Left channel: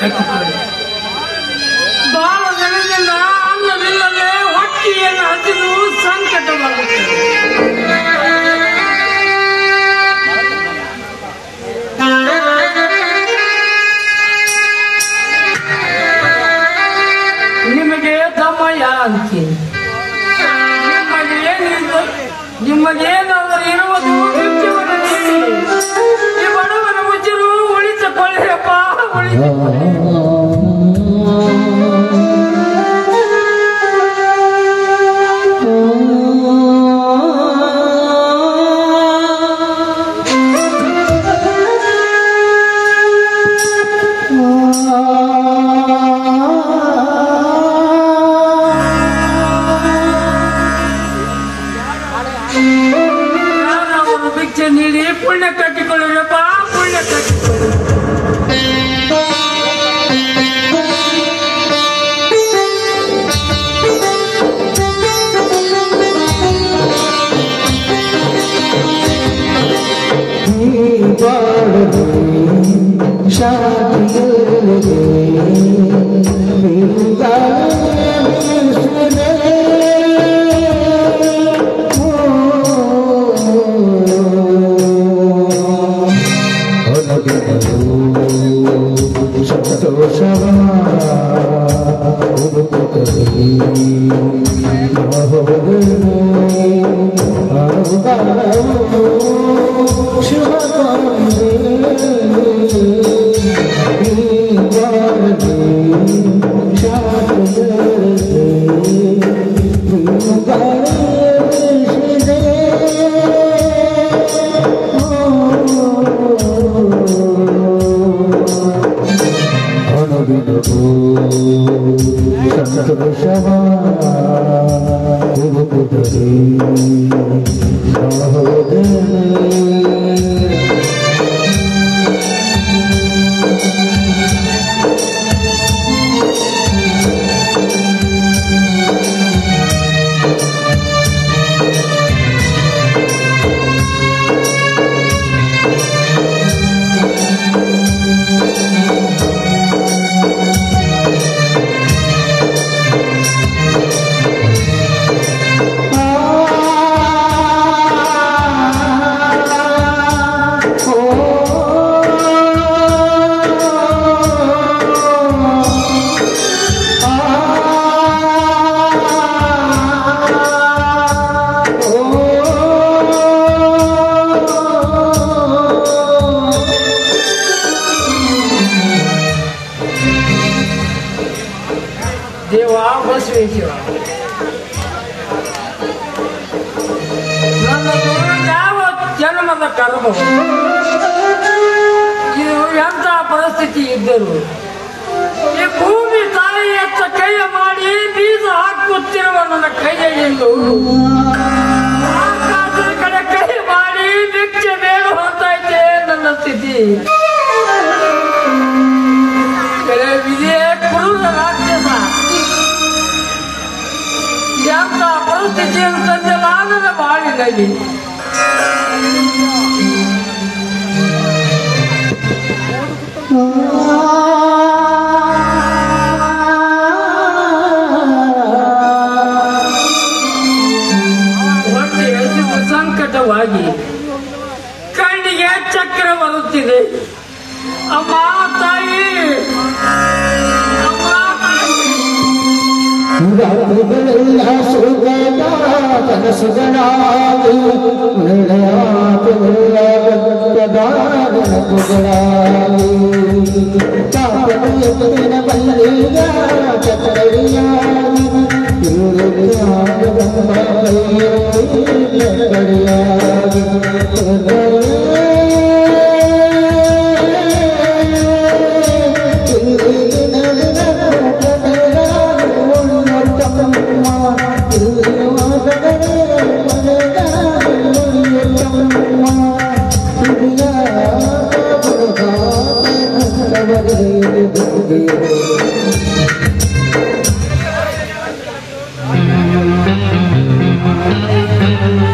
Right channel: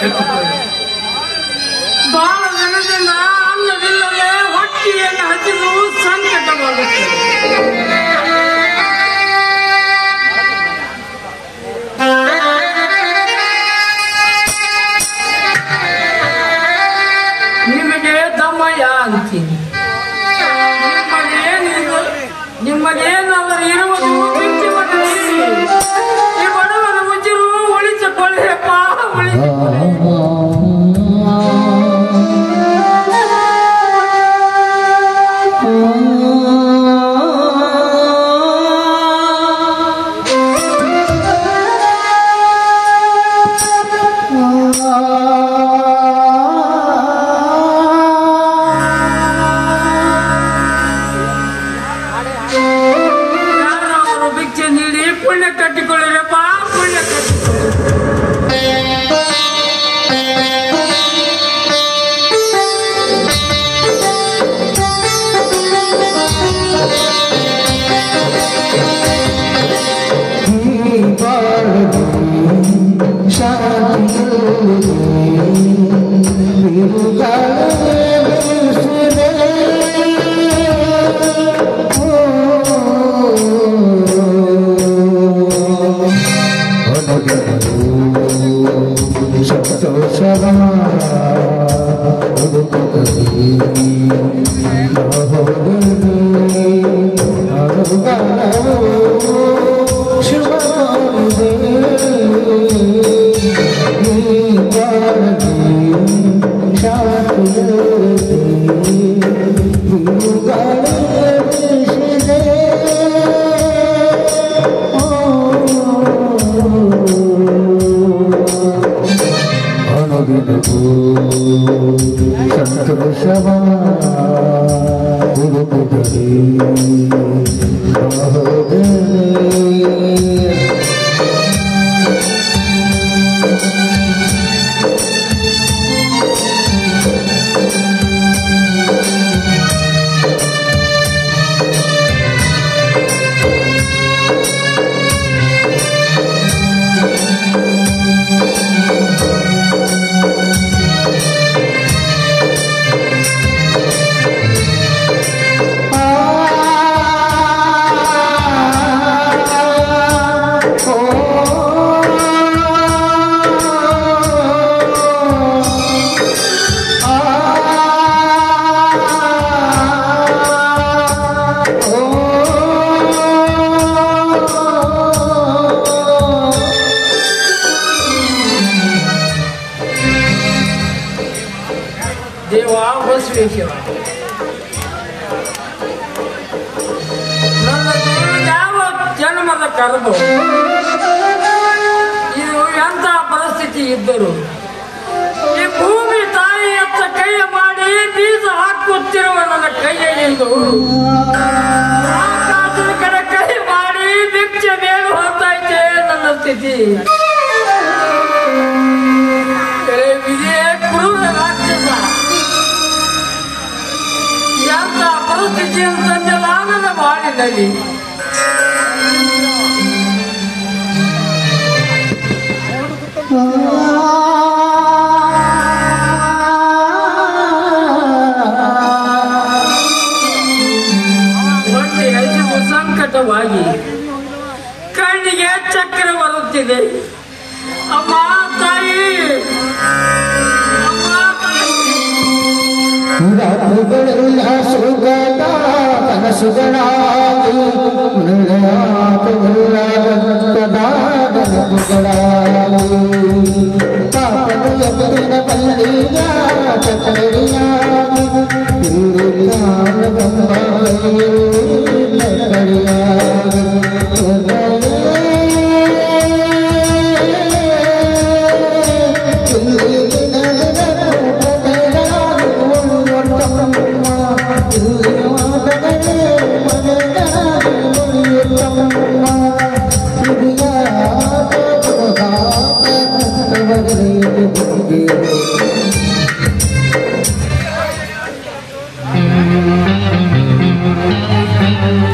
ಕಟ್ಟಿಕೊಳ್ಳಿ. ಬಾಳ ದಿನದಿಂದ ಅನ್ನವಿಲ್ಲದೆ ಹೊಟ್ಟಿಯನ್ನು ಹಚ್ಚಿದು ಸಂಕಟ ಬರುತ್ತದೆ. ನಿಮಗೆ ದಮಯ ಅಂತೀನಿ. ನಿಮ್ಮನೇನಾದರೂ ಇರುವುದು ಮುಖ್ಯವನ್ನು ಈ ಬಡವನ ಮುಚ್ಚಿರು ಉಳಿಸಿಕೊಳ್ಳಿಯಪ್ಪ, ಉಳಿಸಿಕೊಳ್ಳಿ. ಭಿಕ್ಷೆ ನೀಡಿ ಪುಣ್ಯ ಕಟ್ಟಿಕೊಳ್ಳಿಯಪ್ಪ, ಪುಣ್ಯ ಕಟ್ಟಿಕೊಳ್ಳಿ. ದೇವ ಬಸವೇಶ್ವರ, ಯಾವ ಜನ್ಮದ ಕರ್ಮ ಇದು ಎಂಥ ಪರಿಸ್ಥಿತಿ ಇದ್ದರು ಈ ಭೂಮಿ ತಾಯಿಯತ್ತ ಕೈಯ ಮಾಡಿ ಬೀಜ ಹಾಕುತ್ತಿರುವ ನನ್ನ ಕೈಯಲ್ಲಿ ಕೈ ಮಾಡಿ ಭಿಕ್ಷೆ ಬೇಗ ಹೊರತೈತೆ ನನ್ನ ಸ್ಥಿತಿ. ವಿಜಯ ಕ್ರೂರ ರಾಕ್ಷಸ ಎಂಥ ಪರಿಸ್ಥಿತಿಯನ್ನು ತಂದಲಾಗದ ಮಾಡಿದಲ್ಲಿ ಹೊಟ್ಟೆ ಹಸಿವು ಸಂಕಟವಾಗಿ ಕಣ್ಣಿಗೆ ಚಕ್ರ ಬರುತ್ತಿದೆ. ಅಮ್ಮ ತಾಯಿ, ರಾತ್ರಿಗಳೆಲ್ಲ ಸುಗದ ಕನಸುಗಳಾಗಿ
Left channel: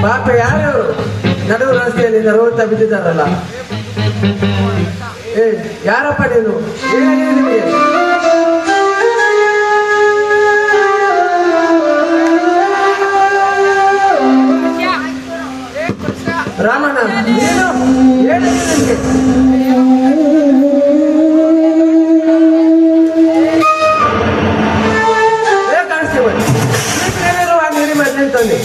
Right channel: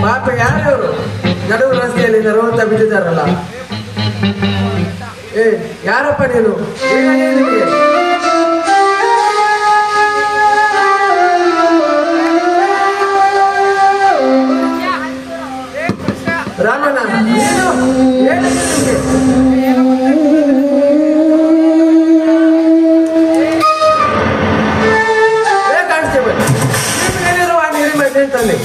ಪಾಪ ಯಾರು ನಡುವು ರಸ್ತೆಯಲ್ಲಿ ನರವತ್ತ ಬಿದ್ದಿದ್ದಾರಲ್ಲ, ಏ ಯಾರಪ್ಪ ನೀನು? ಏನಿಗೆ ರಾಮಣ್ಣ ಏನು ಏನಿಗೆ ಕಾಣಿಸ್ತೇವೆ ಏನಿರುವ ನೀರಿ ಮತ್ತೆ ಅಂತಾನೆ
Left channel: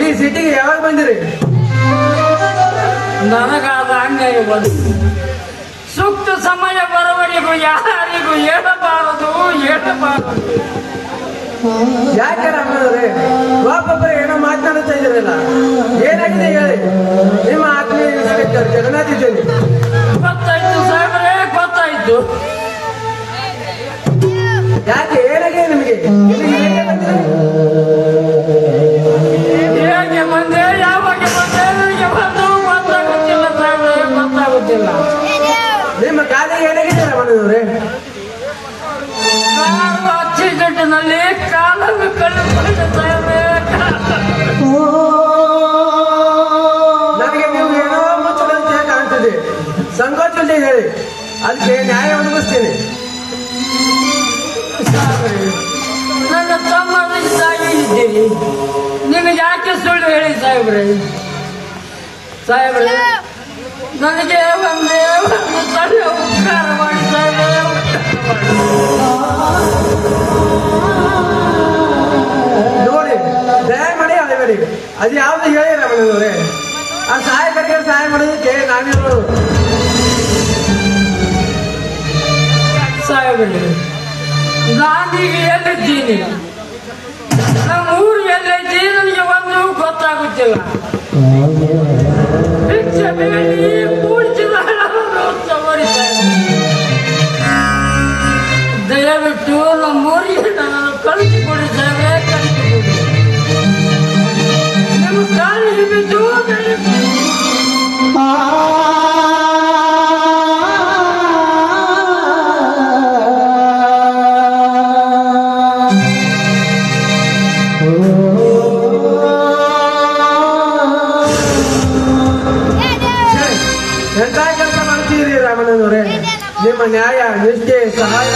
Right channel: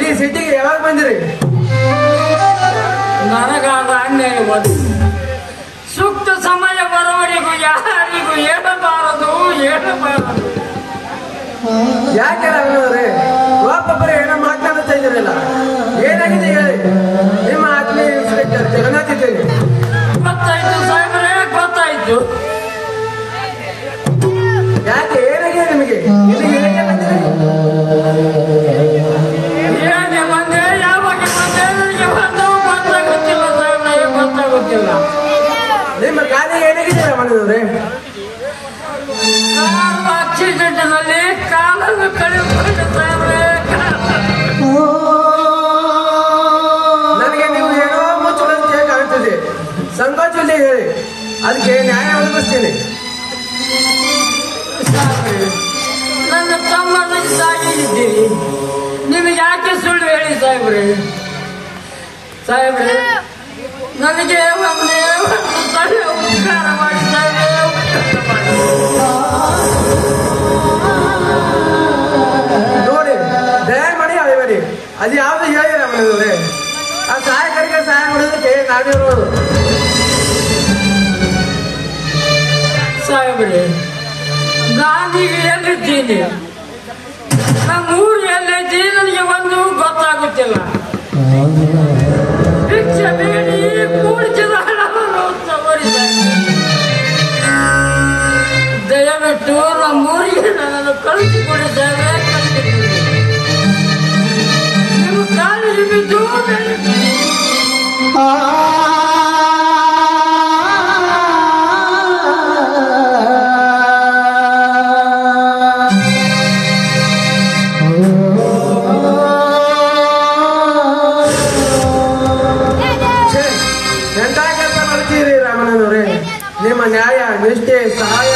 ಈ ಸಿಟಿಗೆ ಯಾವಾಗ ಬಂದಿರಿ? ನನಗಾದ ಅನ್ಯಾಯ ಸೂಕ್ತ ಸಮಯ ಬರುವವರೆಗೂ ಯಾರಿಗೂ ಹೇಳಬಾರದು. ಯಾಕೆ ರಾಮಣ್ಣವ್ರೆ ಒಬ್ಬೊಬ್ಬರೇ ಏನೋ ಮಾತನಾಡ್ತಾ ಇದ್ದೀರಲ್ಲ, ಏನಾಗಿದೆ ಹೇಳಿ? ನಿಮ್ಮ ಆತ್ಮೀಯ ಇನ್ಸ್ಪೆಕ್ಟರ್ ಜಗನ್ನಾಥ್ ಇದ್ದೇನೆ. ಗೊತ್ತಾಯ್ತು ಸಾಹೇಬ್ರೆ, ಗೊತ್ತಾಯ್ತು. ಯಾಕೆ ಏನಾಗಿದೆ ನಿಮಗೆ? ಹೇಗೆ ಬಂದಿರಿ? ಹೇಗೆ ಬಂದೆ, ಯಾವಾಗ ಬಂದೆ, ಗೊತ್ತಾಗುತ್ತಿಲ್ಲ ಸಾಹೇಬ್ರೆ, ಗೊತ್ತಾಗುತ್ತಿಲ್ಲ. ನಿಮ್ಮ ಕಾಲಿಗೆ ಏನಾಗಿದೆ ರಾಮಣ್ಣವ್ರೆ? ಆಕ್ಸಿಡೆಂಟ್ನಲ್ಲಿ ಕಾಲನ್ನು ಕಳೆದುಕೊಂಡ ಸಾಹೇಬ್ರೆ. ನನಗೆ ನೀವು ಏನೋ ಮುಚ್ಚುವಂತೆ ಕಾಣ್ತಿದೆ. ಸಂಕೋಚದಲ್ಲಿ ಹೇಳಿ, ಅದಕ್ಕೆ ನ್ಯಾಯ ಒದಗಿಸ್ತೀನಿ. ನನ್ನ ತಮ್ಮನ ತಾಯಿ ಇದ್ದೀರಿ, ನಿಮಗೆ ಯಾಕೆ ಸುಳ್ಳು ಹೇಳಿ ಸಾಹೇಬ್ರೆ? ಸಾಹೇಬ್ರೆ, ನನಗೆ ಒಂದೇ ಒಂದು ಸಣ್ಣ ಉಪಕಾರ ಮಾಡಿ ಸಾಹೇಬ್ರೆ. ನೋಡಿ, ದಯಮಾಡಿ ಅಳಬೇಡಿ. ಅದು ಯಾವ್ದು ಹೇಳಿ ರಾಮಣ್ಣವ್ರೆ? ಆ ಸಹಾಯಕರಿಗೆ ಸಹಾಯ ಮಾಡೋದಕ್ಕೆ ನಾವಿರ್ಬೋದು. ಸಾಹೇಬ್ರೆ, ನಾನೀಗ ಎಲ್ಲಿದ್ದೀನಿ, ನಮ್ಮ ಊರು ಎಲ್ಲಿದ್ದೀನಿ ನನಗೆ ಒಂದು ಗೊತ್ತಾಗುತ್ತಿಲ್ಲ. ಭಿಕ್ಷೆ ಬೇಡಿ ಕೂಡಿಸಿದ ಹಣವನ್ನು ತಗೊಳ್ಳಿ. ದಯವಿಟ್ಟು ನಮ್ಮೂರಿಗೆ ನಾನು ಕಳಿಸಿಕೊಡಿ ಸಾಹೇಬ್ರೆ, ಕಳಿಸಿಕೊಡಿ. ನೀವು ಕಾಲಿಗೆ ಬಿದ್ದು ಎಂತ ಕೆಲಸ ಮಾಡ್ತೀರಿ ರಾಮಣ್ಣನವರೇ? ನಿಮ್ಮ ನ್ಯಾಯ, ನಿಷ್ಠೆ, ಸಹಾಯ,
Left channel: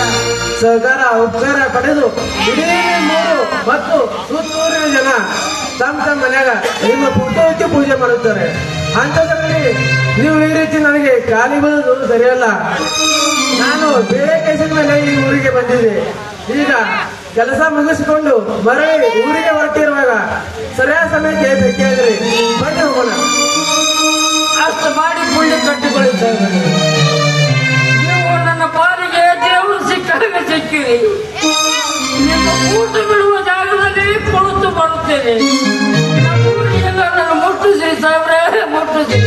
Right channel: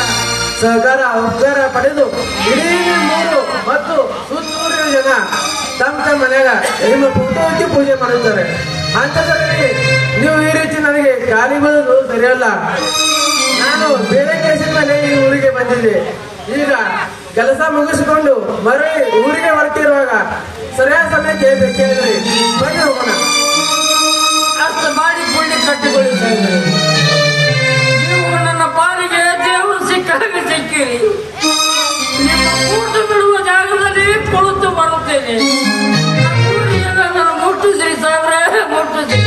ಸಹಕಾರ, ಉಪಕಾರ ಪಡೆದು ಇಡೀ ಮೂರು ಮತ್ತು ಸುತ್ತೂರಿನ ಜನ ತಮ್ಮ ತಮ್ಮ ಮನೆಗ ನಿಮ್ಮ ಪುಟ್ಟಕ್ಕೆ ಪೂಜೆ ಮಾಡುತ್ತಾರೆ. ಅಂಥದ್ರಲ್ಲಿ ನೀವು ಈ ರೀತಿ ನನಗೆ ಕಾಲಿ ಬೀಳೋದು ಸರಿಯಲ್ಲ. ನಾನು ಬೇರೆ ಕೆಲಸದ ಮೇಲೆ ಈ ಊರಿಗೆ ಬಂದಿದ್ದೆ. ಈಗ ಕೆಲಸ ಮುಗಿಸಿಕೊಂಡು ಮರಳಿ ಊರಿಗೆ ಹೊರಟಿರುವಾಗ ಸರಿಯಾದ ಸಮಯಕ್ಕೆ ಬೇಕಾದ್ರಿ ಬನ್ನಿ ಹೋಗೋಣ. ಅಷ್ಟು ಮಾಡಿ ಪುಣ್ಯ ಕಟ್ಟಿಕೊಳ್ಳಿ ಸಾಹೇಬ್ರೆ. ನೀವು ನನ್ನ ಪಾಲಿಗೆ ದೇವರು ಸಿಕ್ಕಾಗ ಸಿಕ್ಕಿರಿ. ನಿಮ್ಮ ಕೂತು ಬಿಡುವ ಜಾಗದಲ್ಲಿ ಕುಳಿತು ಬರುತ್ತೇನೆ. ನನ್ನ ಮುಟ್ಟಿಸಿ ಸಾಹೇಬ್ರೆ, ಮುಟ್ಟಿಸಿ.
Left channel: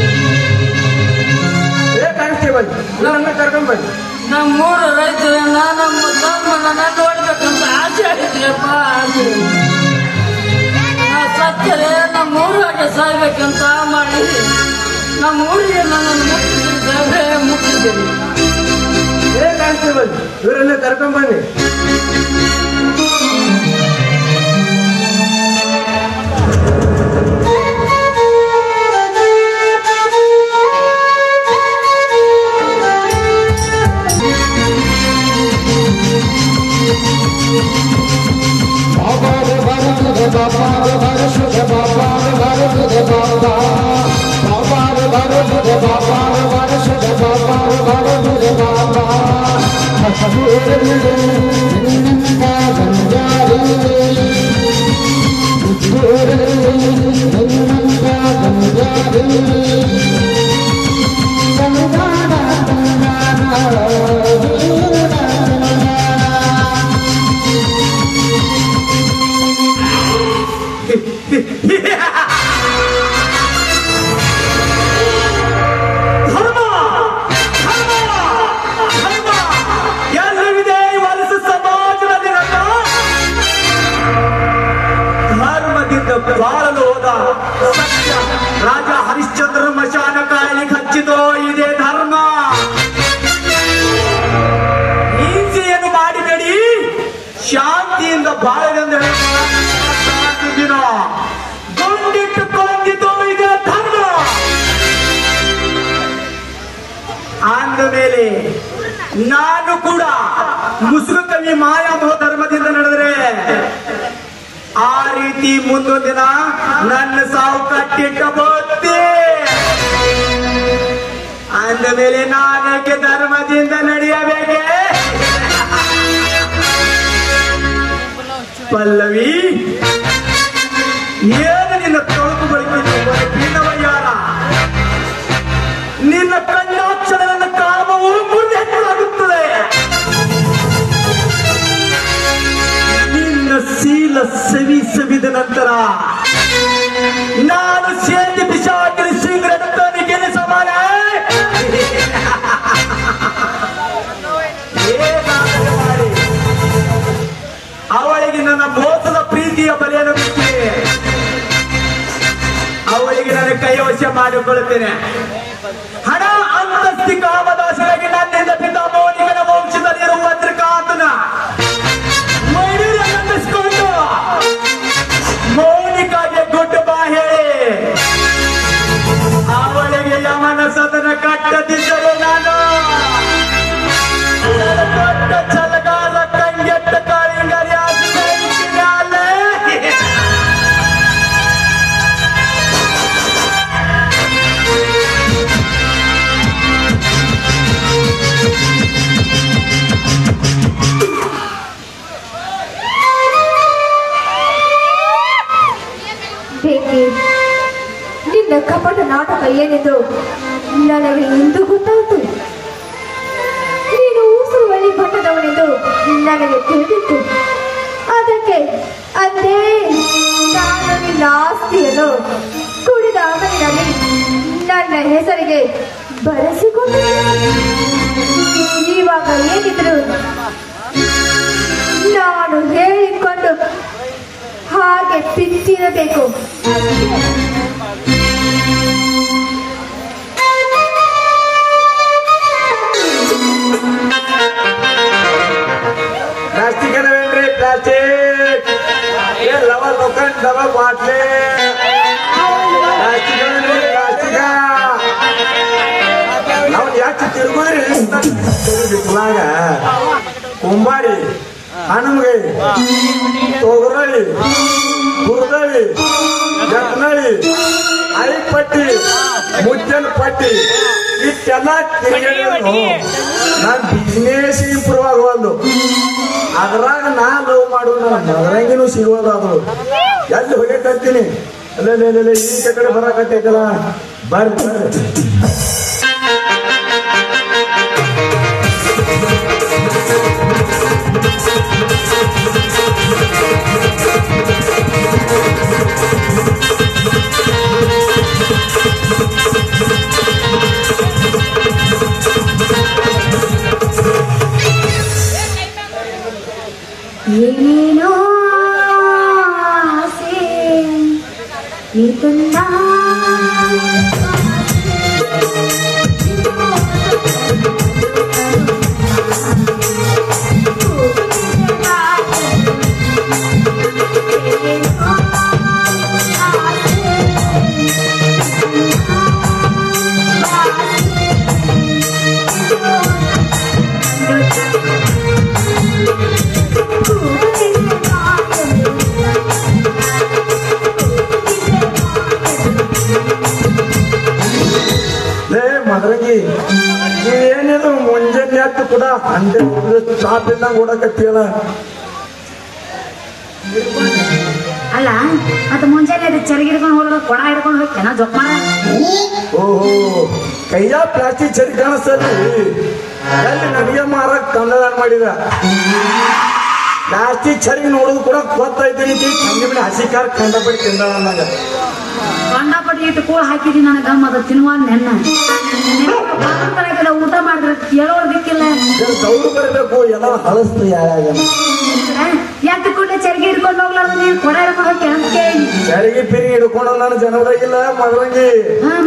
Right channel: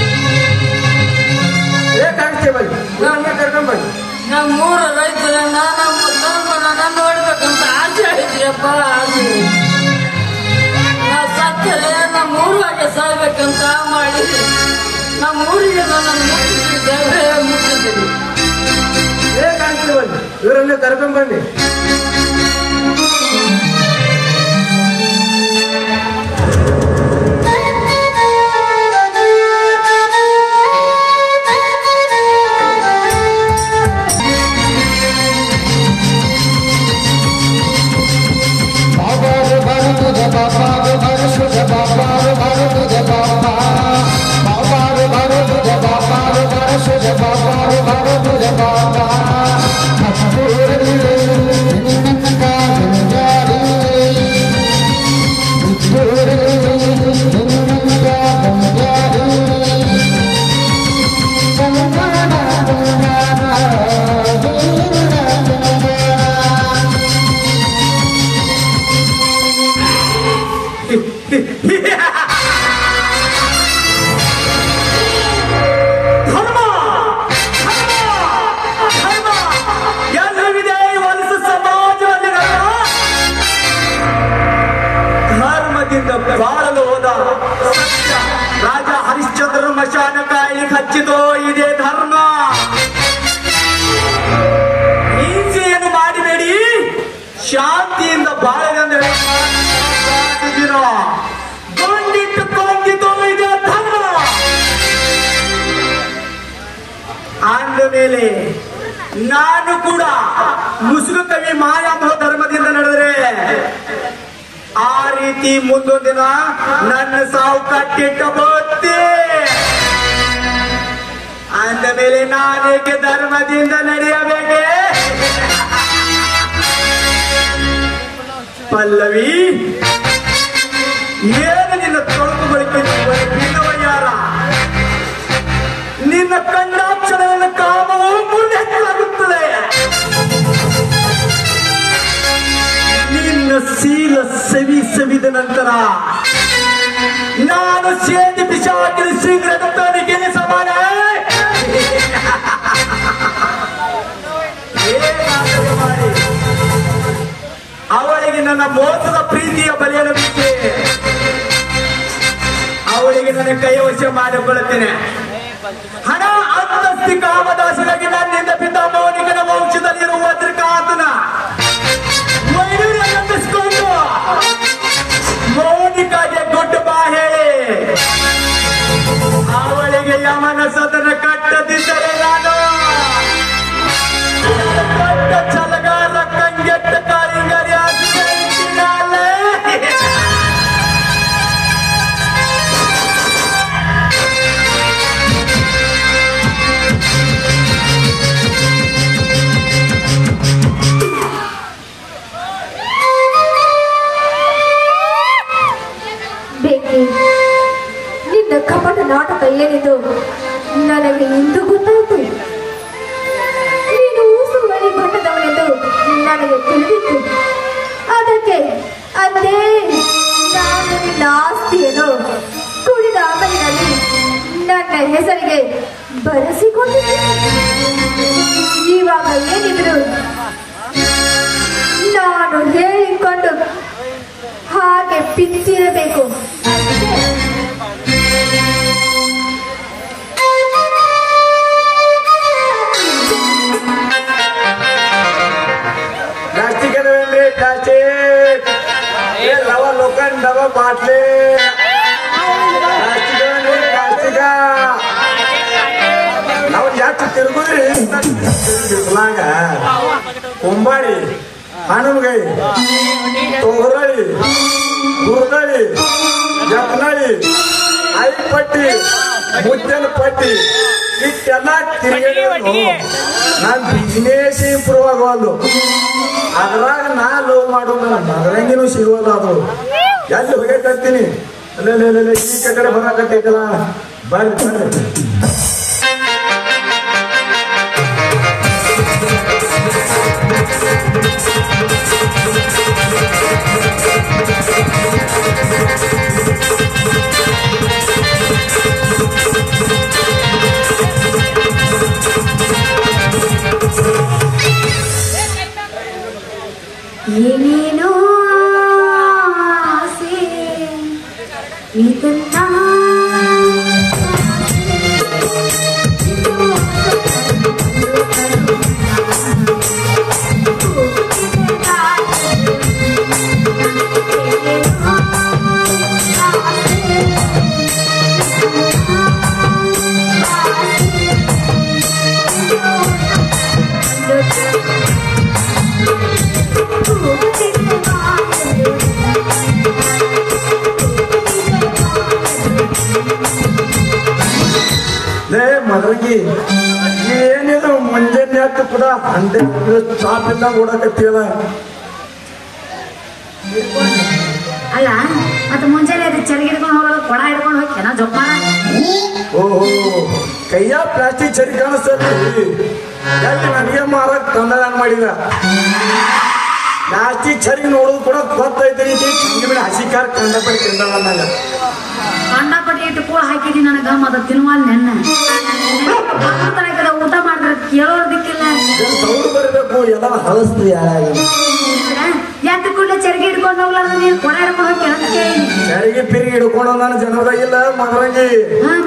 ಕಾನ್ಸ್ಟೇಬಲ್ ನನ್ನ ಕರ್ಕೊಂಡು ಬನ್ನಿ. ನಮ್ಮೂರ ರೈತರನ್ನ ನಮ್ಮ ಧರ್ಮನ ನೋಡ್ಬೇಕಂತ ಆಸೆ ಆಗಿದೆಯಪ್ಪ, ಆಸೆ. ನಾ ಸತ್ತರೆ ನಮ್ಮೂರಾಗೆ ಸಾಯ್ಬೇಕಂತ ಮಾಡಿ ನಮ್ಮೂರಿಗೆ ನನ್ನ ಮುಟ್ಟಿಸಿ ಸಾಹೇಬ್ರೆ, ಮುಟ್ಟಿಸಿರಿ. ಕಾನ್ಸ್ಟೇಬಲ್ ಇವರನ್ನ ಕರ್ಕೊಂಡು ಬನ್ನಿ. Baba, Baba, Baba, Baba, Baba, Baba, Baba, ಎಲ್ಲವಿದೆ ಇವತ್ತು ಸಮಾಜದಲ್ಲಿ ಧರ್ಮದಿಂದ ಬಾಳಲು ಹೋದ ಸತ್ಯ ರಾಜ ಹರಿಶ್ಚಂದ್ರನ ಮಶಾನ ಕಾಯಿಗೆ ಹಚ್ಚಿದೋ ಇದೇ ಧರ್ಮ. ಹಿಂಸೆಯನ್ನು ಮಾಡಿಬೇಡಿ, ಶಾಂತಿಯಿಂದ ಬಾಳದಂದರೆ ದಿನ ಗೊಂಡಿಟ್ಟುಕೊಂಡಿತು ಇದೇ ಧರ್ಮ. ಅಂದ ಮೇಲೆ ನಾನು ಕೂಡ ಮುಸುಕು ಕವಿ ಮಾಯಾಮೋಹ ಧರ್ಮದಿಂದ ನಡೆದರೆ ಆ ರೀತಿ ಮುಂದೊಂದಿನ ನನ್ನ ಸಾವು ಕಟ್ಟಿಟ್ಟಬಹುದೇ. ಅಂದ ಮೇಲೆ ನಾನೇಕೆ ಧರ್ಮದಿಂದ ನಡೆಯಬೇಕೆ? ಪಲ್ಲವಿ, ಏನು ನಿನ್ನ ತೊಳಕು ಬಳಿಕಿನ್ನವಯ್ಯಾರ, ನಿನ್ನ ಕಣ್ಣಾಕ್ಷರಗಳ ಕಾಮವು ಮುಂದೆಟ್ಟಲಾಗುತ್ತದೆ. ನಿನ್ನ ಶೀಲ ಸವಿದ ನಂತರ ನಾನು ಸೇತಿ ಪಿಶಾಚಿನ ಶೀಘ್ರದಲ್ಲಿ ಗೆಲ್ಲಿಸಬಾರೆ. ಮಾಡಿ ಅವಳಿಗೆ ನನ್ನ ಮೋಸದ ಪ್ರೀತಿಯ ಬಲಿಯನ್ನು ಬಿಟ್ಟೆ, ಅವಳಿಗೆ ನನ್ನ ಕೈವಶ ಮಾಡಿಕೊಳ್ಳುತ್ತೇನೆ. ಹಣ ಅಂತಸ್ತಿ ಕಾಮದಾಸರಾಗಿ ನನ್ನಿಂದ ಪಿತಾಮಹನಿಗನ ವಂಶದಲ್ಲಿರುವ ವಜ್ರಕಾಂತನ ಮೈನೂರಿಸಿಕೊಂಡು ಮೌನಿಕಾಗೆ ದೊಡ್ಡ ಬಾ ಹೇಳಿ ಅವಳಿಗೆ ಯಮನ ಸದನ ಕಟ್ಟದಿದ್ದರೆ ನಾನು ದೊಡ್ಡ ಚಲಗಾರ ಕಂಗೆಟ್ಟ ಕಾರಿಂಗರಿ ಆಗಿದ್ದಾಳೆ. ನಿನ್ನ ಕಪಟ ನಾಟಕ ಏನೆಂದು ನನಗೆ ಇಂದು ಗೊತ್ತಾಯ್ತು. ನೀನು ಊಸುವಳಿ ಬಣ್ಣದವನೆಂದು ನನಗೆ ತಿಳಿದಿತ್ತು. ಅದಕ್ಕೆ ಅದೇ ನಾನು ನಿನ್ನ ಆಸ್ತಿಯನ್ನು ತುಳಿದ ಅಂಗಡಿನಲ್ಲಿ ನನ್ನ ಹೆಸರಿಗೆ ಬರೆಸಿಕೊಂಡೆ. ಇವಾಗ ಏನಿದ್ರು ನಾನು ಹೇಳಿಕೊಂಡು ಹಾಗೆ ಬಿತ್ತಿರಬೇಕು. प्लास्टिक प्लास्टिक ये लवा लोखंड डबा बाटले प्लास्टिक प्लास्टिक ನಾವು ಯಾಕೆ ತಿರುಗುದ್ರೆ ಕುಲಾಗ ಕುಂಬಾರಿ ಹನುಮಗೈ ತೋರಳಿ ಗುರ್ದಳಿ ಜಪ್ನಳಿ ಅಳಿಪಟ್ಟಿ ಮುದ್ದನ ಪಟ್ಟಿ ಇಷ್ಟೆಲ್ಲ ತಿರುಗಿ ನಾನು ಬಿಸಿನೆಸ್ ಇಂಪ್ರೂವ್ ಆಗೋದು. ಅದ್ರಾಗ ನಾ ಲವ್ ಮಾಡೋಣ ಅದರಂಗಿನೂ ಸಿಗೋದಾದ್ರು ಎಲ್ಲಿ ಹೋಗೈತೀನಿ ಅಲ್ಲೇ ಈ ಕಡೆ ಬರಾಕತ್ತೈತಲ್ಲ ಬರ್ರಿ ಏನೇನೋ ಆಸೆ ಇದನ್ನ ಮಗಳಿಗೆ ಏನಿದ್ರು ಮುಂಜಾನೆ ಆಯ್ತು ಕೂಡ 100 ಚಾಪಿಂದ ನೋಡಕತ್ತಿಯಲ್ಲ. ಅಲ್ಲ ಮತ್ತೆ ಮುಂಜಾನೆ ಅದು ಚರಿಗೆ ಹಿಡ್ಕೊಂಡು ಹೋಗೋದು ಕೊಡ ಹಿಡ್ಕೊಂಡು ಹೋಗಿ ನಾ ಜೊಪ್ಪ. ಓಹೋ ಕೈಯ ಪ್ಲಾಸ್ಟಿಕ್ ಚರಿ ಕಾಣಿಸ್ತದೆ ನನಗೆ ಮಾರಕ್ ತಂದ ಮಾಡಿದ ಜಾಸ್ತಿ ಚರ್ಗಿ ನೋಡೋದು ಕೂಡ ಗೊತ್ತೈತಿ ಚಂದ್ರ ಹಸಿ ಕಾರ್ ಕಂಡಪಡಿ ತಿಂದವ ನಾನು ಕಂಡಪಟ್ಟಿ ಇಟ್ಟು ಕೋಡ್ ಹಾಕಿದಿ ನನಗ ಮಗ ತಿನ್ನುವಲ್ ನೆನ್ನ ಊಟ ಮಾಡಿದ್ರೆ ಕೇಳೋದಕ್ಕಿಲ್ಲ ದೌಡು ಬರಬೇಕು ಎಲ್ಲರೂ ಹಳಸ್ತೀರಿ ಯಾಕೆ ಕೂಡ ಚರ್ಗಿ ಹಿಡ್ಕೊಂಡು ಹೋಗ್ಲಾರ್ದು ನೀನು ಕೊಡ ಹಿಡ್ಕೊಂಡು ಚರಿಗೆ ಪಿರಿ ಹಿಡ್ಕೊಂಡು ನಾನು ಜನರಾಗಿಲ್ಲ ಮಗನಿಗೆ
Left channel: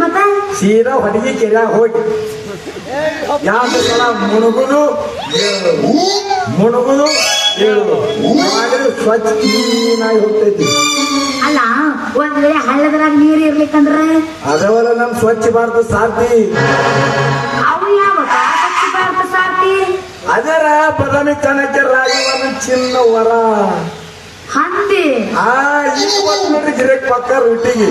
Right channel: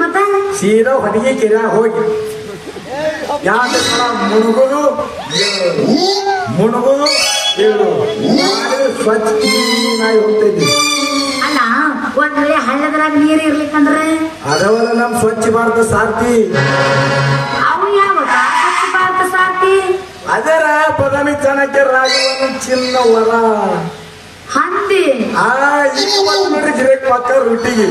ಮತ್ತೆ ಸೀದಾ ಹೊಟ್ಟಿಗೆ ಕೆರೆ ಹೋಗಿ ಯಾಕಂದ್ರೆ ಮುಳುಗುದು ಮುಳುಗುದು ಸ್ವಚ್ಛ ಕ್ಲೀನಾಗಿ ಹೋಗ್ತೈತಿ ಅಲ್ಲ ಒಂದ್ ವೇಳೆ ಹಳ್ಳದ್ರಾಗ ನೀರ್ ಇರ್ಲಿಕ್ಕಂದ್ರೆ ಅದವಲ್ಲ ನಮ್ ಸ್ವಚ್ಛ ಭಾರತ ಸಾರ್ಥಿ ಅವು ಯಾವ ಸ್ವಚ್ಛ ಭಾರತ ಸಾರ್ಥಿ ಅದರ ಪದವಿ ಚಾಣಕ್ಯ ರಾಜವನ ಚಿನ್ನ ವರ ಹಂದಿ ನೋಡ್ರಿ ಗಿರಕ್ ಪಕ್ಕ ರೊಟ್ಟಿಗೆ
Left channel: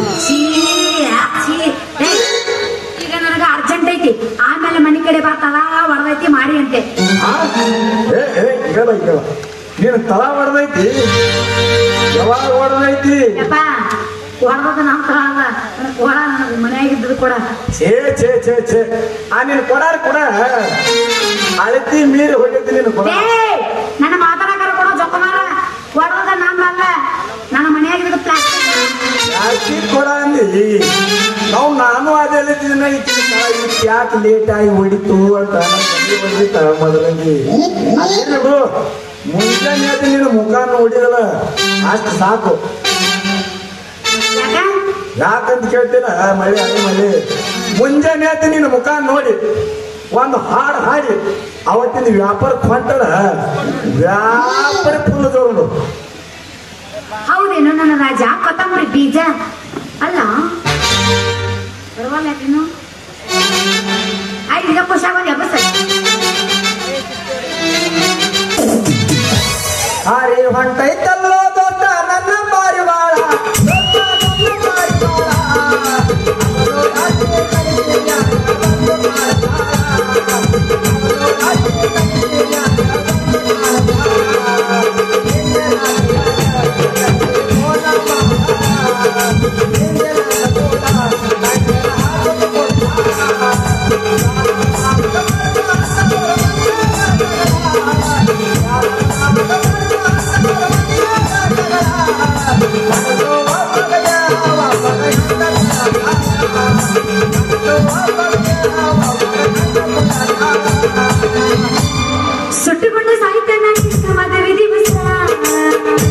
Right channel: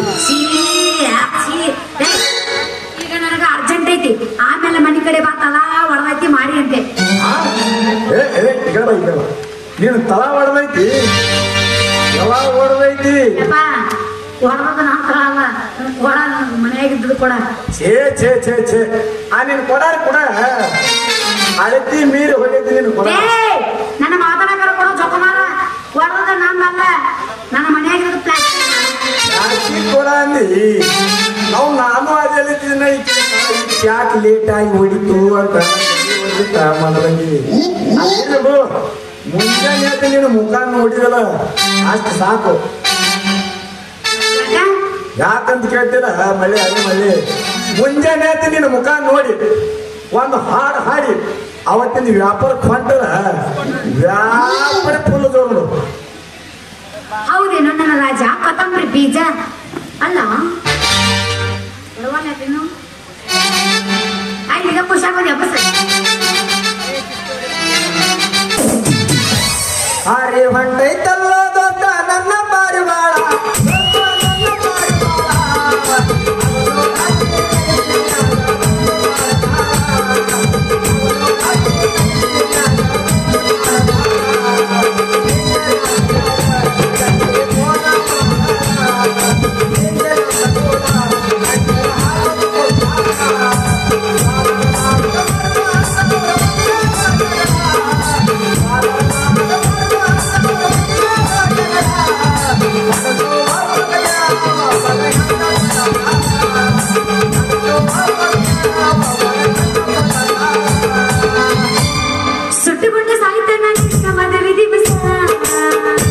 ಈಗ ನನಗ ಅರ್ಜೆಂಟ್ ಐತಿ ಆಮೇಲೆ ಮನಿ ಕಡೆ ಬರ್ತಲ್ಲ ಹೊರದೈತಿ ಮಾಡಿ ಅಂತೆ ನೀನು ತಳ ಹೊಡೆದೈತಿ ಯಾವಾಗ ಹೊಡೆದೈತಿ ಹೊರದ ನಂತರ ಅಲ್ಲ ಕೊಡ ಮನೆಯಾಗಿದ್ದು ಕೊಡ ಛೇ ಛೇ ಛೇ ಛೇ ನೀನು ಕೊಡಾರ ಕೊಡ ಅಳತಿ ಮೀರಿ ಹೊಡಿತಿ ನೀನು ಕೊಡ ನನ್ನ ಮಾತಾಡೋಣ ಕೊಡ ಜೊತೆಮಾರ ಕೊಡೋದ ನಮ್ಮಲ್ಲ ನನ್ನ ಮನೆಯಾಗಿರುತ್ತೆ ಕೊಡ ಅಂದಿ ನಾವು ನಾನು ಅದೇ ಯಾಕೆ ಲೇಟ್ ಆಗಿ ಹೊಡಿತು ಅಂತ ಮೊದಲಂಗಿ ಮುಂಜಾನೆ ನೀನು ಮುಖ ನೋಡಿರಲ್ಲ ಅಷ್ಟು ಸಾಕು ಯಾಕಂತ ಕೇಳ್ತೀರ ಮಳೆ ಅದೇ ಮಳೆ ಮುಂಜಾನೆ ನೀನು ಮುಖ ನೋಡಿ ಒಂದು ಹಾಡು ಹಾಡಿ ಅವತ್ತಿನ ವ್ಯಾಪಾರ ಹೊಂಟದ ವ್ಯಾಪಾರ ಪೂರ್ಣ ತಗೊಂಡು ಹೌದೇನು ನನ್ನ ರಾಜ ಕೊತ್ತಂಬರಿ ಬೀಜ ಅಲ್ಲ ಬರವಲ್ಲೇನು ಈಗ ಖುಷಿಯಾಗೋದು ಹಬ್ಬ ಹಾರಿ ಹೊಂಟೈತಲ್ಲ ದೊಡ್ಡ ನನ್ನ ಪಾರಿವಾಳ ಸುಟ್ಟುಕೊಂಡು ಸಾಯ್ತಾನ ಮದುವೆ ದಿವಸ ಸುಟ್ಟುಕೊಂಡು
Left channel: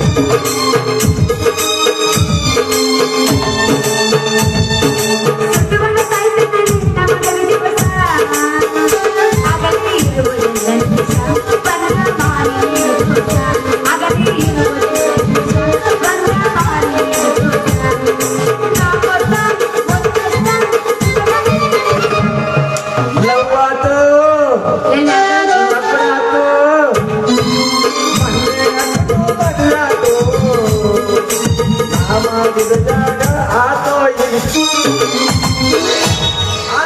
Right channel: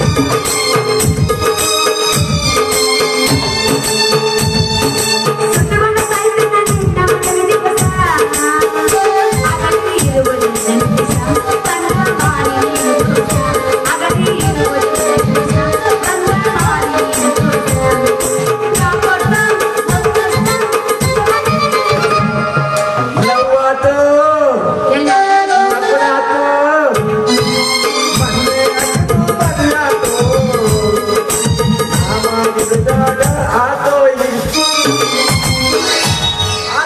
ಸಾಯ್ತಾನ ಮದುವೆ ದಿವಸ ಅಗಲಿ ಇರುವುದಿಲ್ಲ ಅಗಲಿ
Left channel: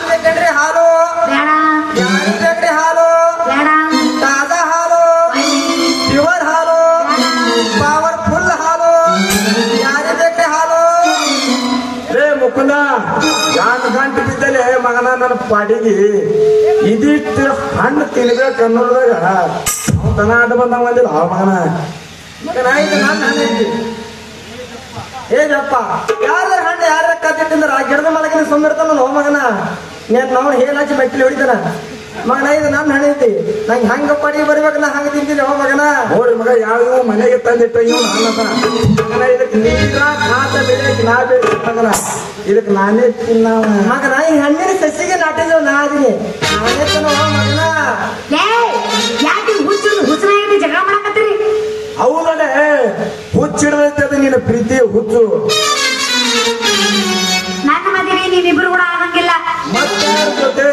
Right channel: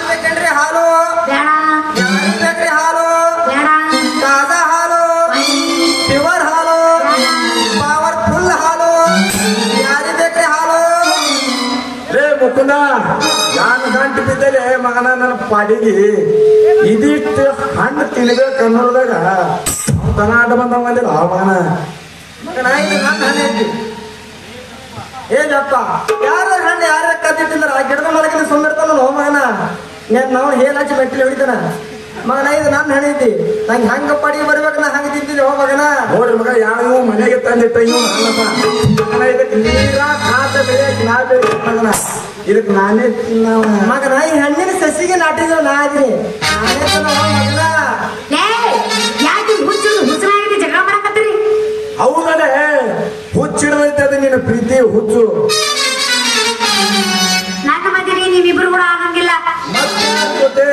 ಬೇಕಂಡ್ರಿ ಹಾಲು ಬೇಕ್ರಿ ಹಾಲು ತಾಜಾ ಹಾಲು ಪ್ಯೂರ್ ಹಾಲು ಪವರ್ಫುಲ್ ಹಾಲು ಯಾರಿಗೆ ಬೇಕ್ರಿ ಹಾಲು ರೇ ಮುಕುಂದ ಯಾನ್ ಗಂಟು ಬಿದ್ದಲೆ ಮಗನ ನನ್ನ ಪಾಡಿಗೆ ಇದಿಷ್ಟು ಹಣ್ಣು ತಿನ್ಬೇಕ ಅನ್ನೋದಾಗ ದನ ಆಟ ಬಂದ ಬಂದಿಲ್ಲ ಹವಾಮಾನ ನಾಯಿ ನನ್ನ ಹಣ್ಣು ಐತಿ ಏನಪ್ಪ ಯಾರ ಹಣ್ಣು ಯಾರ ಕತ್ತಿಟ್ಟಿಂದ್ರ ಆ ಗಿಡದ ಮಲಗಿನ ಸುಮ್ಮಿರ್ತಾನ ಮಗನ ನಾವು ಹೇಳಾಚಿ ಬಟ್ಟಲಿ ಹೊಡಿತಾನ ಮಗನ ಇದು ನನ್ನ ಹಣ್ಣು ಐತಿ ನಂಗೆ ಹಂಗ ಪಡಿ ಬರ್ಬೇಕು ನಾ ಹಂಗ ತಿಂತೀನಿ ಮಗನ ನೋಡಿ ಮಗ ಯಾವ ಮನೆಗೆ ತಂದಿಟ್ಟ ಇದಕ್ಕೆ ನೀರ ಕಾತ ಬೇಕ ನಾ ಬೇಕು ಮಗನ ಇದಕ್ಕೆ ನಾನೇ ತಿನ್ನ ಮಗನ ಈ ಹಣ್ಣಿನ ಸಸಿಗೆ ನಾಟಿದ ನಾ ಇದೀನಿ ನಾನೇ ಮಗನ ಯಾಕೆ ಹುಚ್ಚನಾಗಿ ಜಗಳ ಮಾಡಕತ್ತೀರಿ ಹೌದನೆ ಹುಚ್ಚಿಡದೈತೆ ಅದು ನಿನ್ನ ಪ್ರೀತಿ ಹುಚ್ಚು ನನ್ನ ಮದುವೆ ನೀವಿಬ್ರು ಕೂಡ ಆಗಂಗಿಲ್ಲ ಮತ್ತೆ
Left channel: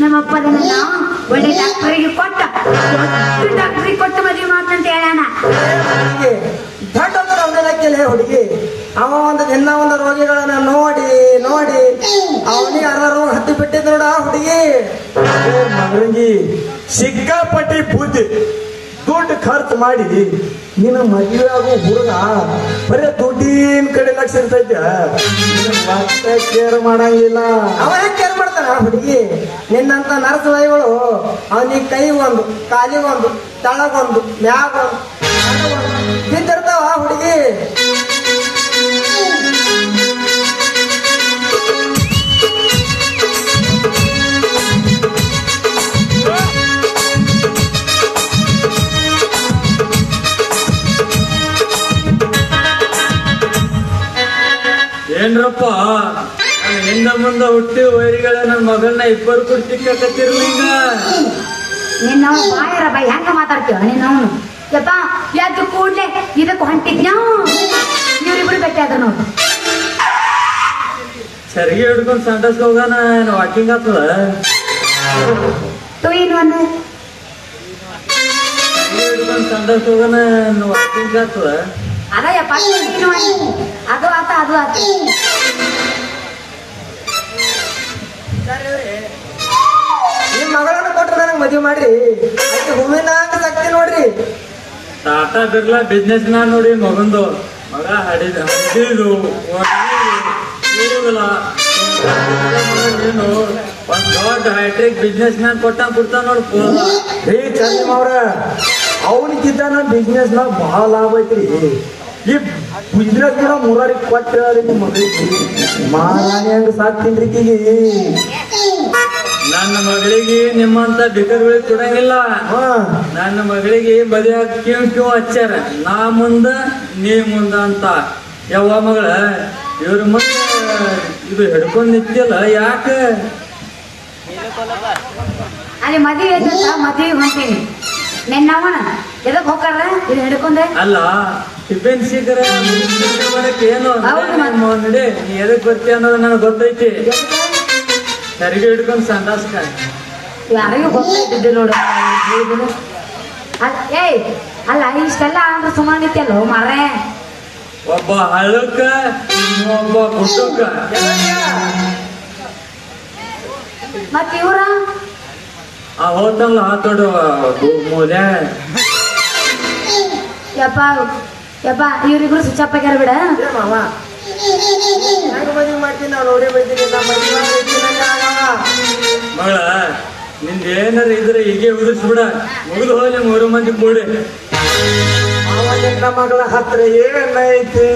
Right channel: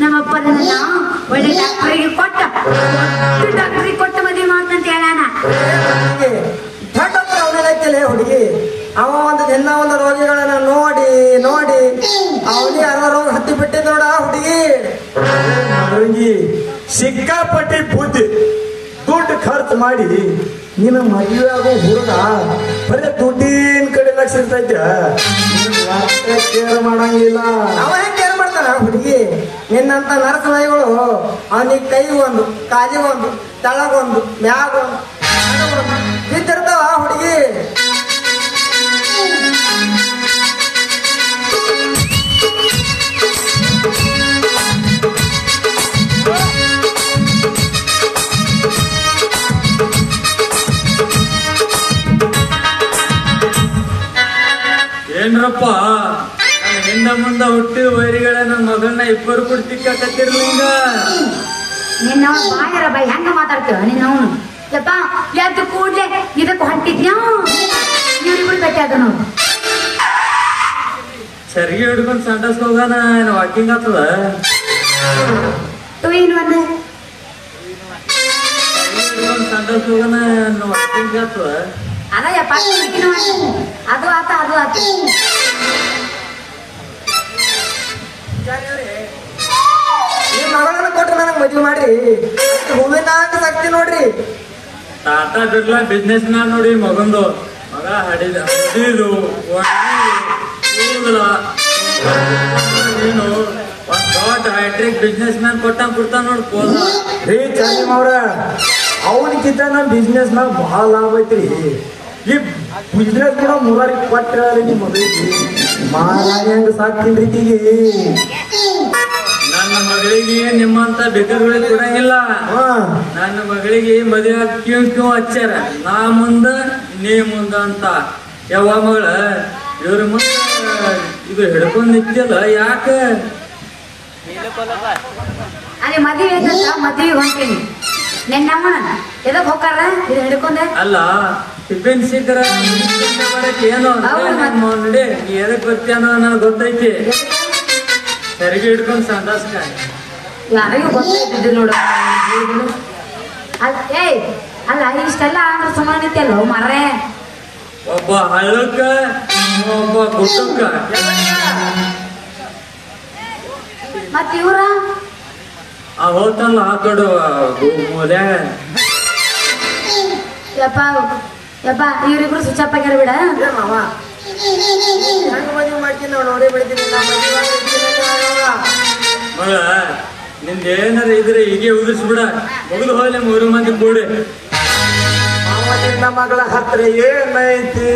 ನಮ್ಮಪ್ಪದನಲ್ಲ ಒಳ್ಳೆ ಡಾಕ್ಟರಿಗೆ ಡಾಕ್ಟರಿಗೆ ಕೊಟ್ಟು ಮದುವೆ ಮಾಡ್ತಂತ ಹೇಳೋಣ ದೊಡ್ಡ ಹುಡುಗಿ ಅವ ಒಂದು ದಿನ ಒಂದು ರೋಗಿಗಳನ್ನ ನೋಡಿ ನೋಡಿ ಅವನಿಗೆ ಅಲ್ಲ ರೋಗ ಹತ್ತಿ ಬಿಟ್ಟಿದ್ ನೋಡ ಹುಡುಗಿ ಸಿಕ್ಕಾಪಟ್ಟಿ ಬುದ್ಧಿ ದುಡ್ಡು ಖರ್ಚು ಮಾಡಿ ನಿನ್ನ ಮಹಿಳಾದ ಹುಡುಗ ಬರೀ ದುಡ್ಡಿನ ಕಡೆ ಲಕ್ಷ ಇರ್ತೈತೆ ಕೇರ್ ಮಾಡಂಗಿಲ್ಲ ಅವ ಹೆಂಗ್ ಕೇರ್ ಮಾಡ್ತಾನ ಹುಡುಗಿ ನಿನ್ನಂತ ನರಸಮೈಗಳು ಅವನಿಗೆ ಕೈ ಒಂದು ಕಾಲಿ ಒಂದು ತಳಗೊಂದು ಒಂದು ಮ್ಯಾಗ ಬಿದ್ದಿರ್ತಾವ ಹುಡುಗಿ. ಏನ್ರಪ್ಪ ಹೆಣ್ಣ ಮುಂದೆ ಹುಟ್ಟಿ ವೈರಿಗಳ ನನ್ನ ಮಗಳನ್ನ ಇಬ್ಬರು ಕುಡ್ತಿಕ್ಕತ್ತಿರ್ಲಿ ಈಗ. ನಿನ್ನ ಬಾಯರ ಬೈ ಹೆಂಗ ಮಾತಾಡ್ತೇವ ನೀನು ಅವನು ಯಪ್ಪ ಯಾಕೆ ಕೂಡ್ಲೆ ಇದಕ್ಕೆ ಹೊಂಟಿದ್ಯಾ ಇವ್ರಿಬ್ರು ಭೇಟಿ ಅದ ನೋಡು. ಸರಿಗೆ ಹಿಡ್ಕೊಂಡು ಸಂಡಸ್ ಹೋಗೋಣ ವಾಕಿಂಗ್ ಆಗ್ತದ. ಟೂ ಇನ್ ಒನ್ ಹಿಡ್ಕೊಂಡು ಸಂಡಸ್ ಹೋಗೋಣ ವಾಕಿಂಗ್ ಆಗ್ತದ. ಅದ ಯಪ್ಪ ಅದು ಆತ ಅದು ಆತ. ನಿಮ್ ಮಗಳನ್ನ ಕೊಟ್ರೆ ನನಗ್ ಮದ್ವೆ ಮಾಡ್ರಿ. ಹೂವಿನ ಸಾಕ್ತಿ ನೋಡ್ರಿ. ಟಾಟಾ ಬಿರ್ಲಾ ಬಿಸ್ನೆಸ್ ಮ್ಯಾನ್ ನೋಡಿ ಮಗಂದು ಮಗ ಹಡಿದು ನೀನು ಒಂದ್ ದೊಡ್ಡ ಹೈಟ್ರಿಕ್ ಬಿಸ್ನೆಸ್ ಮ್ಯಾನ್ ಕೊಟ್ಟಂಗ್ ಕೊಡ್ತಾನ ನೋಡಿ ಪೋಸ. ರೀ ಚಂದ್ರಮವ್ರ ಅವನಿಗಿದ್ದ ನಮ್ ಬಿಸ್ನೆಸ್ ನಾಗ ಬಹಳ ಲಾಭ ಐತ್ರಿ. ಈ ಬಿಸ್ನೆಸ್ ಕೂಡ ಮುರಾರಿ ಕೊಟ್ಟ ಮಹಾರಾಣಿ ಹಂಗ ಸಾಕ್ತೀನಿ ರೀತಿಗೆ. ನನ್ನ ಮಗಳಿಗೆ ನಿಮ್ಮಂತ ಬಿಕರ್ಗಳಿಗೆ ಕೊಡಂಗಿಲ್ಲ. ನನ್ನ ಮಗಳಿಗೆ ಮದುವೆ ಕ್ಯೂ ಹಚ್ಚಾರ, ನಾ ಮುಂದ ನೀ ಮುಂದ ಅಂತ. ಯಾವ ಮಗಳ ಇವ್ರ ಮುಂದೆ ಇದು ಹಿಡ್ಕೊಂಡ್ ನಿಂತಿಲ್ಲ ಯಾಕ? ಅಲ್ಲಿ ಮದ್ವೆ ಐತಂತ ಮದ್ವೆಗೆ ಹೊಂಟೀನಿ. ನೆನ್ನವಣ ಎದಕ್ ಹೋಗಾರ ಇದು ಹಿಡ್ಕೊಂಡೆ? ಅಲ್ಲ ಟಿಫಿನ್ ಶೀಘ್ರ ಏನು ನೋಡಿ ನೀ ಎದಕ್ ಬರ್ತೀಯ ಅನ್ನೋದು ನನಗೆ ಗೊತ್ತೈತಿ. ಸರಿಗೆ ಹಿಡ್ಕೊಂಡು ಸಂದಾಸ್ಕ ಯಾರಿಗೂ ಗೊತ್ತಾಯ್ತಿದ್ದು ನೋಡು. ಏಯ್ ಅಲ್ಲ ಇಷ್ಟೆಲ್ಲ ಆದ್ರೂ ಸುಮ್ಮನೆ ನಿಂತಿಯಲ್ಲ ಮಾರೇ. ಒಬ್ಬ ಹಳ್ಳಕ್ಕ ಒಬ್ಬ ಕುಟುಕ. ಮತ್ ಇವ್ರ ಆ ಹೋತಲ್ಲ ಆ ದೊಡ್ಡ ಮೂಲ್ಯಾಗ ಯಪ್ಪ ಯಪ್ಪ ಇವ್ರಿಬ್ರು ಸ್ವಿಚ್ ಅಪ್ ಆಗ್ಯಾರ ಬಿಡ. ಮಾವ ಮದ್ವೆ ಮಾಡ್ತೀನಿ ನಾವು ನೋಡಿ ಬರ್ತೀನಿ. ಮಗಳ ನಿಂದ ಏನಾರ ಇದ್ರೆ ಹೀಗೆ ಉದಿಸ್ಬಿಡ. ಮುಗಿದು ಹೋಗ್ಲಿ 3 ಮಂದಿ ಕೂಡಿ. ನಮ್ಮ ಮಗಳ ಹತ್ರ ಏನೈತಿ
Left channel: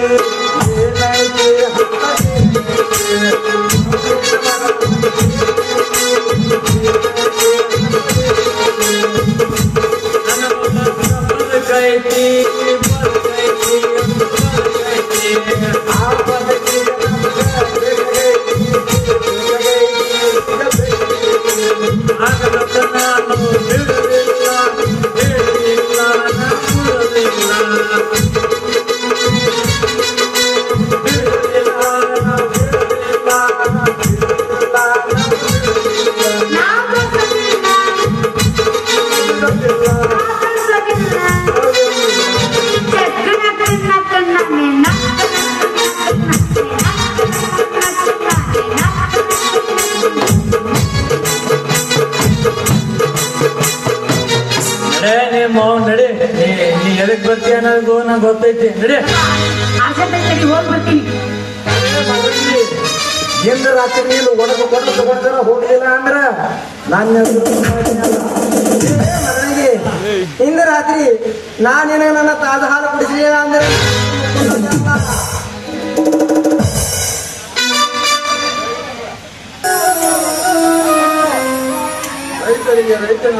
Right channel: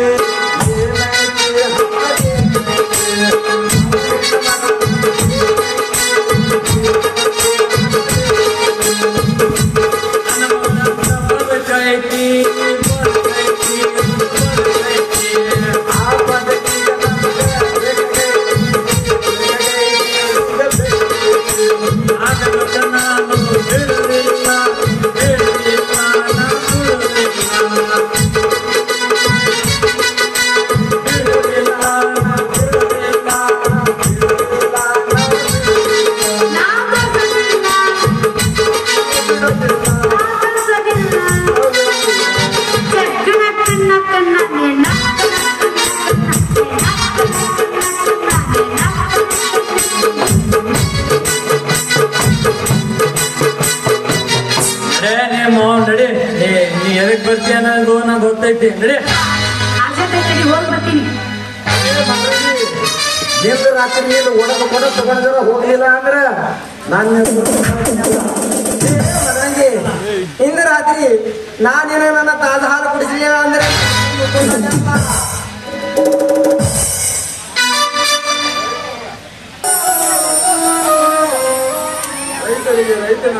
ನಡಿ ನೀ ಎದಕ್ ಬರ್ತೀಯ ಅನ್ನೋದು ನಂಗೆ ಗೊತ್ತೈತಿ. ನಡಿ ಹೋಗಿ ಬರ್ತೀನಿ. ಹಿಂದ ರಾತ್ರಿ ನೀನು ಒಂದು ಕೂಡ ಪ್ರಪಂಚ ಹೋಗಲಿಲ್ಲ ಅಂದ್ರ ನನ್ನ ಮಗನಿಗೆ ಇಂದು ರಾತ್ರಿ ನಾನೇನು ನನ್ನ ತಾಜಾ ಹಾಲು ಕುಡಿಸಲಿಲ್ಲ ಅಂದ್ರೆ ರೈತನ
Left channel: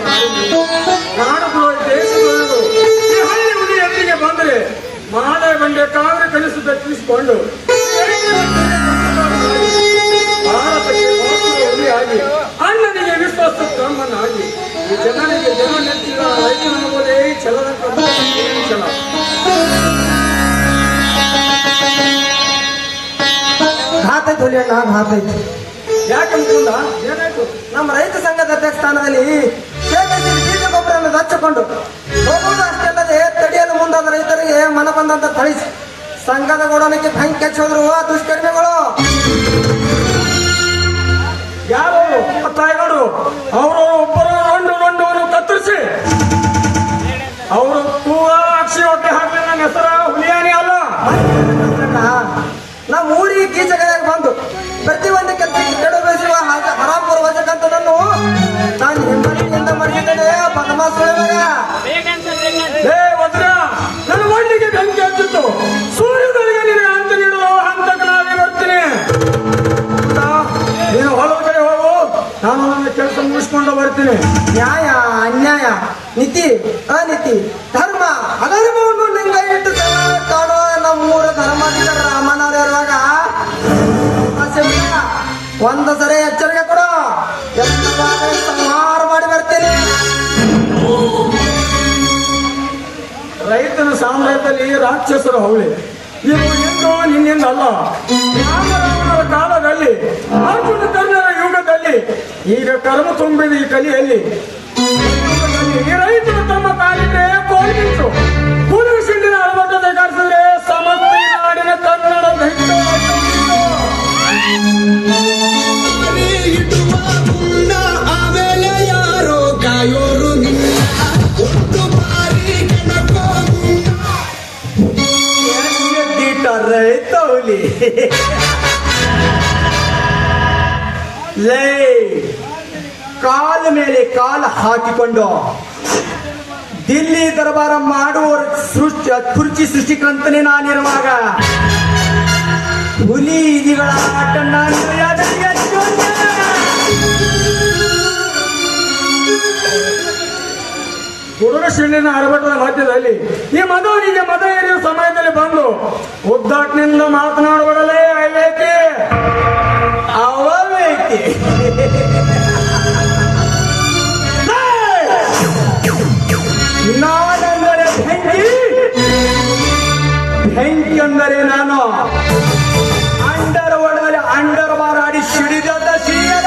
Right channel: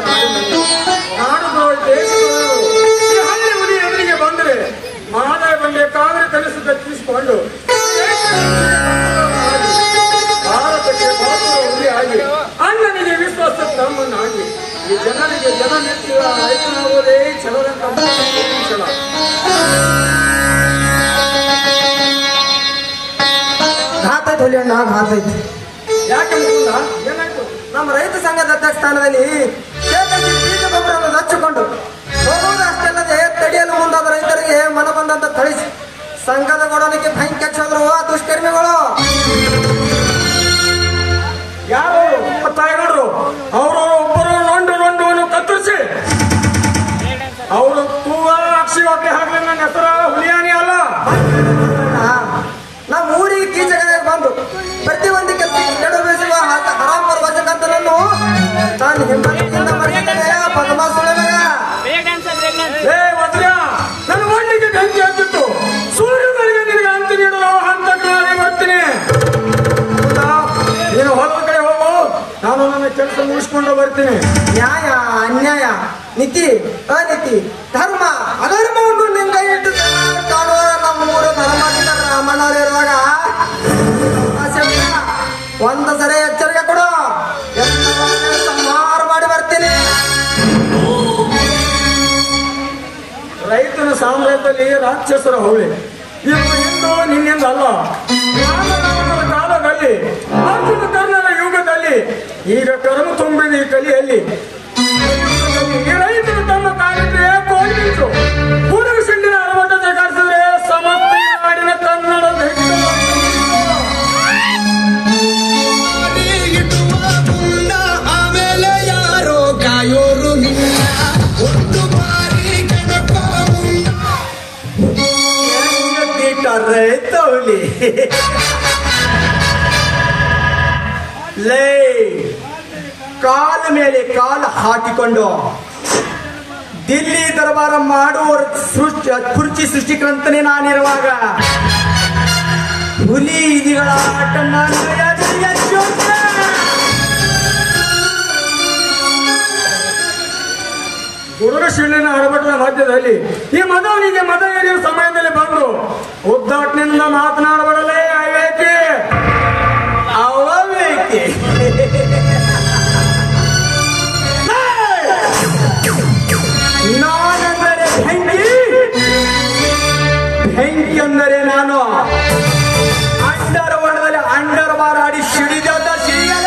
ನಾಡು ದೇಶಗಳು ಈ ಹಳ್ಳಿ ಹುಲಿ ಎದುರಿಗೆ ಬಂದರೆ ಮಾಲೆ ಬಂಡೆ ಕಾದ್ರೆ ಕಲಿಸಿ ಬೆಚ್ಚಿಸಿಕೊಂಡು ಭಾರತಕ್ಕೆ ಹುಲಿ ಆಗಿ ಅಣ್ಣನಿಗೆ ವಿಶ್ವಾಸ ತಮ್ಮನಾಗಿ ಈ ಜನರಿಗೆ ಜನ ನೆಚ್ಚಿರುವ ರೈತನಾಗುವುದೇ ಛಲದ ಛಲ. ಭಾತೈತಿ ಹುಲಿ ಅಣ್ಣ ಭಾತೈತಿ. ಯಾಕೆ ಏನಾಯ್ತು? ನಮ್ಮ ರೈತ ಸಂಘದ ಅಧ್ಯಕ್ಷ ಸ್ಥಾನದಲ್ಲಿ ಬೀಜ ಗೊಬ್ಬರವನ್ನು ಹಚ್ಚಿಕೊಂಡು ಹೋಗುವ ಅಷ್ಟಲ್ಲದೆ ತಡೆಯಲು ಮುಂದಾದ ರೈತರಿಗೆ ಮನ ಬಂದಂತ ಥಳಿಸಿ ಸಂಘದ ಗೋಡನಕ್ಕೆ ಬೆಂಕಿ ಹಚ್ಚೋರು ದುಷ್ಕರ್ಮಿಗಳು. ಯಾವ ತಾಯಿಗೌಡರು ಅವರು ಒಬ್ಬರು ನೊಂಡು ಕತ್ತರಿಸಿ ಅವರು ಅಕ್ಷಿ ಹೊಟ್ಟೆ ಹಾಕಿ ನನ್ನ ಹೆಸರ ಹುಲಿಯಾನಿ ಅಲ್ಲ. ನಮ್ಮ ಊರಿಗೆ ಕೀಚಕದಾಗ ಬಂದು ಪ್ರತಿಯೊಂದು ಕೆಲಸಕ್ಕೆ ಕೆಡು ಬೆಳೆಸುವ ಹರಾಪುರ ವಚಕಂತನನ್ನು ತಾನು ಹಿಂಬದಿಯಿಂದ ಮಾಡಿದರೆ ಬರ್ತೀನಿ. ನ್ಯಾಯ ಅನ್ಯಾಯ, ನೀತಿ ಅನೀತಿ, ಧರ್ಮ ಅಧರ್ಮವನ್ನು ನಿಂಗೆ ಇಟ್ಟು ಕಾಣೋ ನಮ್ಮೂರ ಧರ್ಮದ ರಾಮಣ್ಣರಿರುವಾಗ ಒಂದು ಸರಿ ಎಚ್ಚರಿಕೆ ಕೊಡು, ಸಂಹಾರ ಮಾಡಿ ಬರ್ತೇನೆ. ರೈತನ ಸಾಮ್ರಾಜ್ಯದಲ್ಲಿ ರಾಕ್ಷಸರ ಹೌಳಿ ಇದು ಎಂದು ನಿನ್ನಿಂದ ಅಲ್ಲ. ಕಾಲದಲ್ಲಿ ಅರ್ಜುನ ಕರ್ಣರ ಯುಗದಲ್ಲಿ ಈಗ ಕರ್ಮ ತುಂಬಿದ ಈ ಕಲಿಯಲ್ಲಿ ಈ ರೈತರು ತಮ್ಮ ಕಾರ್ಯಕ್ಕೆ ಕೋಲ್ಬಿಟ್ಟು ಕೂಡಲು ಸಿಂಡಿನ ಅಳವಟ್ಟ ತೆಗೆಸಿದ್ರೆ ಸಮಸ್ತ ನಾಡಿನ ಕನ್ನಡ ಆಮೇಲೆ ಯಾರೋ ಕಾಯೋರು ನಿನ್ನ ರೈತವಲಿ ಲೇ ಕಾಲ ಮೇಲೆ ಕಾಲ ಹಾಕಿಕೊಂಡು ದಿಲ್ಲಿ ದರ್ಬಾರ ಮಾಡುವವರ ಕುರ್ಚಿ ಸೃಷ್ಟಿಕಂತನೇ ನಾನಿರುವಾಗ ಹುಲಿ ಇದಿಗಳ ಆಟ ಗುರುಶಿಲಿನ ಅಡಬಟ್ಟದ ರಾಜ್ಯದಲ್ಲಿ ಈ ಮದುವನಿಗೆ ಮತ ಎರೆಯುವ ಸಮಯದಲ್ಲಿ ಬಂದು ಉದ್ದಾಟನೆಯಿಂದ ಮಾತನಾಡಬಡಲೇ ಅವೇಕೆ ಅವವೇಕೆ ನಾನೆಂದರೆ ಬೆಂಕಿ, ಬೆಂಕಿ ಅಂದರೆ ನಾನು ಅಂಡರ್ ಒಳಗಡೆ ಅಂಡರ್ ಬಾರ್ ಆಡಿ ಸಿಡಿದ ಸೀರೆ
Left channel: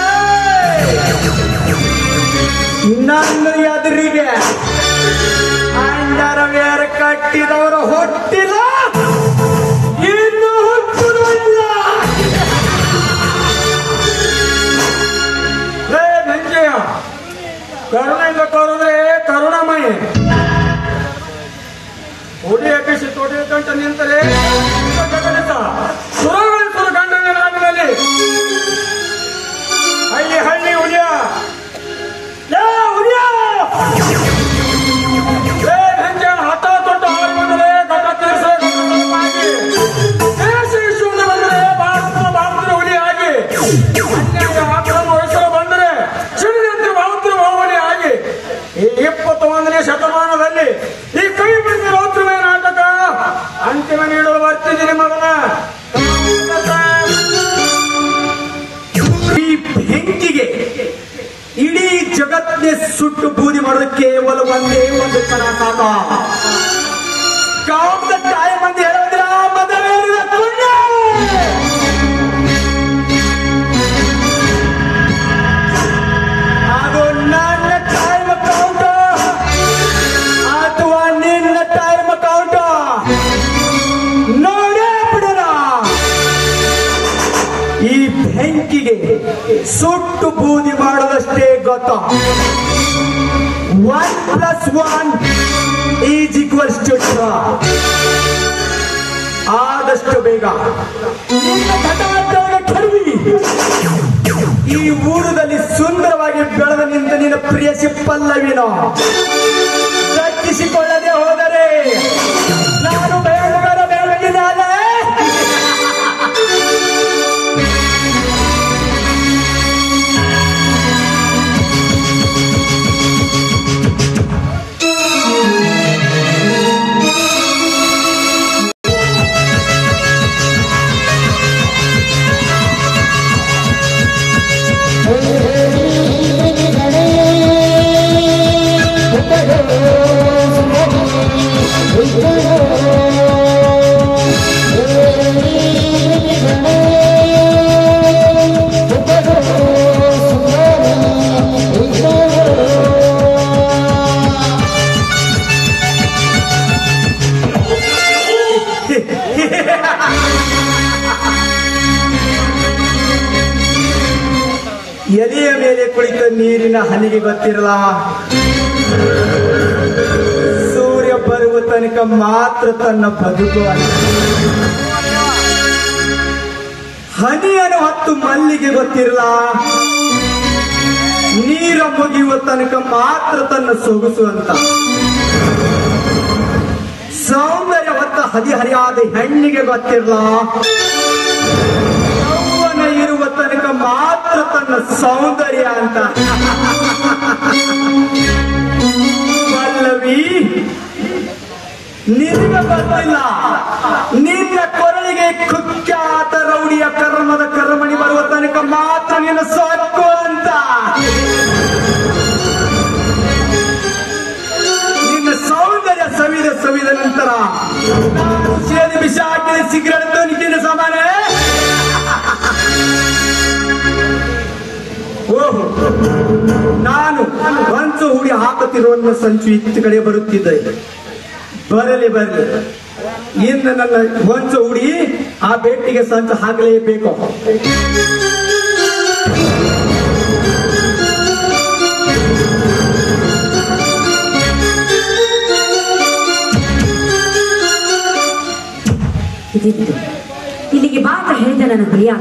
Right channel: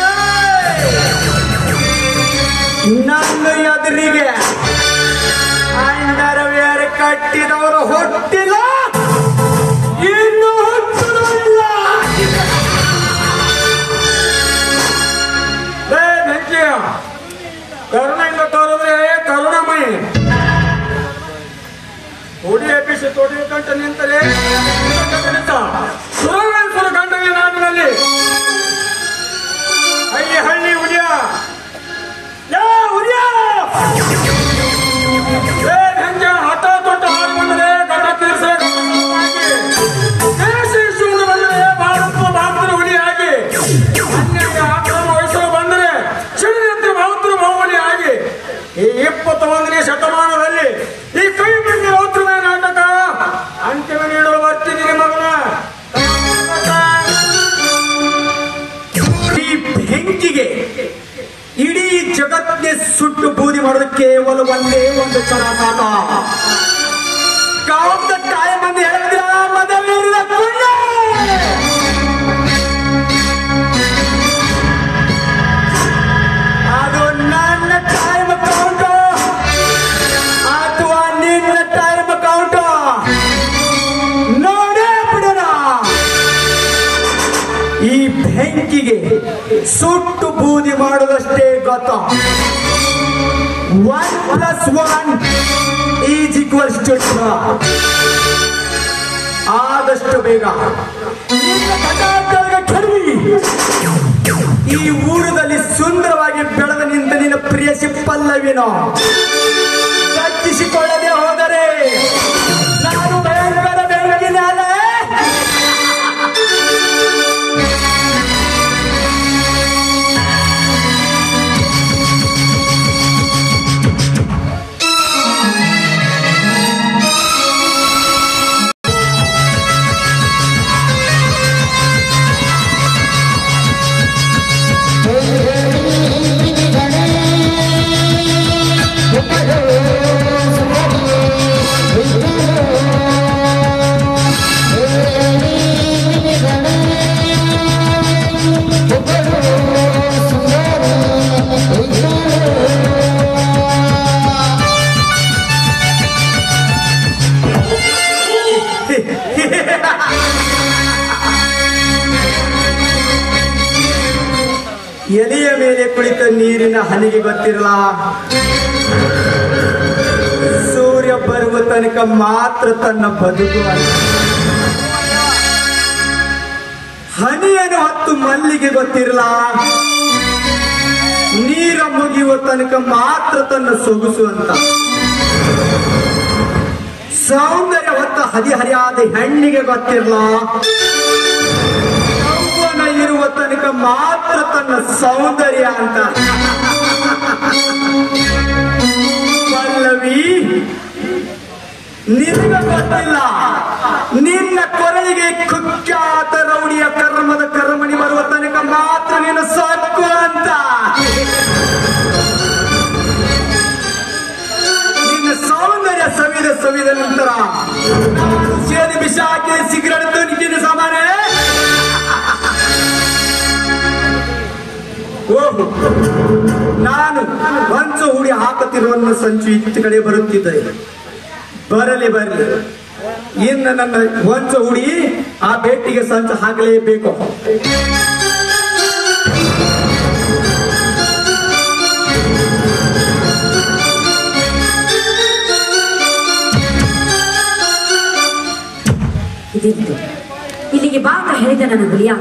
ನನ್ನ ಎದುರಿಗೆ ಅಂಡರ್ವೇರ್ ಕಟ್ಟಿದವರು ಹುಟ್ಟಿಲ್ಲ, ಇನ್ನು ಹುಟ್ಟುವುದಿಲ್ಲ. ಕರುಣೆಯಿಂದ ತೋರಿದ್ರೆ ಕರುಣಮಯಿ ಹುಡಿ ಎಬ್ಬಿಸಿ ತೊಡಿ ಕಂಟ ನಿಂತರೆ ಸುರವೆನಿಸಲು ಗಂಡನೇ ನಾಡಿನಲ್ಲಿ ಹಳ್ಳಿ ಹಳ್ಳಿ ಹುಡಿಯ ಹಠ ತೊಟ್ಟು ಹಾರು ಬಂದರೆ ಗಡ ಭಾರತದ ಹುಲಿಯಾಗಿ ವಯಸ್ಸು ಬಂದರೆ ಶಿವನೆತ್ತಿ ಭಾರತದ ಭಾವನೆಯಾಗಿ ಈ 21ನೇ ಶತಮಾನದಲ್ಲಿ ಈ ಕೈ ಬಿಡಿಸಿದ ಹೋತ್ರ ನಾಟಕ ಅಂತಿಮ ನೀಡುವ ಬರ್ತೀನಿ ನಿಮ್ಮವರ ಈ ಬೆಂಕಿಗೆ ಇಡೀ ಜಗತ್ತಿಗೆ ಸುಟ್ಟು ಬೂದಿ ಮಾಡೋದು ಕೇವಲ ಒಂದೇ ಒಂದು ಕ್ಷಣ ಸಾಕ. ಕಾಮದ ತಾಯಿ ಮಂದಿ ಹೇಳೋದಿಲ್ಲ ಮದುವೆ ಅದು ನನ್ನ ಟೈಮ್ ಕೌಂಟ್ ಅಥವಾ ನಿನ್ನ ಟೈಮ್ ಕೌಂಟ್ ನೋಡೇ ಬಿಡೋಣ. ಈ ಬೆಂಕಿಗೆ ಸುಟ್ಟು ಬೂದಿ ಮಾಡೋದಷ್ಟೇ ಗೊತ್ತು. 1+1 = 2. ಆದಷ್ಟು ಬೇಗ ಈ ಊರದಲ್ಲಿ ಸುಂದರವಾಗಿ ಬೆಳೆದ ನಿಂತ ನಿನ್ನ ಪ್ರಿಯ ಪಲ್ಲವಿನೋ ಕಟ್ಟಿಸಿಕೊಳ್ಳದೆ ಹೋದರೆ ನಾನು ಭಯಂಕರ ಬೆಳಗಿದ್ದಾರೆ. ಎಲೆಯ ಮೇಲೆ ಕುಳಿತ ನೀರಿನ ಹನಿಗೆ ಗೊತ್ತಿರಲ್ಲ, ಸೂರ್ಯ ಬರುವ ತನಕ ಮಾತ್ರ ತನ್ನ ಬದುಕು. ಹನಿಯನ್ನು ಹೊತ್ತು ಮಲ್ಲಿಗೆ ಗೊತ್ತಿರಲ್ಲ, ನೀರ ಮುಗಿಯುವ ತನಕ ಮಾತ್ರ ತನ್ನ ಸೊಗಸು ಅಂತ. ಸೌಂದರ್ಯ ಹೊತ್ತ ಹದಿಹರಿಯಾದ ಹೆಣ್ಣಿಗೆ ಗೊತ್ತಿರಲ್ಲ, ಯೌವನ ಇರುವ ತನಕ ಮಾತ್ರ ತನ್ನ ಸೌಂದರ್ಯ ಅಂತ. ನಿನ್ನ ಗೊತ್ತಿಲ್ಲ, ನಿನ್ನ ಕೊರಳಿಗೆ ಕುಖ್ಯಾತ ರೌಡಿಯ ಕರ್ಮದ ಕರ್ಮಣಿ ಬರುವ ತನಕ ಮಾತ್ರ ನಿನ್ನ ಸಾಕು ಅಂತ. ನಿನ್ನ ಸೌಂದರ್ಯ ಸವಿದ ನಂತರ ಸೇನೆ ವಿಷ ಹಾಕಿ ಸಿಗರೇಟ್ ತನಿಖೆನ ಸಮಾನ. ಓಹೋ, ನಾನು ಹೊಂಚು ಹುಡಿ ಹಾಕುತ್ತಿರುವ ಸಂಚು ಇತ್ತ ಕಡೆ ಬರುತ್ತಿದ್ದೆ. ಬರಲಿ ಇನ್ನು ನನ್ನ ಹೊಂಚು ಹುಡಿ ಆ ಬೆಟ್ಟಿಗೆ ಸಂಚು ಹಾಕಲೇಬೇಕು. ಇಲ್ಲಿಗೆ ಬಾ ಅಂತ ಹೇಳಿದ ನನ್ನ ಹುಲಿಯ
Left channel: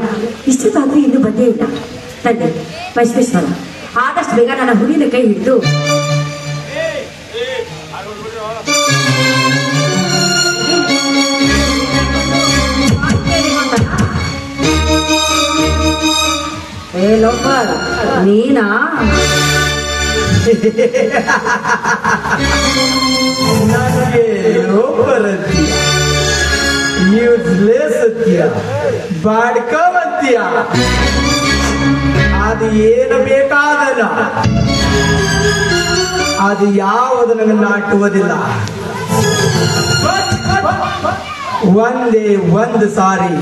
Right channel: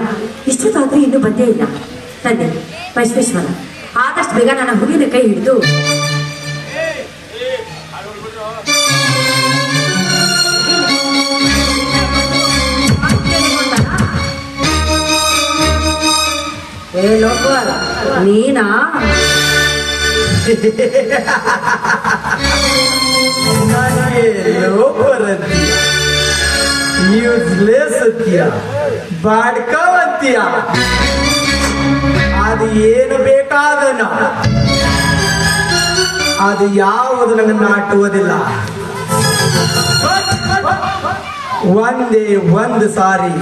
ಇಷ್ಟೊತ್ತಾದ್ರೂ ಇನ್ನೂ ಬಂದೇ ಇಲ್ಲ. ತಂದೆ ವೈಶ್ವೇಶ್ವರ, ಆದಷ್ಟು ಬೇಗ ನನ್ನ ಹುಲಿನ ಕೈ ಹಿಡಿದು ಏ ಲೋಕಲ್ ನೀನಾ? ಯೂಸ್ಲೆಸ್ ಅಂತೀಯ, ಬಾಡ್ಕವ್ ಅಂತೀಯ, ಅದು ಏನು ಬೇಕಾದಲ್ಲ, ಅದು ಯಾವುದು ನನಗೆ ನಾಟುವುದಿಲ್ಲ. ಒಂದೇ ಒಂದು ಸಾರಿ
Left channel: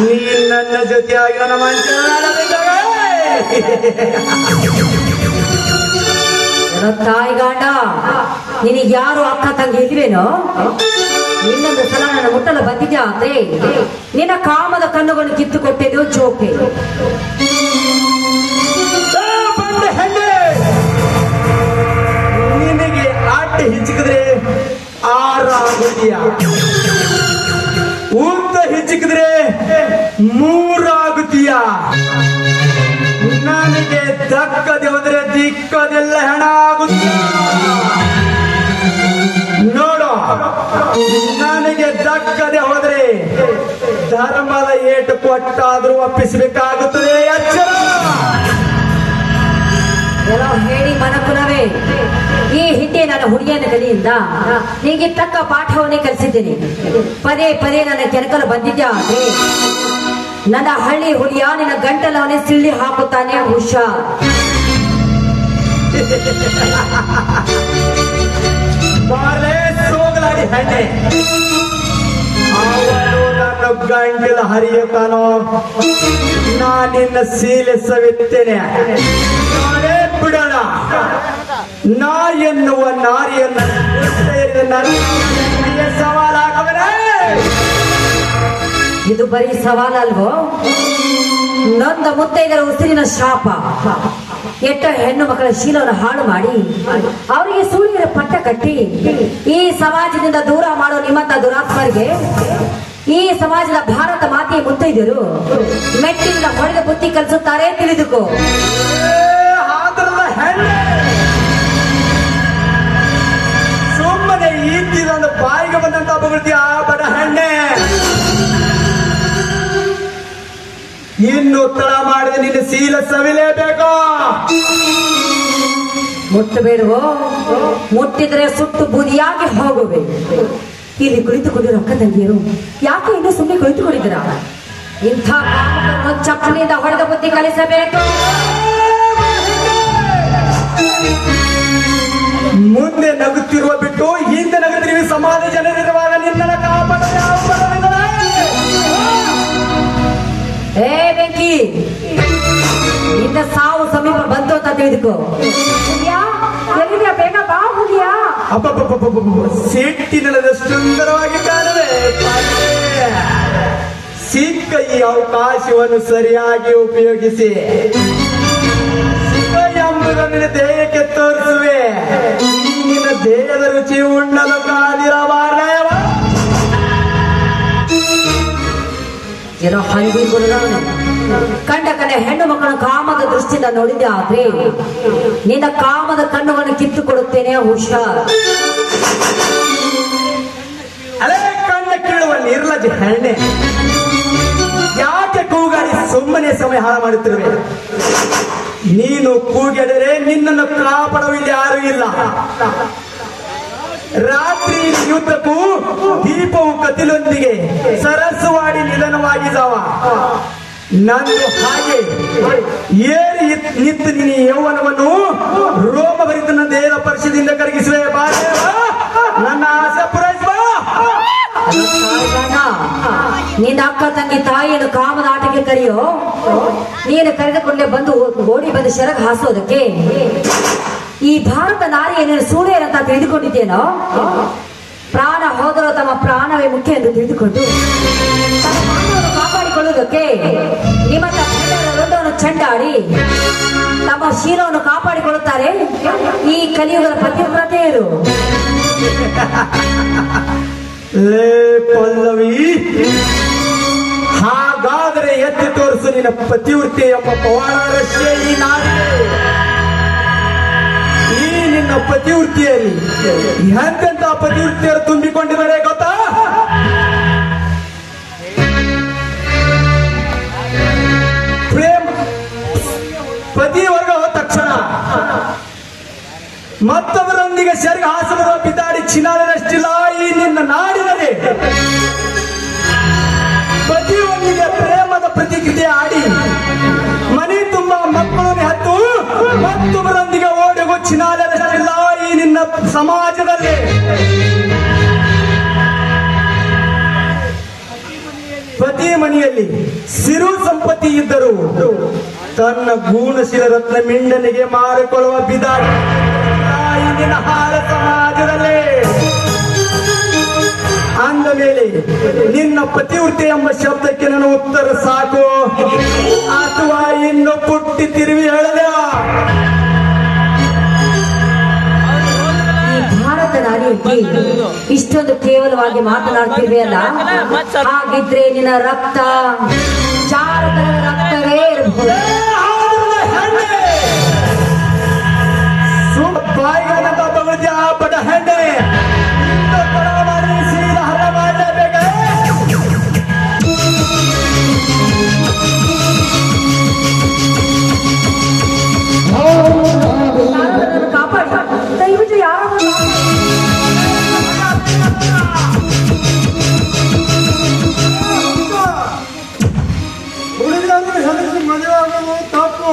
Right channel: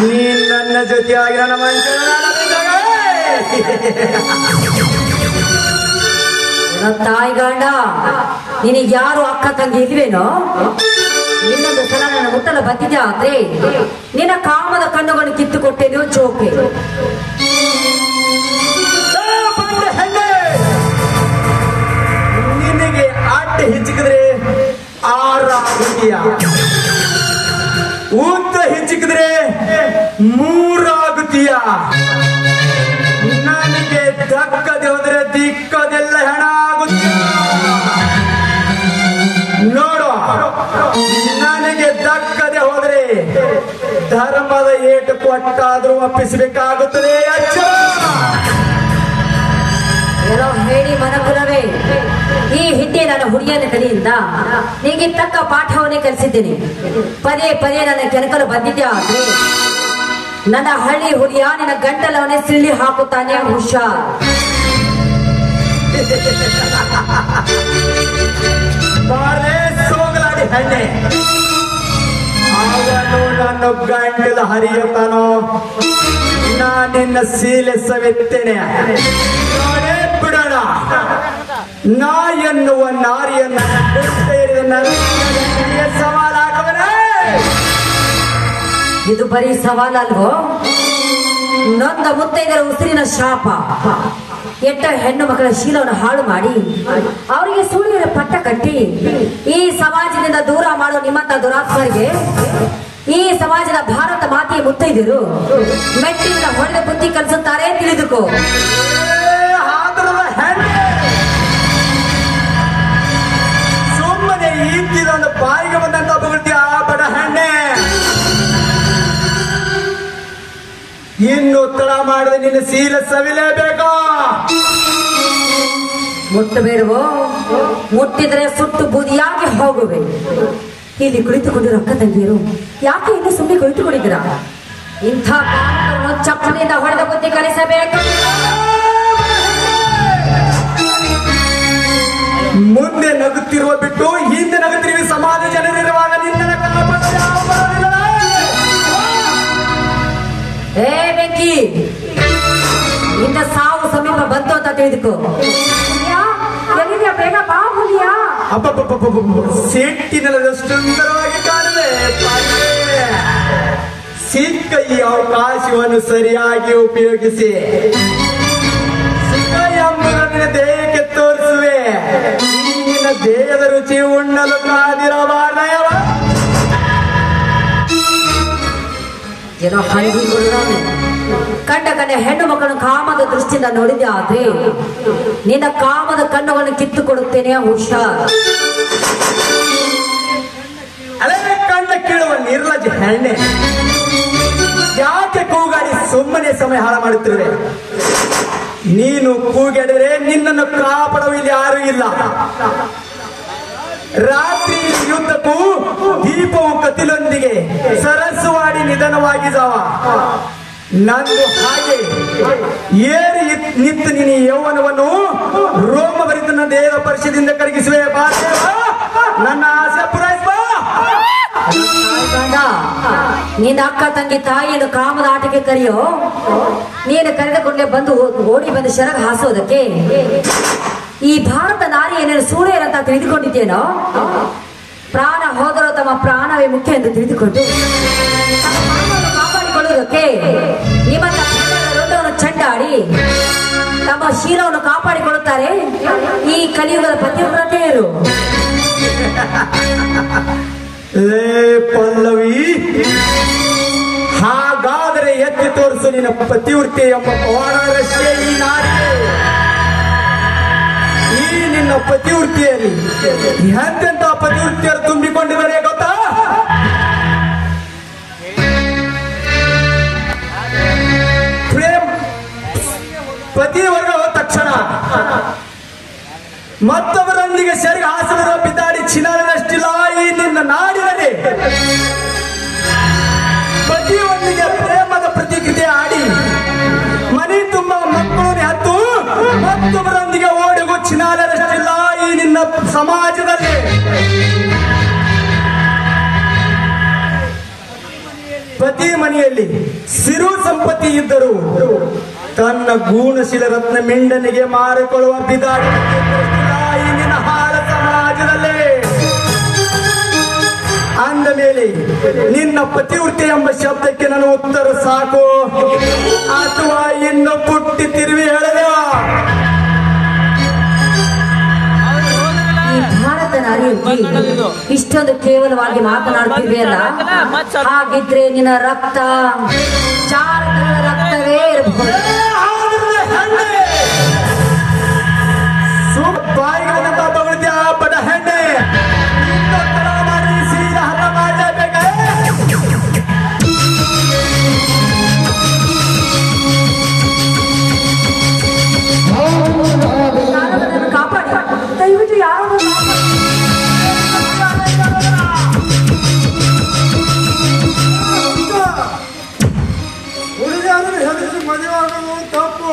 ನೀನ್ ನನ್ನ ಜೊತೆಯಾಗಿ ನನ್ನ ತಾಯಿ ಗಾಂಡ, ನಿನಗೆ ಯಾರು ಅಕ್ಕ ತಂಗಿ ಇದ್ರೇನೋ? ಇನ್ನೊಂದು ಸಲ ನನ್ನ ಮುಟ್ಟಲು ಬಂದಿದ್ದೆ ಆದ್ರೆ ನಿನ್ನ ಕಾಮದ ಕಣ್ಣುಗಳನ್ನು ಕಿತ್ತು ಕೊಟ್ಟೆದು ಚೋಕೆ. ನಿನಗೆ ಆಟ ಹೆಚ್ಚಿಕಿದ್ರೆ 6 ಆಗುತ್ತೀಯ, ಉದ್ದ ಹೆಚ್ಚಿಕಿದ್ರೆ 3 ಆಗುತ್ತೀಯ. ನನಗೆ ದಕ್ಕದೆ ಹೋದ್ರೆ ದಿಕ್ಕದೆಲ್ಲ ಹೆಣ ಆಗುತ್ತೀಯ. ನೋಡು, ನನಗೆ ದಕ್ಕದೆ ಹೋದ್ರೆ ಧರ್ಮದ ಏಟು ಕೊಟ್ಟಾದ್ರೂ ಒಪ್ಪಿಸಬೇಕಾಗುತ್ತದೆ. ಏನೋ ಹೇಳಿ ಮನಕುಲವೇ, ಈ ಹಿಂದೆ ನನ್ನ ಹುಡುಗಿಯನ ಕಲಿಯಿಂದ ನಿಮಗೆ ತಕ್ಕ ಪಾಠವನ್ನೇ ಕಲಿಸಿದ್ದೇನೆ. ಪದೇ ನನ್ನ ಕೆನಕಲು ಬಂದಿದ್ದೆ ಆದ್ರೆ ನನ್ನ ಹಳ್ಳಿ ಹುಲಿಯ ನಿನ್ನ ಗಂಟಲವನ್ನೇ ಸಿಳ್ಳಿ ಹಾಕುತ್ತಾನೆ. ಹುಷಾರ್. ಸೋಗಲಾಡಿ ಹಣ್ಣೆ, ನಾನು ಗಂಟಲ ಹರಿಯತಾನೋ, ನಾನಿನ್ನ ಸೀಲೆ ಸವೆತ್ತೇನೆ. ಬಿಡೋಣ, ನಾ ಎನ್ನುವ ನಾರಿಯನ್ನು ಸವಾಲಾಗವನೇ. ಇದು ಬರೀ ಸವಾಲಲ್ವೋ, ನೊಂದ ಮುತ್ತೈದರ ಉಸಿರಿನ ಶಾಪ. ಎಟ್ಟ ಹೆಣ್ಣು ಮಕ್ಕಳ ಶೀಲವನ್ನು ಹಾಳು ಮಾಡಿ ಅವರಿಗೆ ಸುಳ್ಳಿನ ಪಟ್ಟ ಕಟ್ಟಿ ಈ ಸಮಾಜದಿಂದ ದೂರ ಮಾಡೋ ನಿಮ್ಮಂತ ದುರಾತ್ಮರಿಗೆ ಈ ಸಮಾಜದ ಭಾರತ ಮಾತೆಯ ಮುತ್ತೈದರು ಮೆಟ್ಟಿನ ಹೊಡೆದ ಬುದ್ಧಿ ಕಲಿಸುತ್ತಾರೆ, ತಿಳಿದುಕೋ. ಸುಮ್ಮನೆ ಈತಿನೊಂದು ಬಾಯಿಗೆ ಬಂದಂತ ಬಗಳ್ತೀಯ ಬಡ ಹೆಣ್ಣೆ. ಇನ್ನು ತಡ ಮಾಡದೆ ನಿನ್ನ ಸೀಲ ಸವಿಲೇಬೇಕು. ಮುಟ್ಟಬೇಡವೋ, ಮುಟ್ಟಿದ್ರೆ ಸುಟ್ಟು ಬೂದಿಯಾಗಿ ಹೋಗುವೆ. ಇಲ್ಲಿ ಕುಳಿತುಕೊಂಡಿರೋ ಅಕ್ಕ ತಂಗಿಯರು ಯಾಕೆ ಇನ್ನು ಸುಮ್ಮನೆ ಕುಳಿತುಕೊಂಡಿದ್ದೀರಾ? ಇಂಥ ಚಪ್ಪಲಿಂದ ಹೊಡೆದ ಬುದ್ಧಿ ಕಲಿಸಬೇಕು. ಮುಂದೆ ನಗುತ್ತಿರುವ ಬಿಟ್ಟು ಹಿಂದೆ ನಗುತ್ತಿರುವ ಸಮಾಜ ಜನರಿರುವಾಗ ನಿನ್ನ ಕಾಪಾಡ. ಏ ಬೆಂಕಿ, ನಿನ್ನ ಸಾವು ಸಮೀಪ ಬಂತು ಅಂತ ತಿಳಿದುಕೋ. ಎಲ್ಲಿದ್ಯಾ? ಬೇಗ ಬಾ ಹುಲಿಯಾ. ಸಿಟ್ಟಿನದ ಸುಂದರವಾಗಿ ಕಾಣದೆ ಸಿಕ್ಕ ಈ ಅವಕಾಶವನ್ನು ಸರಿಯಾಗಿ ಉಪಯೋಗಿಸಿ ಸುಖ ಎಂಬುದನ್ನು ದೇಹಕ್ಕೆ ತೋರಿಸುವೆ. ನಿನ್ನ ದೇಹದ ರುಚಿ ಉಣ್ಣಲು ಕಾದಿರಬಾರದೇವ. ಏನೋ ಹಂದಿ ಕಂಡ ಹೆಣ್ಣು ಮಕ್ಕಳ ಕಾಮದ ದೃಷ್ಟಿಯಿಂದ ನೋಡಿದ್ದೆ ಆದ್ರೆ ನಿನ್ನ ಕಾಮದ ಕಣ್ಣುಗಳನ್ನು ಕಿತ್ತುಕೊಡುತ್ತೇನೆ. ಹುಷಾರ್. ಅಲೇ ಕಣ್ಣ ಕೇಳುವ ನಿರ್ಲಜ್ಜ ಹೆಣ್ಣೆ, ಯಾಕೆ ಕೂಗಾಡಿ ಸುಮ್ಮನೆ ಸಮಯ ಹಾಳು ಮಾಡುತ್ತಿರುವೆ? ನೀನು ಕೂಗೆಡರೆ ನಿನ್ನನ್ನು ಕಾಪಾಡುವ ಇಲ್ಲಿ ಯಾರೂ ಇಲ್ಲ. ರಾತ್ರಿ ಯುದ್ಧಕ್ಕೂ ದೀಪವು ಕತಿಲೊಂದಿಗೆ ಸರಸ್ವಾಡಿ ನಿಧನವಾಗಿದ್ದಾವ. ನಂದು ಹಾಗೆ ಏರಿ ನಿಂತು ನಿನ್ನ ಯೌವನವನ್ನು ರೋಮಭರಿತನ ದೇವ ಪರಿಷದಿಂದ ಕರಗಿಸುವೆ. ನನ್ನ ಆಸೆ ಪೂರೈಸುವ. ನಿನ್ನ ಅಕ್ಕ ತಂಗಿ ತಾಯಿಯನ್ನು ಕಾಮದ ಆಟಕ್ಕೆ ಕರೆಯೋ. ನೀನು ಕರೆದುಕೊಂಡೇ ಬಂದು ಓಡಿ ಬಂದು ಶರಗ ಹಾಸೋದಕ್ಕೆ ಈ ಭಾರತ ನಾರಿಯನ್ನು ಸೂಳೆಯರಂತ ತಿಳಿದುಕೊಂಡಿದ್ದೇನೋ. ಪ್ರಾಣ ಹೋದರೂ ತಮ್ಮ ಪ್ರಾಣವೇ ಮುಖ್ಯ ಎಂದು ತಿಳಿದುಕೊಂಡು ಕಾಪಾಡಿಕೊಳ್ಳುವುದಕ್ಕೆ ನಿಮ್ಮ ಲೋಕವನ್ನು ಚಂಡಾಡಿ ತಮ್ಮ ಶೀಲವನ್ನು ಕಾಪಾಡಿಕೊಳ್ಳುತ್ತಾರೆ ಈ ಕಲಿಯುಗದ ಪತಿವ್ರತೆಯರು. ಪಲ್ಲವಿ, ಹಾಗಾದರೆ ಎತ್ತಿ ತೋರಿಸು ನಿನ್ನ ಪತಿವೃತ್ತಿ ಎಂಬ ಪವಾಡರಷ್ಟೇ ಈ ನಾಡಿಗೆ. ಈ ನಿನ್ನ ಪತಿವೃತ್ತಿಯಲ್ಲಿ ಎಂತೆಂತ ಪತಿವೃತ್ತಿಯರು ತುಂಬಿಕೊಂಡಿದ್ದಾರೆ ಗೊತ್ತಾ? ಪ್ರೇಮ ಪತಿವರ್ಗ ಹೋದ ತಕ್ಷಣ ಮತ್ತೊಬ್ಬರೊಂದಿಗೆ ಸೆರಗ ಹಾಸನದ ಬಿದ್ದಾಡಿ ಚಿನ್ನಾದಷ್ಟಿಲ್ಲ ಈ ನಿನ್ನ ನಾಡಿನಲ್ಲಿ. ಪತಿಯೊಂದಿಗೆ ಪ್ರೇಮದ ಪ್ರತಿಕ್ರಿಯೆ ಆಡಿ ಮನೆ ತುಂಬ ಮಕ್ಕಳನ್ನೇ ಹತ್ತು ಮತ್ತೊಬ್ಬರೊಂದಿಗೆ ಓಡಿಗೂ ಚಿನ್ನಾದಷ್ಟಿಲ್ಲ ಈ ನಿನ್ನ ಸಮಾಜದಲ್ಲಿ. ಪತಿ ಮನೆಯಲ್ಲಿ ಸಿರು ಸಂಪತ್ತಿ ಇದ್ದರೂ ತನ್ನ ಗೂಣಶೀಲ ರತ್ನ ಮಿಂಡನಿಗೆ ಮಾರಿಕೊಳ್ಳುವ ಬಿದಾಡಿ ಇಂದಿನ ಹಾಳ ಸಮಾಜದಲ್ಲೇ. ಅಂದ ಮೇಲೆ ನಿನ್ನ ಪತಿವೃತ್ತಿ ಎಂಬ ಶಬ್ದಕ್ಕೆ ನನ್ನ ಉತ್ತರ ಸಾಕು ಅಥವಾ ಇನ್ನು ಪುಟ್ಟಿ ತಿರುವಿ ಹೇಳಲೇ? ಭಾರತ ನಾರಿಯಲ್ಲಿ ಇಷ್ಟೊಂದು ಕೇವಲವಾಗಿ ಮಾತನಾಡ್ತಿದೆಯಲ್ಲ, ಹಾಗಿದ್ರೆ ನಿನ್ನ ರಕ್ತ ಚಾರಕರ ರಕ್ತವೇ ಇರಬಹುದು. ಬಾಯಿಗಳನ್ನ ತಗೊಳ್ತೀಯ ಬಡ ಹೆಣ್ಣೆ, ಸೀದಾ ಹರ ಮಾಡಬೇಕ. ಕಾಪಾಡಿ ದಯವಿಟ್ಟು ಯಾರು ಹುಡುಗಿಯಾದ್ರೆ ಹೆದರಿಸಿ ಮದುವೆ ಆಗೋದು ತಪ್ಪು.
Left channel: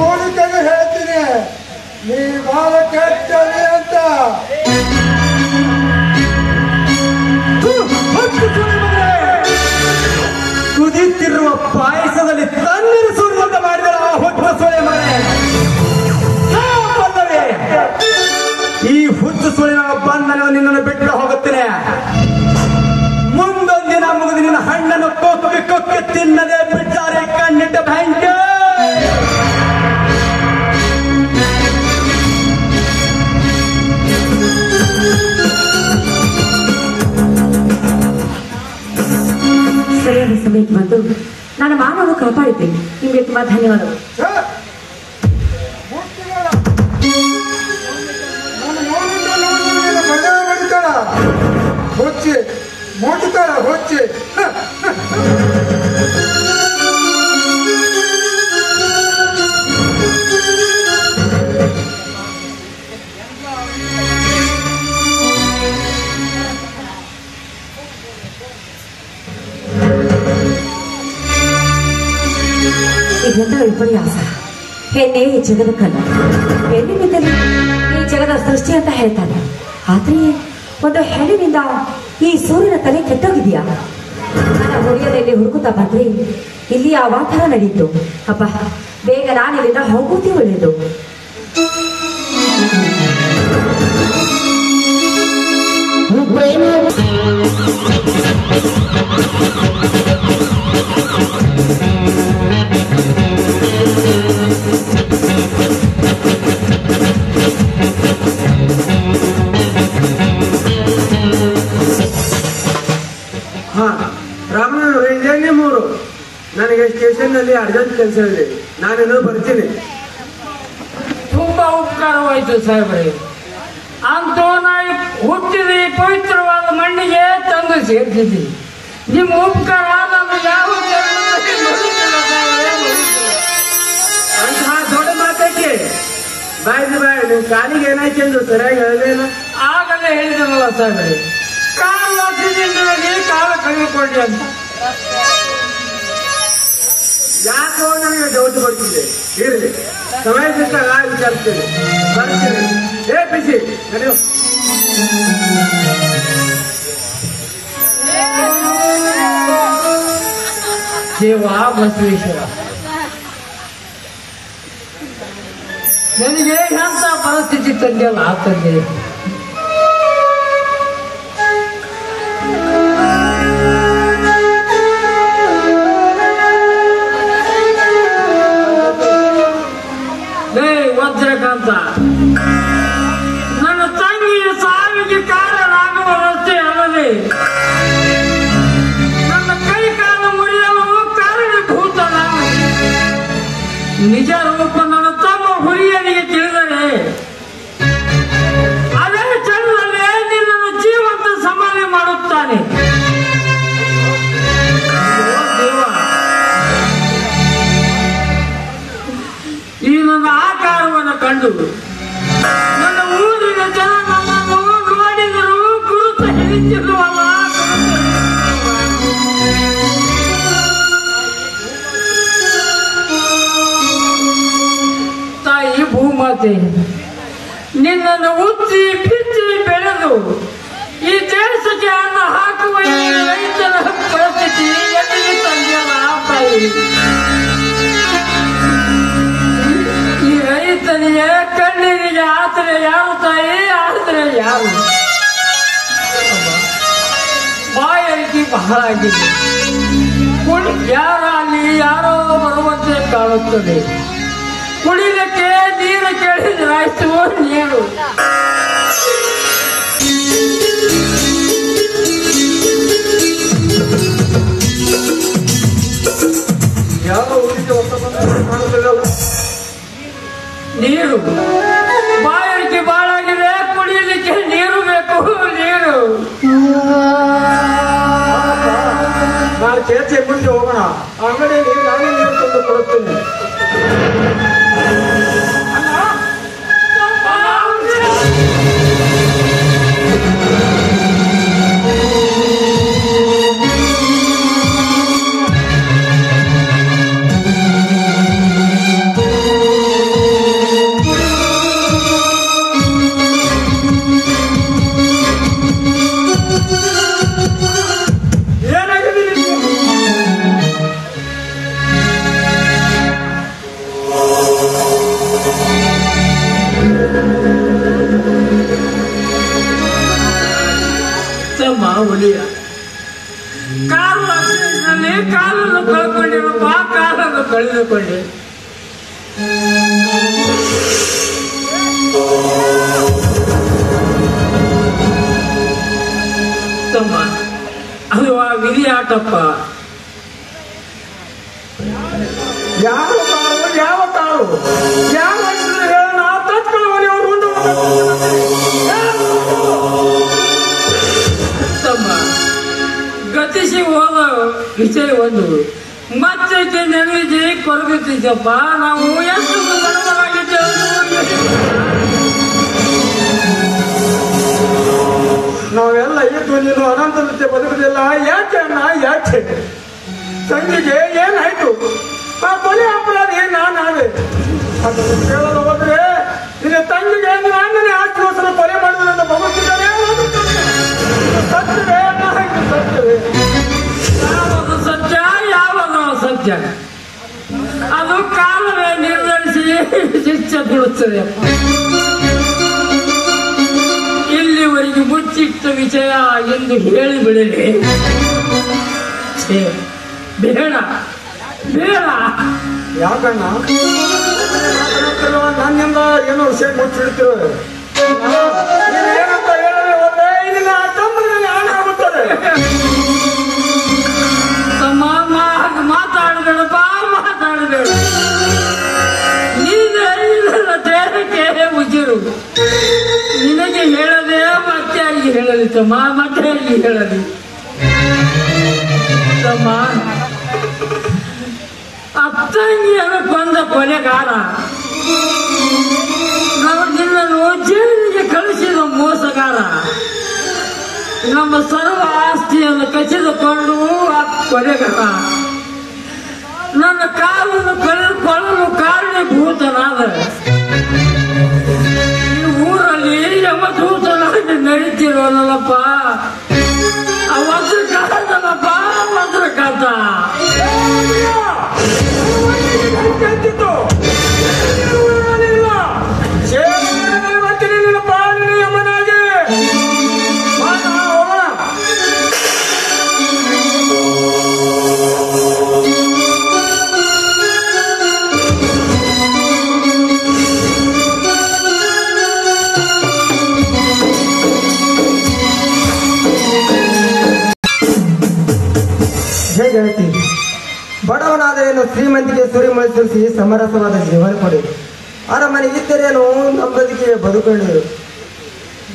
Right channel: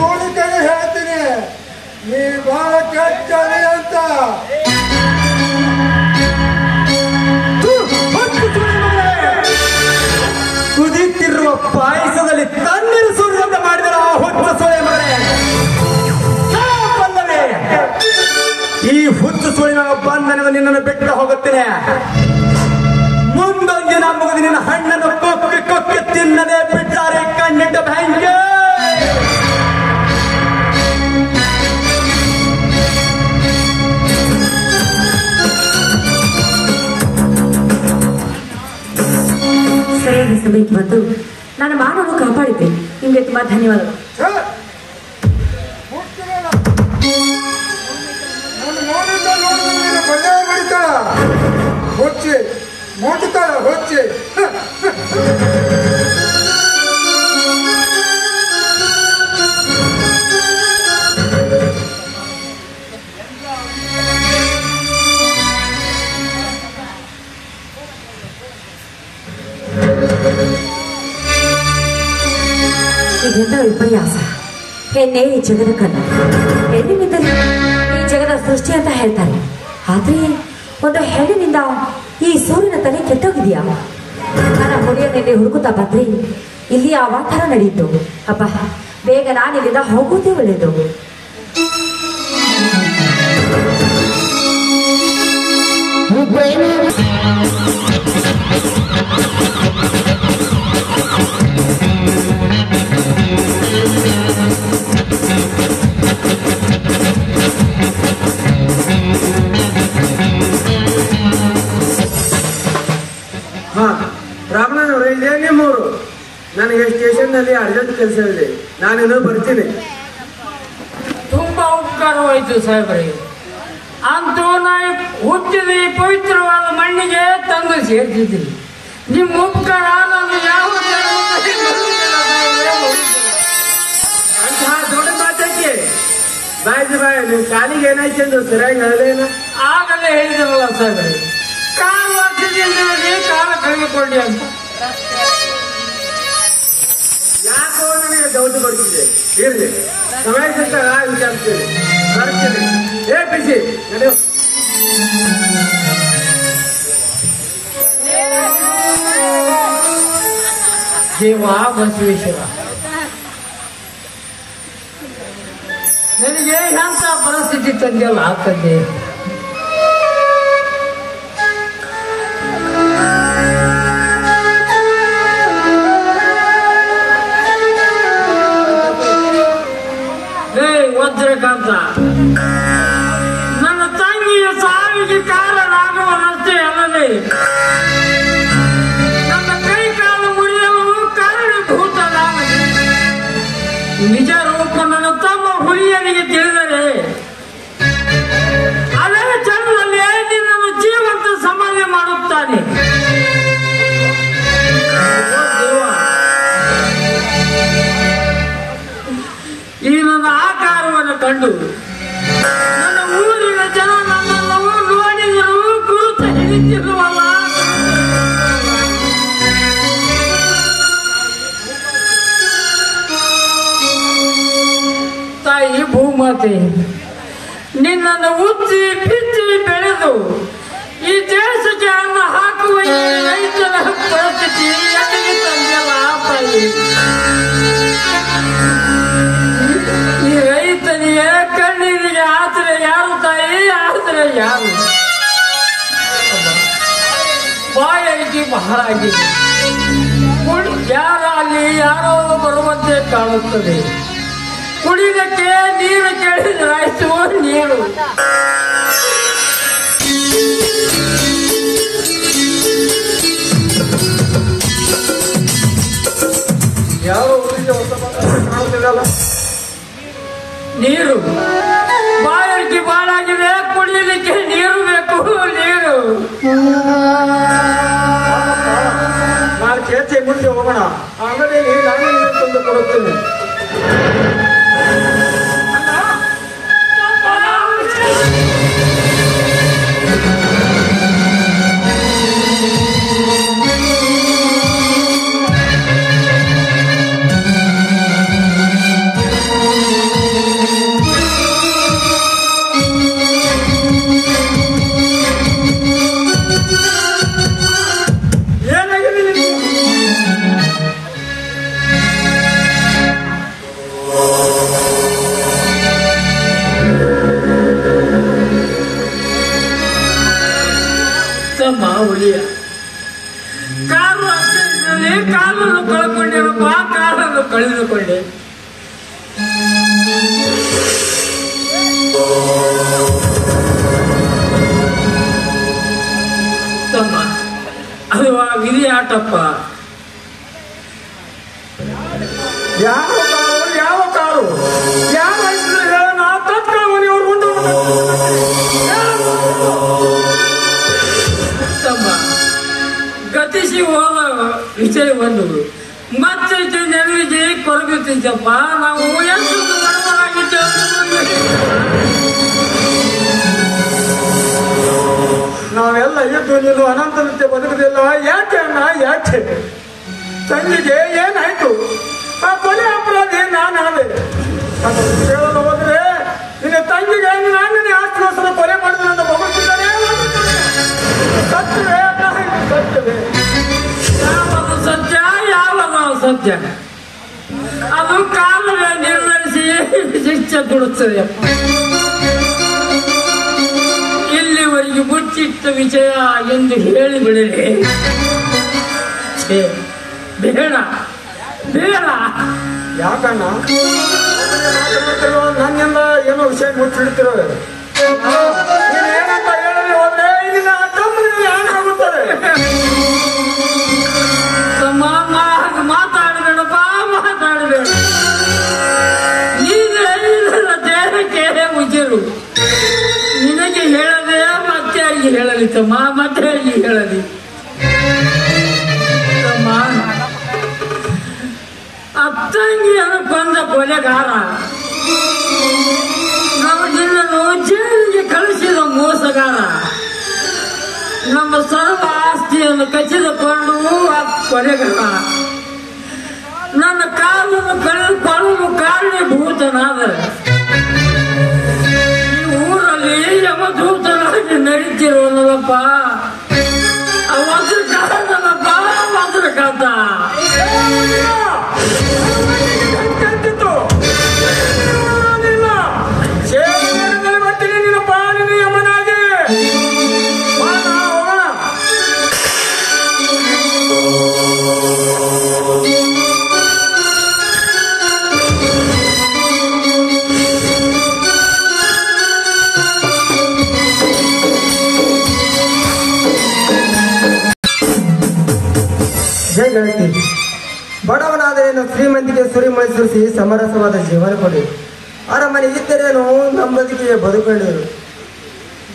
ನೋಡಿದಾಗ ಹೇಳ್ತೀನಿ, ನೀ ಬಹಳ ಕೆಟ್ಟನೆ ಅಂತ. ಕುದಿತಿರುವ ಪಾಯಸದಲ್ಲಿ ತಣ್ಣೀರು ಸುರಿದಂತೆ ಮಾಡಿದರ ಹುಟ್ಟು ಸೊಳೆ ಮನೆ. ಈ ಹುಟ್ಟು ಸುಳಿನ ಬಂಧನ ನಿನ್ನನ್ನು ಬಿಟ್ಟು ಹೋಗುತ್ತೇನೆ. ಮುಂದೊಂದಿನ ಮುಗಿದು ನಿನ್ನ ಹಣ್ಣನ್ನು ಕೊಕ್ಕೆ ಕೊಕ್ಕೆ ತಿನ್ನದೆ ಬಿಟ್ಟಾರೆ ಕಣ್ಣಿಟ್ಟ ಬ್ಯಾಂಕ್. ಸರಿಯಾದ ಸಮಯಕ್ಕೆ ಬಂದು ನನ್ನ ಮಾನವನ್ನು ಕಾಪಾಡಿದ್ದೆ. ನಿಮಗೆ ತುಂಬಾ ಧನ್ಯವಾದಗಳು. ಹೊಚ್ಚೆ ಮುಡ್ತಾಳ ಹೊಚ್ಚೆ. ಇದೆಲ್ಲ ವಿಪರ್ಯಾಸ. ಹೆಣ್ಣೆ ಈ ಜಗದ ಕಲ್ಲ. ಹೆಣ್ಣಿನಿಂದಲೇ ಈ ಜಗದ ಸೃಷ್ಟಿ ಅಂತ ಹೇಳ್ತಾರೆ. ಆದ್ರೆ ಒಂದು ಹೆಣ್ಣಿನಿಂದ ಈ ಸೂರ್ಯನ ತಲೆ ಕೆಟ್ಟೋಗಿದೆಯಾ? ನನ್ನ ಹುಡುಗಿಯಲ್ಲಿ ಹುಡುಗುತ್ತಾ ಬಂದ್ರೆ ಇಲ್ಲಿ ಆ ವಾತಾವರಣ ನಡೆಯಿತು. ಅಪ್ಪ, ಬೇಗ ನಾನಿಲ್ಲಿಂದ ಹೋಗುತ್ತೇ ಒಳ್ಳೆಯದು. ರಾಮನವರೇ, ಇದೇ ನಿಮ್ಮೂರು. ನನಗೆ ಸ್ಟೇಷನ್ ನಲ್ಲಿ ಅರ್ಜೆಂಟ್ ಕೆಲಸ ಇದೆ, ನಾನಿನ್ನೂ ಬರ್ತೀನಿ. ತುಂಬಾ ಉಪಕಾರವಾಯಿತು ಸಾಹೇಬ್ರೆ. ಅಂತೂ ನಾವು ಹುಟ್ಟಿದ ಈ ಪವಿತ್ರವಾದ ಮಣ್ಣಿಗೆ ತಂದು ಸೇರ್ತಿದ್ದೀವಿ. ನಿಮ್ಮ ಉಪಕಾರ ನಾನು ಯಾವ ಬಾಯ್ ನಿಮ್ ಕಾಲಿಗೆ ಏನಾಯ್ತು ಅಂದ್ರು ಸರಿಯಾಗಿ ಹೇಳೇನು ಆಗಲೇ ಹೇಳಿದವಲ್ಲ ಸರ್, ಕಾಲು ಹಾಕಿದ್ದೀನಿ ಕಾಲ ಕಳೆದುಕೊಂಡೆ ಅಂತ. ಯಾಕೋ ನನಗೆ ಡೌಟ್ ಬರ್ತಿದೆ. ಹೇಳಿ ಸಮಯ ಸಿಕ್ಕಾಗ ವಿಚಾರಿಸ್ತೀನಿ ಬರ್ತೀನಿ. ಬಿಸಿ ನಡೆಯೋ. ದೇವ ಬಸವೇಶ್ವರ, ನನಗೆ ಎಂತ ಪರಿಸ್ಥಿತಿ ತಂದೆಯಲ್ಲ ತಂದೆ. ವಜ್ರಕಾಂತ, ನನ್ನ ತಂಗಿಯ ಸಾವಿಗೆ ಕಾರಣ ರಸ್ತೆ ಅಲ್ಲದೆ ನನ್ನ ಕೈ ಕಾಲ ಮುರಿಯಲು ಕಾರಣಭೂತ ನಾನು. ನಿಜ ರೂಪ ನನ್ನ ತಮ್ಮ ಹುಲಿಯನಿಗೆ ತಿಳಿದರೆ ಅದೇ ಚಂದಲ್ಲೇ ನಿನ್ನನ್ನು ಜೀವಂತ ಸಮಾಧಿ ಮಾಡುತ್ತಾನೆ. ಈ ನನ್ನ ಆಕಾರವನ್ನು ಕಂಡು ನನ್ನ ಊರಿನ ಜನ ನನ್ನನ್ನು ನೋಡಿದರು, ಗುರುತು ಹಿಡಿದಿರುವ ತಾಯಿ ಭೂಮಾತೆ, ನಿನ್ನನ್ನು ಉಚ್ಚಿ ಬಿಚ್ಚಿ ಬೆಳೆದು ಈ ದೇಶಕ್ಕೆ ಅನ್ನ ಹಾಕುವ ರೈತರ ಪರಿಸ್ಥಿತಿ ಎಲ್ಲಿ ತಂದೆಲ್ಲ ತಾಯಿ. ಈ ರೈತನಿಗೆ ಕಣ್ಣೀರಿಗೆ ಆಸರೆ ಯಾರು ತಾಯಿ, ಆಸರೆ ಯಾರು? ಬಾಯಾರಿಕೆ ಬಹಳ ಆಗಿದೆ. ಯಾರಲ್ಲಿ ಯಾರೋ ಬರುವಂತೆ ಕಾಣುತ್ತದೆ. ಕುಡಿಲಿಕ್ಕೆ ನೀರು ಕೇಳಿದ್ರಾಯ್ತು ನೀರು. ಯಾವ ಊರಿಗೆ ಮಾಡೋದಿಲ್ಲ. ನೀರು ಬಾಯಾರಿಕೆ ಬಾಳಾಗಿದೆ, ಕುಡಿಯಲಿಕ್ಕೆ ನೀರು ಬೇಕು, ನೀರು. ನಾನು ಕೇಳ್ತೆ ಮುಂದೆ ಹೋಗೋಣ. ಅಂಗಡಿಯಲ್ಲಿ ನಾನೇ ತಂದು ಕೊಡುತ್ತೇನೆ. ಹುಲಿಯ ಕಾಲನ್ನು ಕಳ್ಕೊಂಡಿರಪ್ಪ, ಕಾಲನ್ನು ಕಳೆದುಕೊಂಡೆ. ತಮ್ಮ, ಅದು ಆ ವಿಧಿ ಆಟಪ್ಪ. ಯಾವ ಕಾರು ಯಾವ ಹೇಳೋಣ ತತ್ಕಾಲವರು ತಮ್ಮ, ಗತಿಸಿ ಹೋದ ವಿಷಯ ಒಂದು ಮತ್ತೆ ನೆನವಿದೆ ಕೊರಗುತ್ತಿದ್ದಪ್ಪ. ನಾವು ಎಷ್ಟು ನಾವೆಲ್ಲ ಇದ್ದು ನೀನು ಅನಂತನತೆ ಬದುಕುದಿಲ್ಲ. ಯಾಕೆ ಅಣ್ಣ ಯಾಕೆ? ತಂಗಿಗೆ ಏನಾಯ್ತು? ಆ ಕೊನೆ ಅಪರಾಧಿ ನಾನಾದೆ. ಅದನ್ನು ಕೇಳಲು ಹೋದ್ರೆ ನಿನ್ನ ತಂಗಿಗೆ ನಾನೇ ಆಶ್ವಾಸನ ಕೊಲೆ ಮಾಡುವುದನ್ನು ಬಹುತ್ತಿದ್ದೇನೆ. ಸತ್ಯವೇ ಸತ್ಯವೇ? ಯಾವಾಗ ಸತ್ಯ ಯಾವಾಗ ಸತ್ಯ ಅದು ಕಾಲವೇ ನಿರ್ಧರಿಸಿ ಶಿಕ್ಷೆ ಕೊಡುತ್ತದೆ. ಇಲ್ಲಿವರೆಗೆ ಮುಚ್ಚಿಟ್ಟ ವಿಷಯ ಎಂದು ಹೇಳಿಬಿಡಲಿ. ಬೇಡ ಬೇಡ. ಯಾಕಣ್ಣ ನನ್ನಿಂದ ಏನು ವಿಷಯ ಮುಚ್ಚಿಡ್ತಿರೋ? ಏನಂತ ಹೇಳಿ ಹೋದ್ರೆ ಇಲ್ಲಿನ ತಮ್ಮನಲ್ಲಿ ಆಡುತ್ತಾರೆ. ಮಾತಾಡಬೇಡಪ್ಪ, ಮಾತಾಡಬೇಡ. ನೀನು ದೇಹಕ್ಕೆ ಮುಜರು. ನಿನಗೆ ಹೇಳದೆ ಮತ್ತೆ ಆಗಿ ಹೇಳಲಿ ತಮ್ಮ, ಮತ್ತೆ ಆಗಿ ಹೇಳಲಿ ತಮ್ಮ. ಅತ್ತಂಗಿಯನ್ನು ಕೊಂದ ಕೊಲೆಗಾರ ನಮ್ಮ ಸರ್ವ ಆಸ್ತಿಯನ್ನು ಕಸಿದುಕೊಂಡು ಕೊನೆಗ ನನ್ನ ಕಾಲನ್ನು ಕಳೆದುಕೊಳ್ಳಲು ಕಾರಣೀಭೂತನಾದರೆ ಈ ಊರಲ್ಲಿ ಯಮದೂತರಾಗಿ ನಡೀತಿರೋನಲ್ಲಪ್ಪ ವಜ್ರಕಾತಲ್ಲಪ್ಪ ವಜ್ರಕಾತ ನಿನ್ನ ಪಾಲನೆ ಯಮನಾಗೆ ಜೈ ಗೆಳತಿ. ಬಡವನಾದರೇನು ಶ್ರೀಮಂತಿಗೆ ಸುರಿಮಳಿಸಿ ಸಮರಸವಾದ ಜೀವನ ಕೊಡಿ. ಅರಮನೆ ಇದ್ದರೇನು ನಂಬದಿಗೆ ಬದುಕೊಂಡಿರು.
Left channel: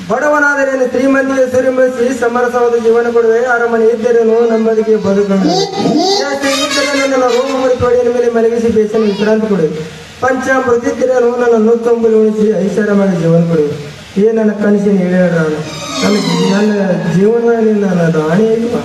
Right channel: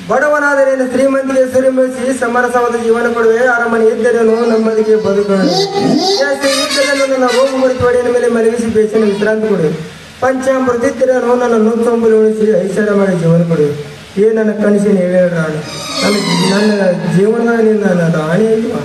ಬಡವನಾದರೇನು ಶ್ರೀಮಂತಿಗೆ ಸುರಿಮಳಿಸಿ ಸಮರಸವಾದ ಜೀವನ ಕೊಡುವೆ. ಅರಮನೆ ಇದ್ದರೇನು ನಂಬದಿಗೆ ಬದುಕೊಂಡಿರು. ಇದ್ದರೇನು ನನ್ನ ರೋಗ ಮುರಿಪಡಿಯ ಮೇಲೆ ಮಲಗಿಸಿ ಬೇಸಿನ ವಿಶ್ರಾಂತಿ ಕೊಡು. ಪಂಚಾಮೃತ ಇದ್ದರೇನು ನನ್ನ ನೂತಂಬುಲು ಉಳಿಸಿ ಐಷಾರಾಮದ ಜೀವನ ಕೊಡು. ಏ ನನ್ನ ಕನಸಿನ ಹೇಳ ನನ್ನ ಜೀವನದಿಂದ ನನ್ನ ದಾಣಿ ಇಲ್ಲ.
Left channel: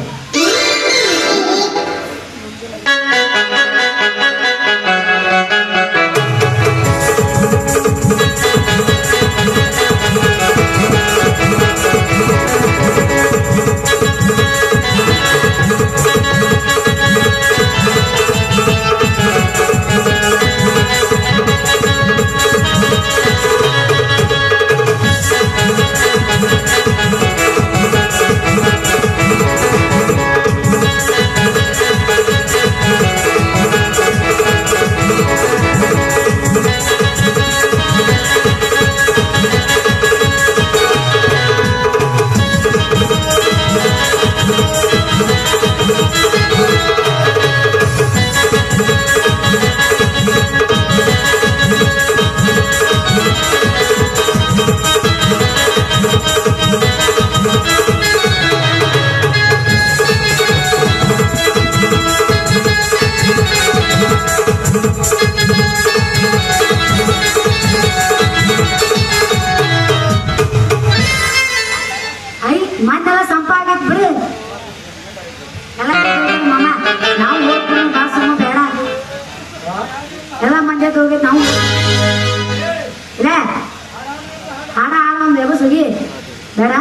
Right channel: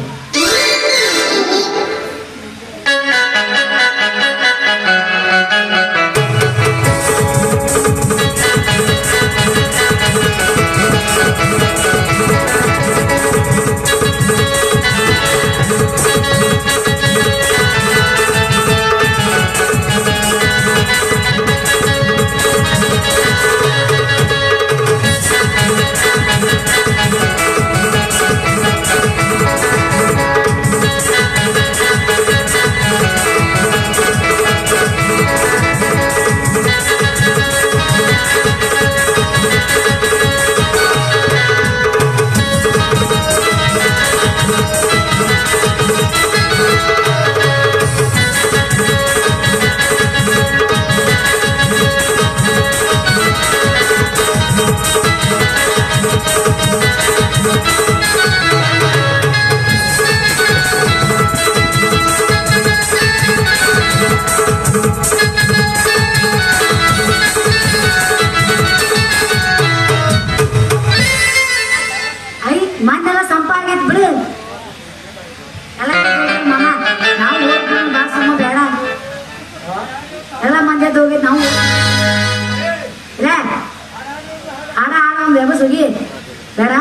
ಬೇಡ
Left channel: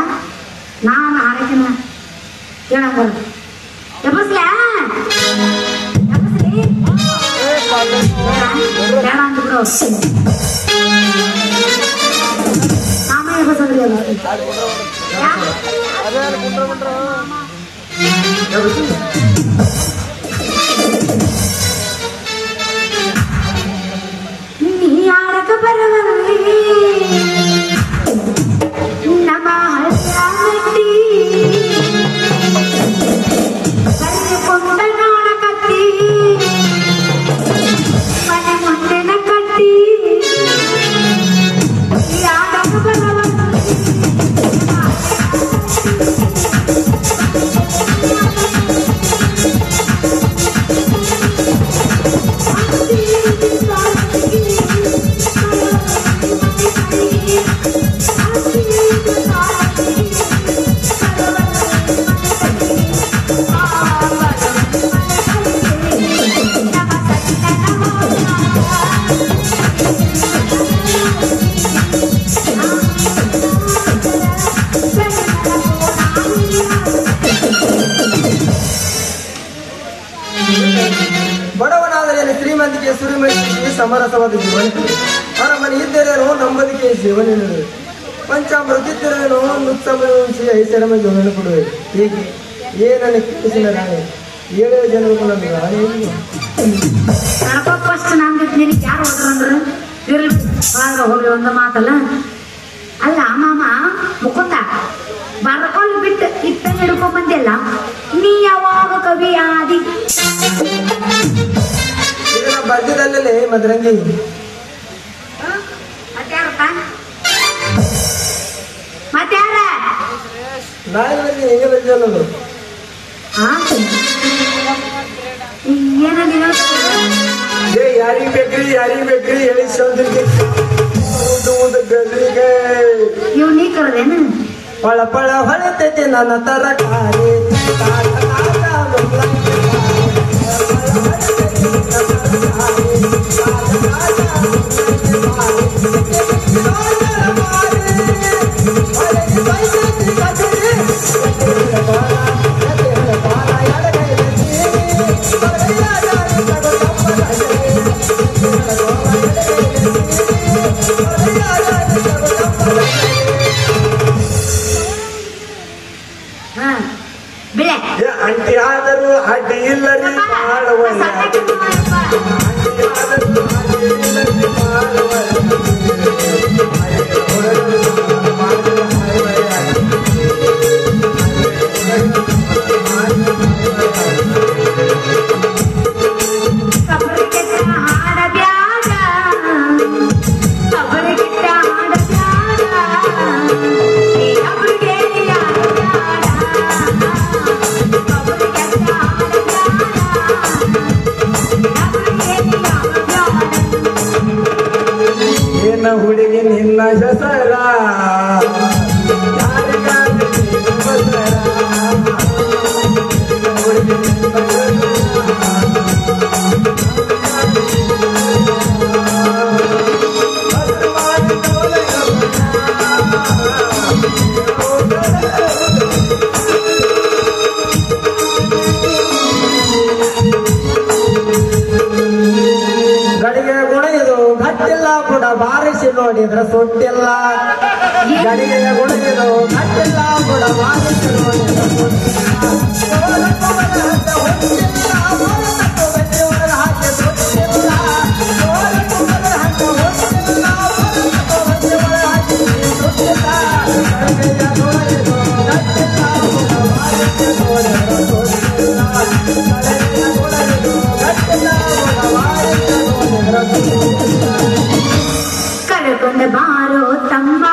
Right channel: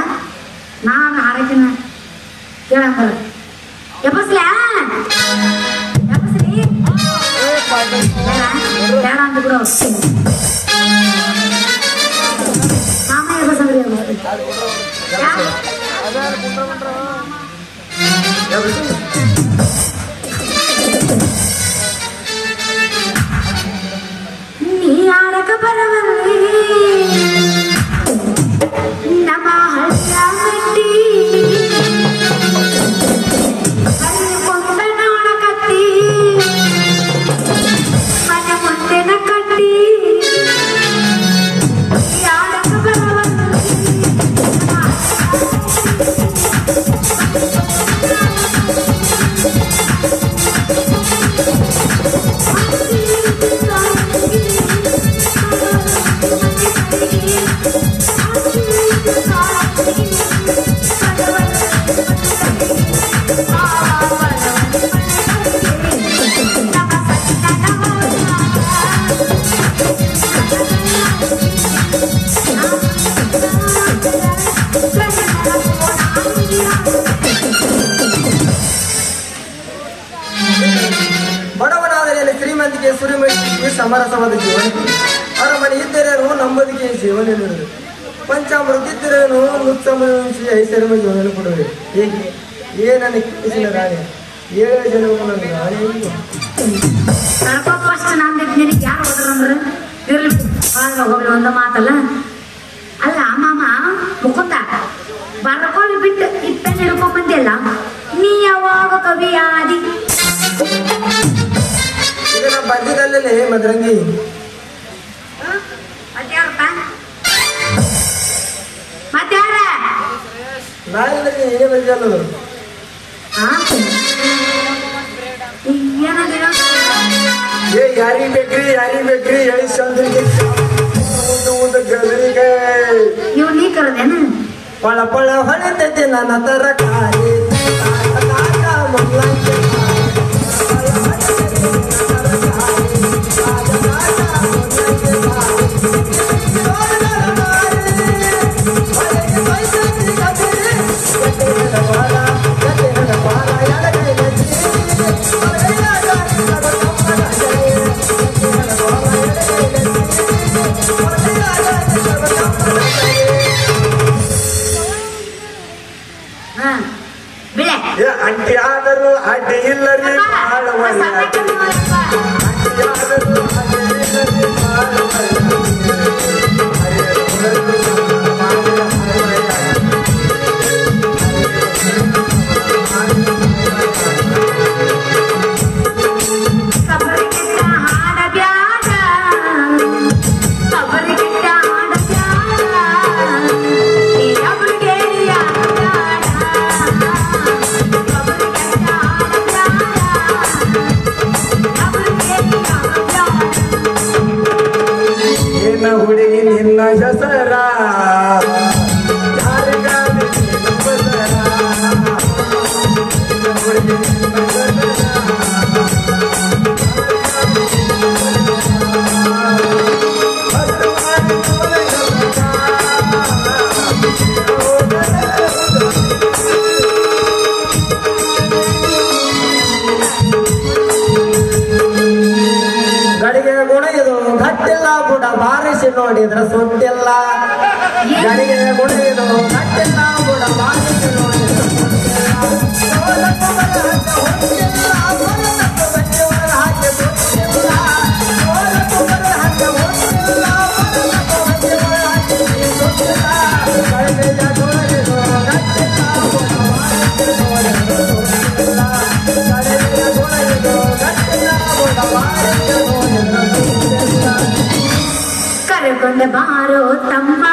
ನಾನು ಹಾರಕಿನ ಕೇಳಂಗ ಎಬ್ಬಸ್ಲಿ ಬೇಡ ಅಂದ್ಬಿಡು ನಾಮ ಎಬ್ಬಸದ್ರಿ ನೀ ಆಡಕ ಬರವಲ್ಲಿ ನಮ್ಮ ಹಳ್ಳಿಯ ಮಟ್ಟಿ ಕೊಂಡನೋಣ ಕಟ್ಟಿ ಮನೆ ಮುಂದೆನ ಕಟ್ಟಿ ಆಡಕ ಬರವಲ್ಲಿ ಬಡವನಾದರೆ ಶ್ರೀಮಂತಿಗೆ ಸುರಿಮಳಿಗೆ ಸಮರಸವಾದ ಜೀವನ ಅರಮನೆ ಇದ್ದರೇನು ನಂಬದಿಗೆ ಜೀವನ ಪಂಚಾಮೃತ ಇದ್ದರೇನು ಮುಚ್ಚಿ ಐಷಾರಾಮ ಜೀವನ ಕೊಡುವೆ. ಹೇಗೆ ಏನನ್ನ ಕಿಟ್ಟಿಸಿನ ರಾಣಿ 7 ಜನಗಳನ್ನು ರಾಣಿ ಒಂದು ಮಾತಲ್ಲ ಅಲ್ಲ ಮಾಮ ಮುಕುಂದ ಬರ್ಕೊಂಡು ಬಿಟ್ಟು ಇಟ್ಟ ಹಿಡ್ಕೊಂಡ್ ಬಂದಿಲ್ಲ ನೀ ಯಾವಾಗ ಕವಿ ಆದಿ ಇದನ್ನ ಬಾಜುದಲ್ಲಿ ಮದ್ರಂಗಿ ನಾಳೆ ನೀನೇ ಬಂದಿಲ್ಲ ಯಾರಿಗ್ ಬೇಕ್ರಿ ಹೇಳಿ ಇವ್ ನೀ ಕರದೇನು ಪಳ ಪಳ ಹೊಳಿತೈತಿ ನನ್ನ ತರಕಾರಿ ಅಂಟಿ ಆದರೂ ಅಡ್ಡಿ ಇಲ್ಲರಿ ಏನ ಹುಡುಗಿ ನಿನ್ನ ಹೆಸರ ಗಡಿಗೆ ಗುಣಿದು ಗಟ್ಟಿಲ್ಲ ಕೂಡ ಬಾರಿಸಿ ನೋಡಿದ್ರ ಸುಟ್ಟಿಲ್ಲ ಗಡಿಗೆ ಗುಣಿದು ಗಟ್ಟಿಲ್ಲ ಕೂಡ ಬಾರಿಸಿ ಕರೆಕೊಂಡ ಬಾರೋ ತಮ್ಮ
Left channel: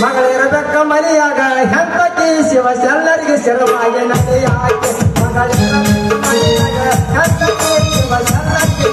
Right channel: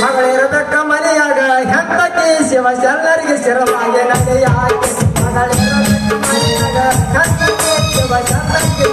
ಮಗಳಿರಬೇಕ ಮನೆಯಾಗ ಹೆಂಡತಿ ಶಿವ ಎಲ್ಲರಿಗೆ ಶಿರವಾಗಿ ನಡೆಯಾಗಿ ಮಗಳಿರಬೇಕ ಮನೆಯಾಗ ಹೆಂಡತಿ ಶಿವ ಎಲ್ಲರಿಗೆ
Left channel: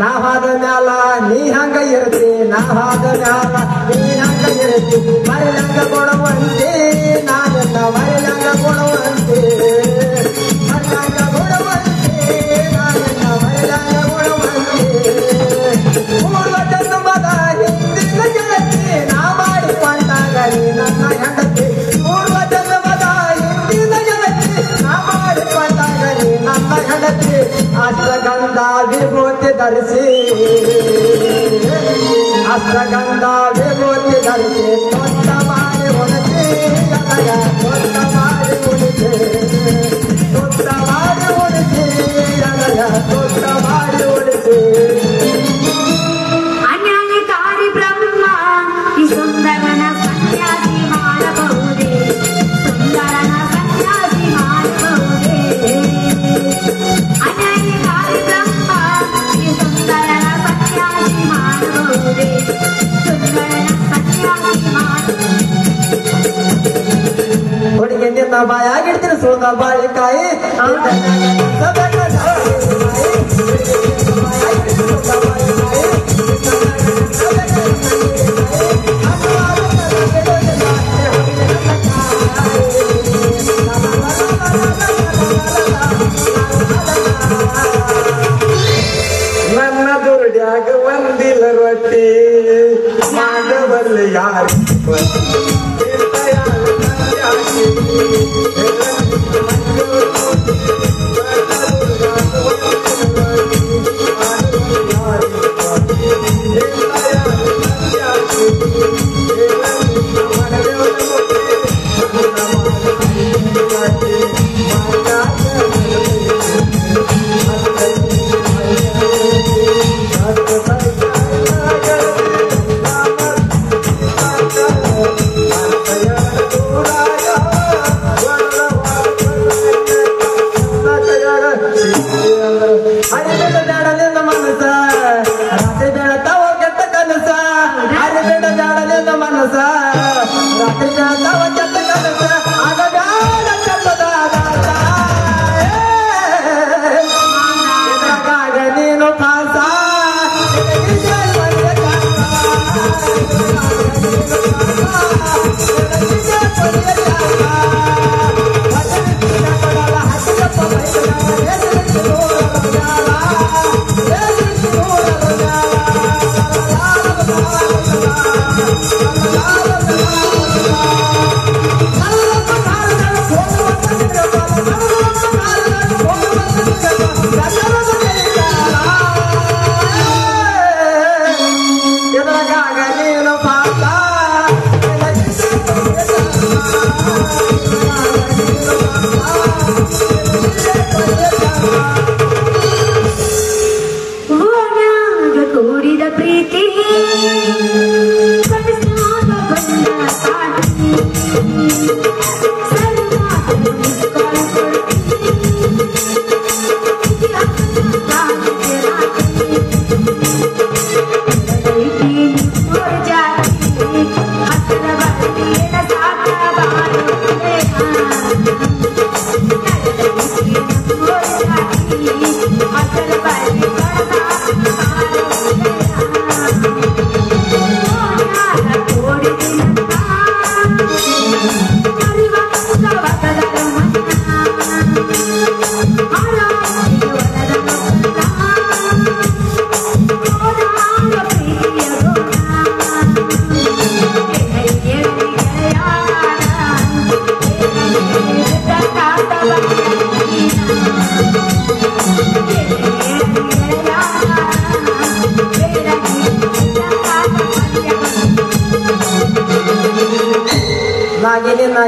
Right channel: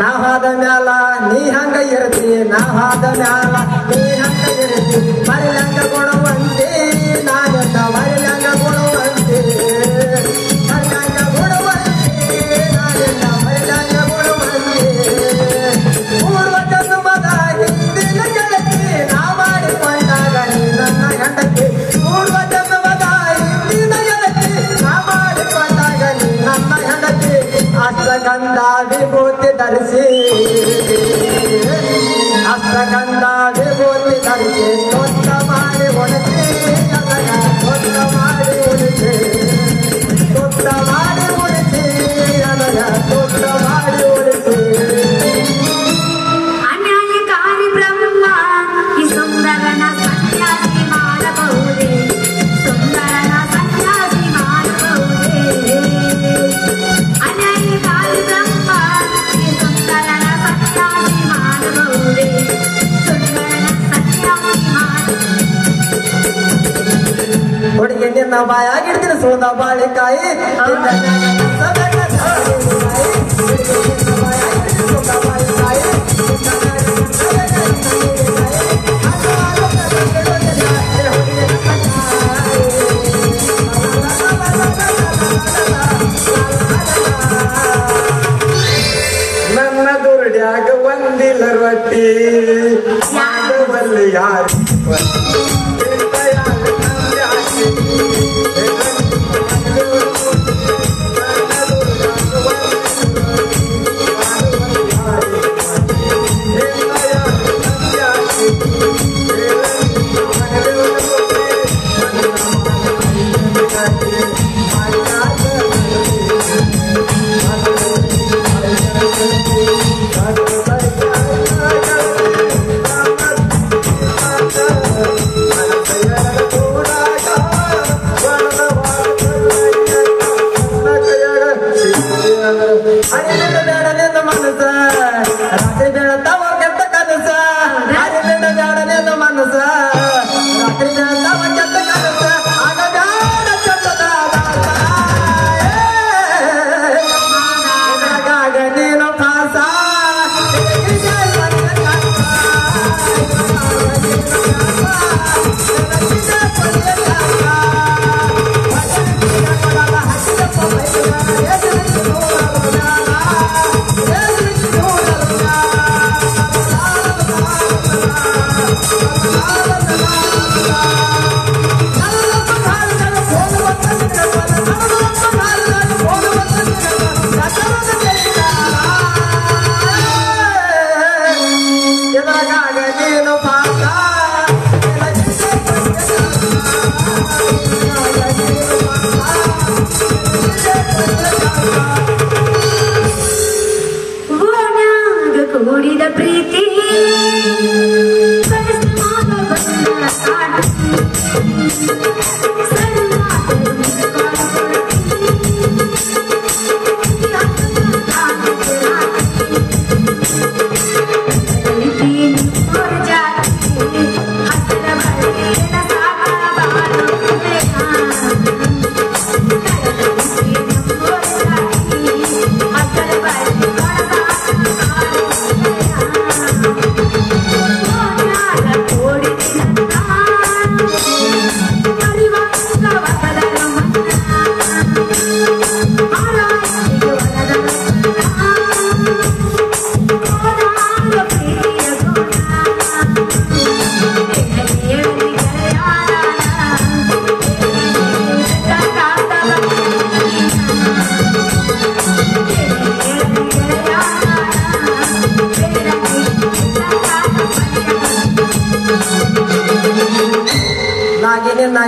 ನಾವಾದ ಮ್ಯಾಲ ನೀ ಹಂಗ ಇರ್ತಿ ನಾವಾದ ಮ್ಯಾಲ ನೀ ಹಂಗ ಇರ್ತಿ ಮರಿಲಂಗ ಕೊಡುವಂತೆ ನಾನಿಂದ ಮರಿಲಂಗ ಕೊಡುವಂತೆ ಮರಿಲಂಗ ಕೊಡುವಂತೆ ನಾನಿಂದ ಮರಿಲಂಗ ಕೊಡುವಂತೆ ಪೂರ್ವ ಜನ್ಮದ ಹಿಂದಿನ ಗೆಳತಿ ನಾ ಮಾಡಿಕೊಂಡಾಗ ನೀ ನನ್ನ ಹೆಂಡತಿ ಪೂರ್ವ ಜನ್ಮದ ಹಿಂದಿನ ಗೆಳತಿ ನಾ ಮಾಡಿಕೊಂಡಾಗ ನೀ ನನ್ನ ಹೆಂಡತಿ ಅಷ್ಟಗಂಧ ವಿಭೂತಿ ಧರಿಸಿ ಅಷ್ಟಗಂಧ ವಿಭೂತಿ ಧರಿಸಿ ದೊಡ್ಡ ಮಾಡಿ ಉಳಿಸಿ ದೊಡ್ಡ ಮಾಡಿ ಉಳಿಸಿ ದೊಡ್ಡ ಮಾಡಿ ಉಳಿಸಿ ದೊಡ್ಡ ಮಾಡಿ ಉಳಿಸಿ ಅನ್ಯಾಯಕಾರಿ ಬ್ರಹ್ಮ ಈ ಸುಂದರನ ಸನ್ಯಾಸಿ ಮಾಡಬಹುದೇ ಸುಂದರನ ಸನ್ಯಾಸಿ ಮಾಡಬಹುದೇ ಅನ್ಯಾಯಕಾರಿ ಬ್ರಹ್ಮ ಈ ಸುಂದರನ ಸನ್ಯಾಸಿ ಮಾಡಬಹುದೇ ಸುಂದರನ ಸನ್ಯಾಸಿ ಹುಡುಗಿ ನಿನ್ನ ಬಾಯಾಗಿಡ್ತೀನಿ ಸುಳ್ದ ಬಾಳಿಕಾಯಿ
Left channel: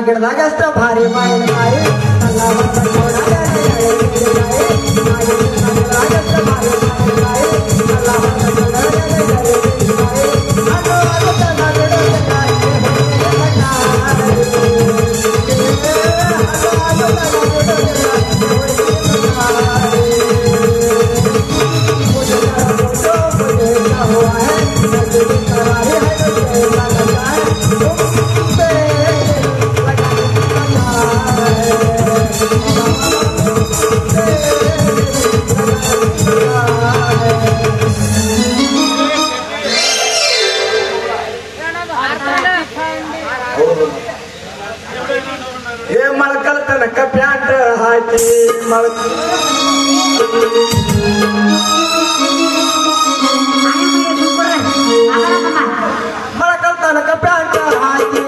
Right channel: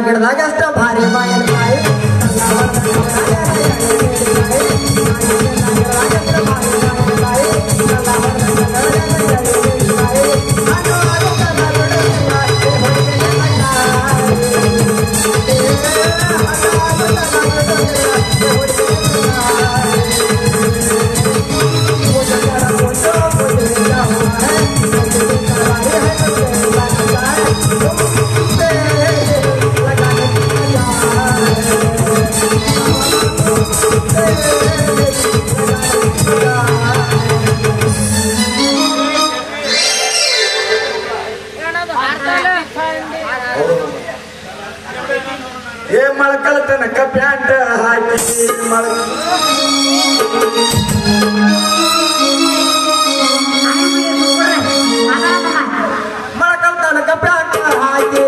ಗಿಡದಾಗ ಅಷ್ಟ ಭಾರಿ ಮಾಯಿನಕಾಯಿ ಮಳಕಲ್ ತನಕ ಪ್ಯಾಂಟ್ ಹಾಕಿ ಮಳಕಲ್ ತನಕ ಪ್ಯಾಂಟ್ ಹಾಕಿ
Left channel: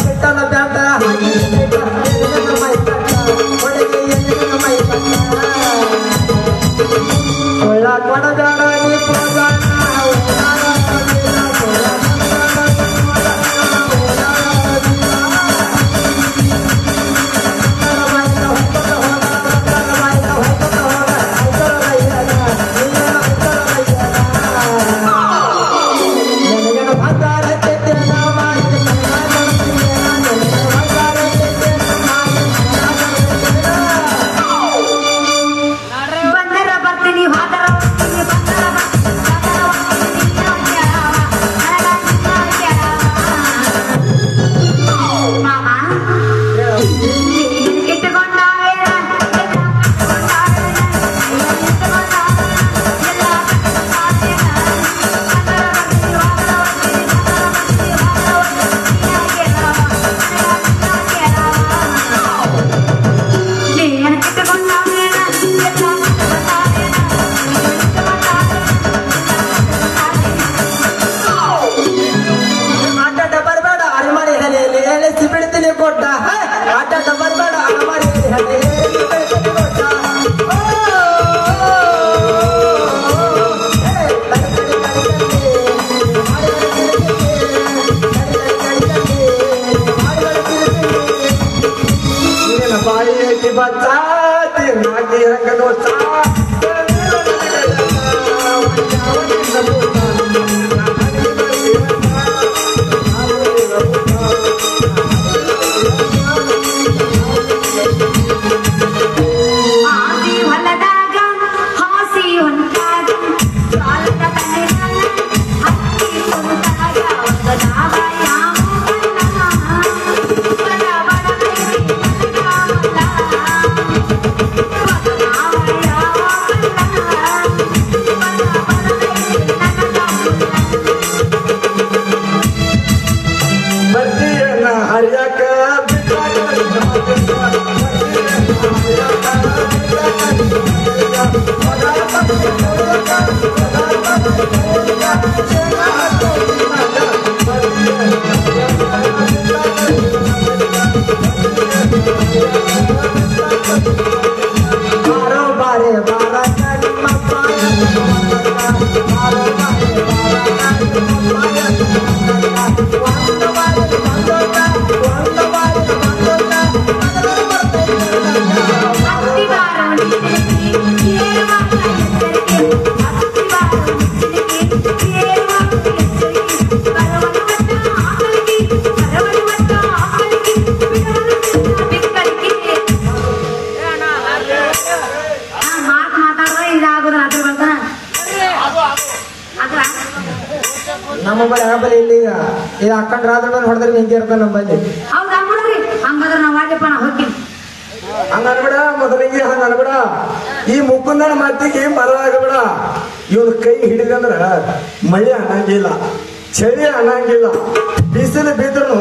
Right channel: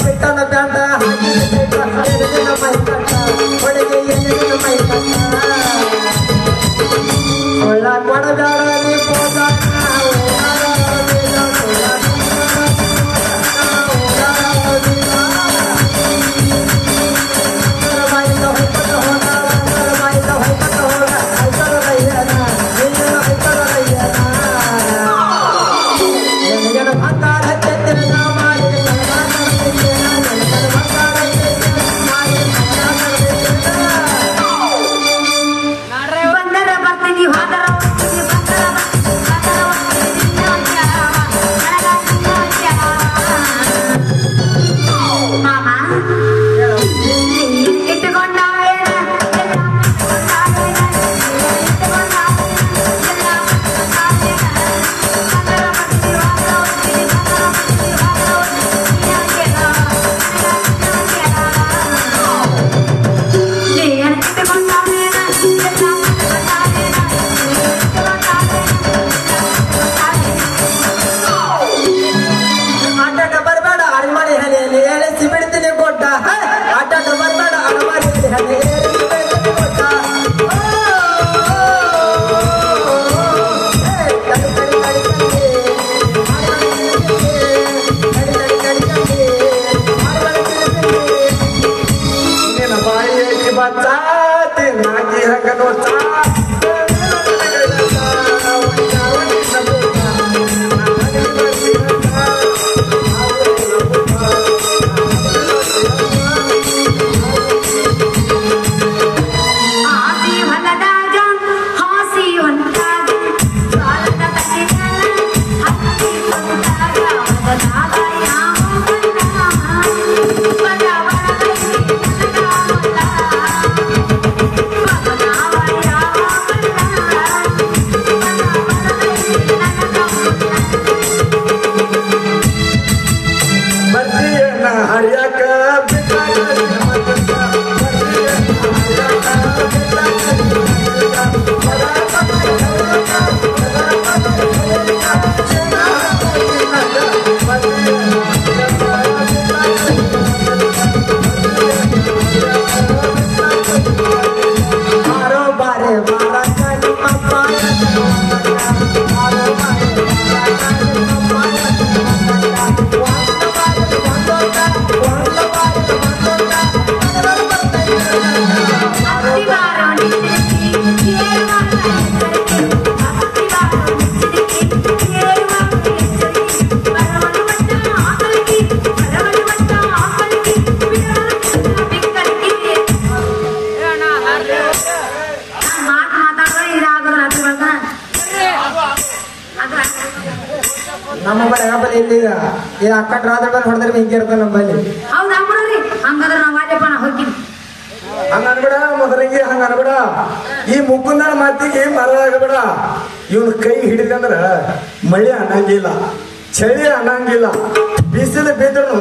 ಪಿಟ್ಟನ ಬ್ಯಾಂಡ ಅಕ್ಕಂಡ್ ರಾಜಣ್ಣ ಹೊಡೆದ್ರೆ ಹಿಂಗೆ ಇರ್ತಾನೆ ನಮ್ಮಲ್ಲಿ ಹಂಗಾದ್ರೆ ನಾವು ಮಾಡ್ಯಪ್ಪ ನಾ ಹೋಗ್ತೀನಿ ಹಂಗ ಅನ್ಬೇಡ ಮೊದಲಿಗೆ ಹಂಗ ಅನ್ಬೇಡ ಈ ಮುಕುಂದನ ಮಾತಿಗೆ ಮರದಾಗಬೇಡ ಇವನ್ ಕೈ ಹಿಡಿದಂದ್ರ ಮಳೆ ಅನ್ನಂಗಿಲ್ಲ ಚಳಿ ಅನ್ನಂಗಿಲ್ಲ ಬಿಸಿಲು ಬಿದ್ರು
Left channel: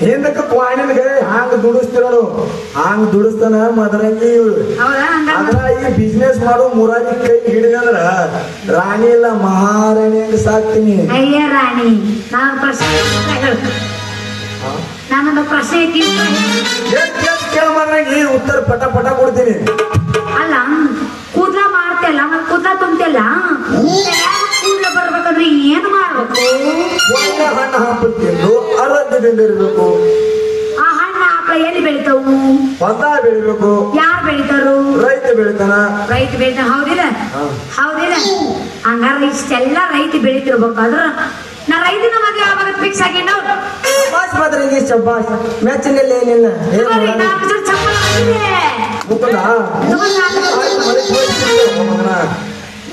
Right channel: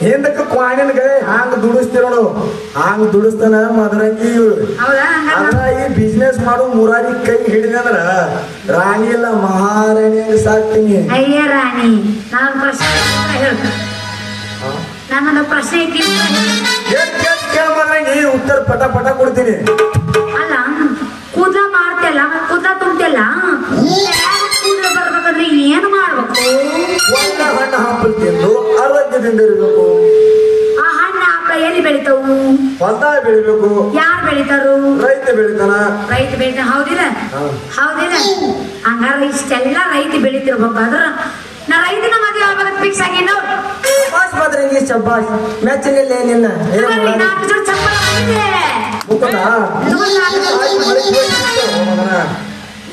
ಹಿಂದಕ್ಕೆ ಕ್ವಾಣಿನ್ಗೆ ಹಾಂಗ್ ದುಡಿಸ್ತಿರೋಡು ಹಾಂಗ್ ದುಡಿಸ್ತಾನ ಮದರಂಗಿ ಈ ಬಿಸ್ನೆಸ್ ಮಾಡೋ ಮುರಾರಿ ಕೈ ಹಿಡಿದಂದ್ರ ರಾಣಿ ಇಲ್ಲ ಮಹಾರಾಣಿಯಾಗಿ ಸಾಕ್ತೀನಿ ಅಯ್ಯ ರಾಣಿ ನನ್ನೊಂದು ಪ್ರಶ್ನೆ ಕೇಳಬಾರಾಗಿ ಉತ್ತರ ಪಟ ಪಟ ಕೊಡ್ತೀನಿ ಅಲ್ಲ ಕೂದಲ ಮಾಡ್ತಿಲ್ಲ ಮತ್ ಕೂದಲ ತುಂಬ್ತಿಲ್ಲ ಕೂದಲ ಬರ್ಬೇಕಂದ್ರೆ ಏನು ಮಾಡ್ಬೇಕು ಹಣ್ಣು ಹಂಪಲ್ ತಿಂದು ಆರೋಗ್ಯದಿಂದ ಇರ್ಬೇಕು ಆ ಹಣ್ಣು ಹಂಪಲ ಎಲ್ಲಿ ಬೆಳಿತಾವು ಹೊಲ ಬೆಳಿಬೇಕು ಯಾರು ಬೆಳಿತಾರು ರೈತ ಬೆಳಿತಾನ ರೈತ ಬೆಳಿತಾನ ಹೌದಿಲ್ಲ ಹೌದಿಲ್ಲ ಹಂಗಾದ್ರೆ ಇಷ್ಟೆಲ್ಲ ರೈತ ಬೆಳಿತಿರ್ಬೇಕಾದ್ರ ನಾ ರೈತನ ಮದುವೆ ಆಗೋದ್ ಫಿಕ್ಸ್ ಆಗೇನು ಶಬ್ಬಾಸ್ ಬದ್ರಂಗಿ ಶಬ್ಬಾಸ್ ಮೆಚ್ಚನಲ್ಲಿ ಏನಿಲ್ಲ ಮುಕುಂದ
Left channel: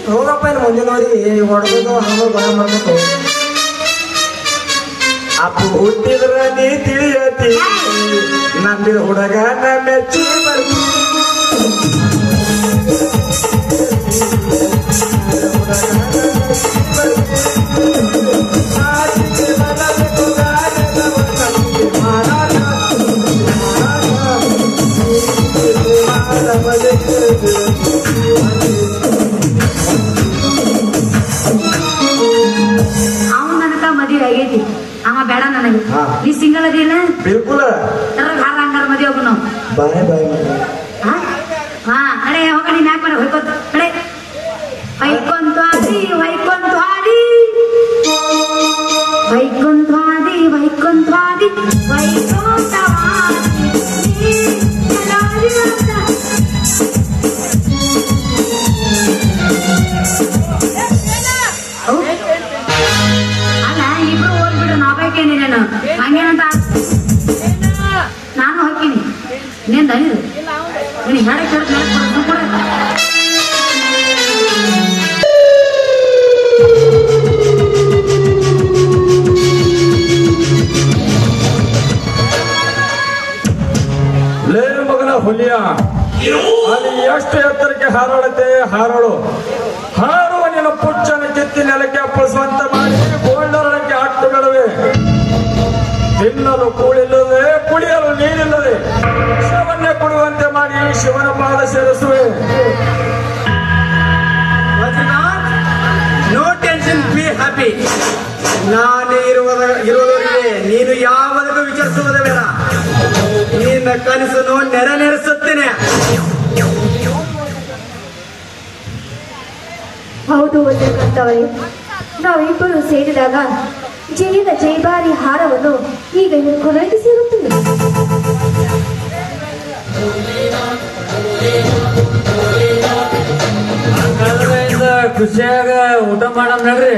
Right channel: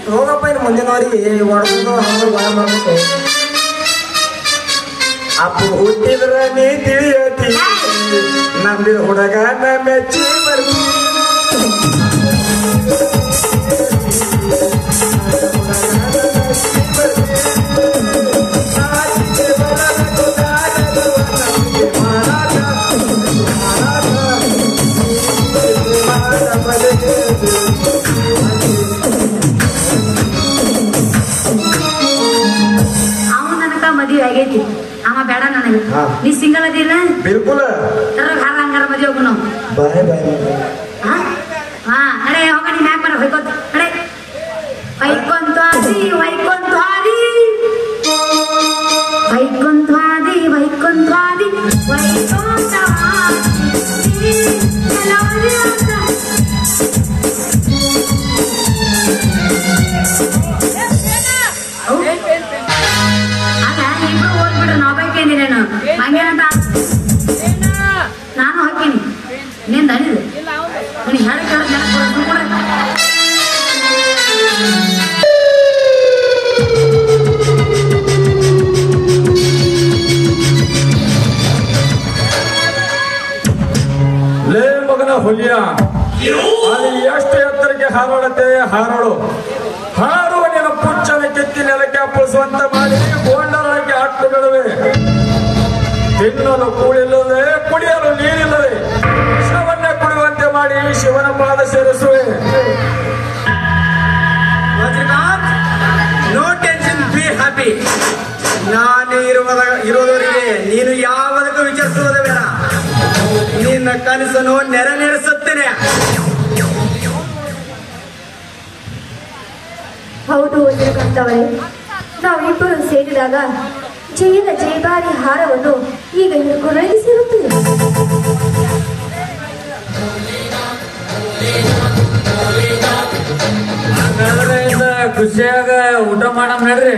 ಹೋಗಪ್ಪ ಇನ್ನು ಮುಂದಿನವರಿಗೆ ಹೊಡೆದು ಹಂಗ ಬಾಳ ಮಾಡ್ಬೇಕು ಅಪ್ಪು ಹುಟ್ಟಿದ್ರ ನೀ ತಿಳಿಯತಿ ನಂಬಿದ ಹುಡುಗ ಮೆಚ್ಚಿ ಅವನ ನನಗ ಮದುವೆ ಆಗೈತಿ ಅವ ಬೇಡ ನನಗೆ ನೀ ಸಿಂಗಲ್ ಅದಿಲ್ಲ ಬಿಲ್ಕುಲ್ ಹಂಗಾರ ಮದುವೆ ಹೋಗೋಣ. ಬಾಯ್ ಬಾಯ್ ಹಾ ಅಡೆ ಹೋಗ ನೀನ್ ಯಾಕೆ ಮಾಡಿ ಹೊಯ್ಕೊಂತ ಅಡೆ ವೈಕೊಂತಾದಿ ವೈಕೊಂತಾದಿ ವೈಕೊಂತಾದಿ ವೈಕೊಂತಾದಿ ಅಲ್ಲ ಇಬ್ರು ಹೋಗ್ಬಿಡ್ರಿ ನಾವ್ ಬೈಕೇನಿ ನಾನು ಹಂಗೇನಂತ ನಾನು ಹೋಗ್ತೀನಿ ನೀನ್ ದನಿದು ನೀನ್ ಹೇಳಿ ಕೂಡ ಲೇ ಮಗನ ಹುಲಿಯ ಅಲ್ಲಿ ಎಷ್ಟು ಎತ್ತರಕ್ಕೆ ಹಾರಾಡುತ್ತೆ ಹಾರಾಡು ಹಾರುವ ನಿನ್ನ ಪುಚ್ಚನ ಕಿತ್ತಿ ನೆಲಕ್ಕೆ ಅಪ್ಪಳಿಸುವಂತ ಮಾಡಿ ಗೋಲ್ಡರೊಳಗೆ ಆಟಗಳಿವೆ. ತಿನ್ನಲು ಕೂಳಿಲ್ಲದೆ ಕುಡಿಯಲು ನೀರಿಲ್ಲದೆ ಶಿವನ್ನೇ ಕುಡಿಯುವಂತೆ ಮಾಡಿ ಶಿವನ ಪಾದ ಸೇರಿಸುವೆ. No tension, be happy. ನಾನು ಇರುವವರೆಗೆ ನೀನು ಯಾವುದಕ್ಕೂ ವಿಚಾರಿಸುವುದೇ ಬೇಡ. ನಿನ್ನ ಕನಸನ್ನು ನೆರವೇರಿಸುತ್ತೇನೆ. ಹೌದು ಅಂತವರೇ, ನಾವಿಬ್ಬರು ಸೇರಿದಾಗ ಜಯದ ಜಯಭಾರಿ ಹಾರವನ್ನು ಈಗ ಒದಗಿಸಿರುತ್ತೇವೆ. ಖುಷಿಯಾಗ ಊಟ ಮಾಡಮ್ ನಡ್ರಿ.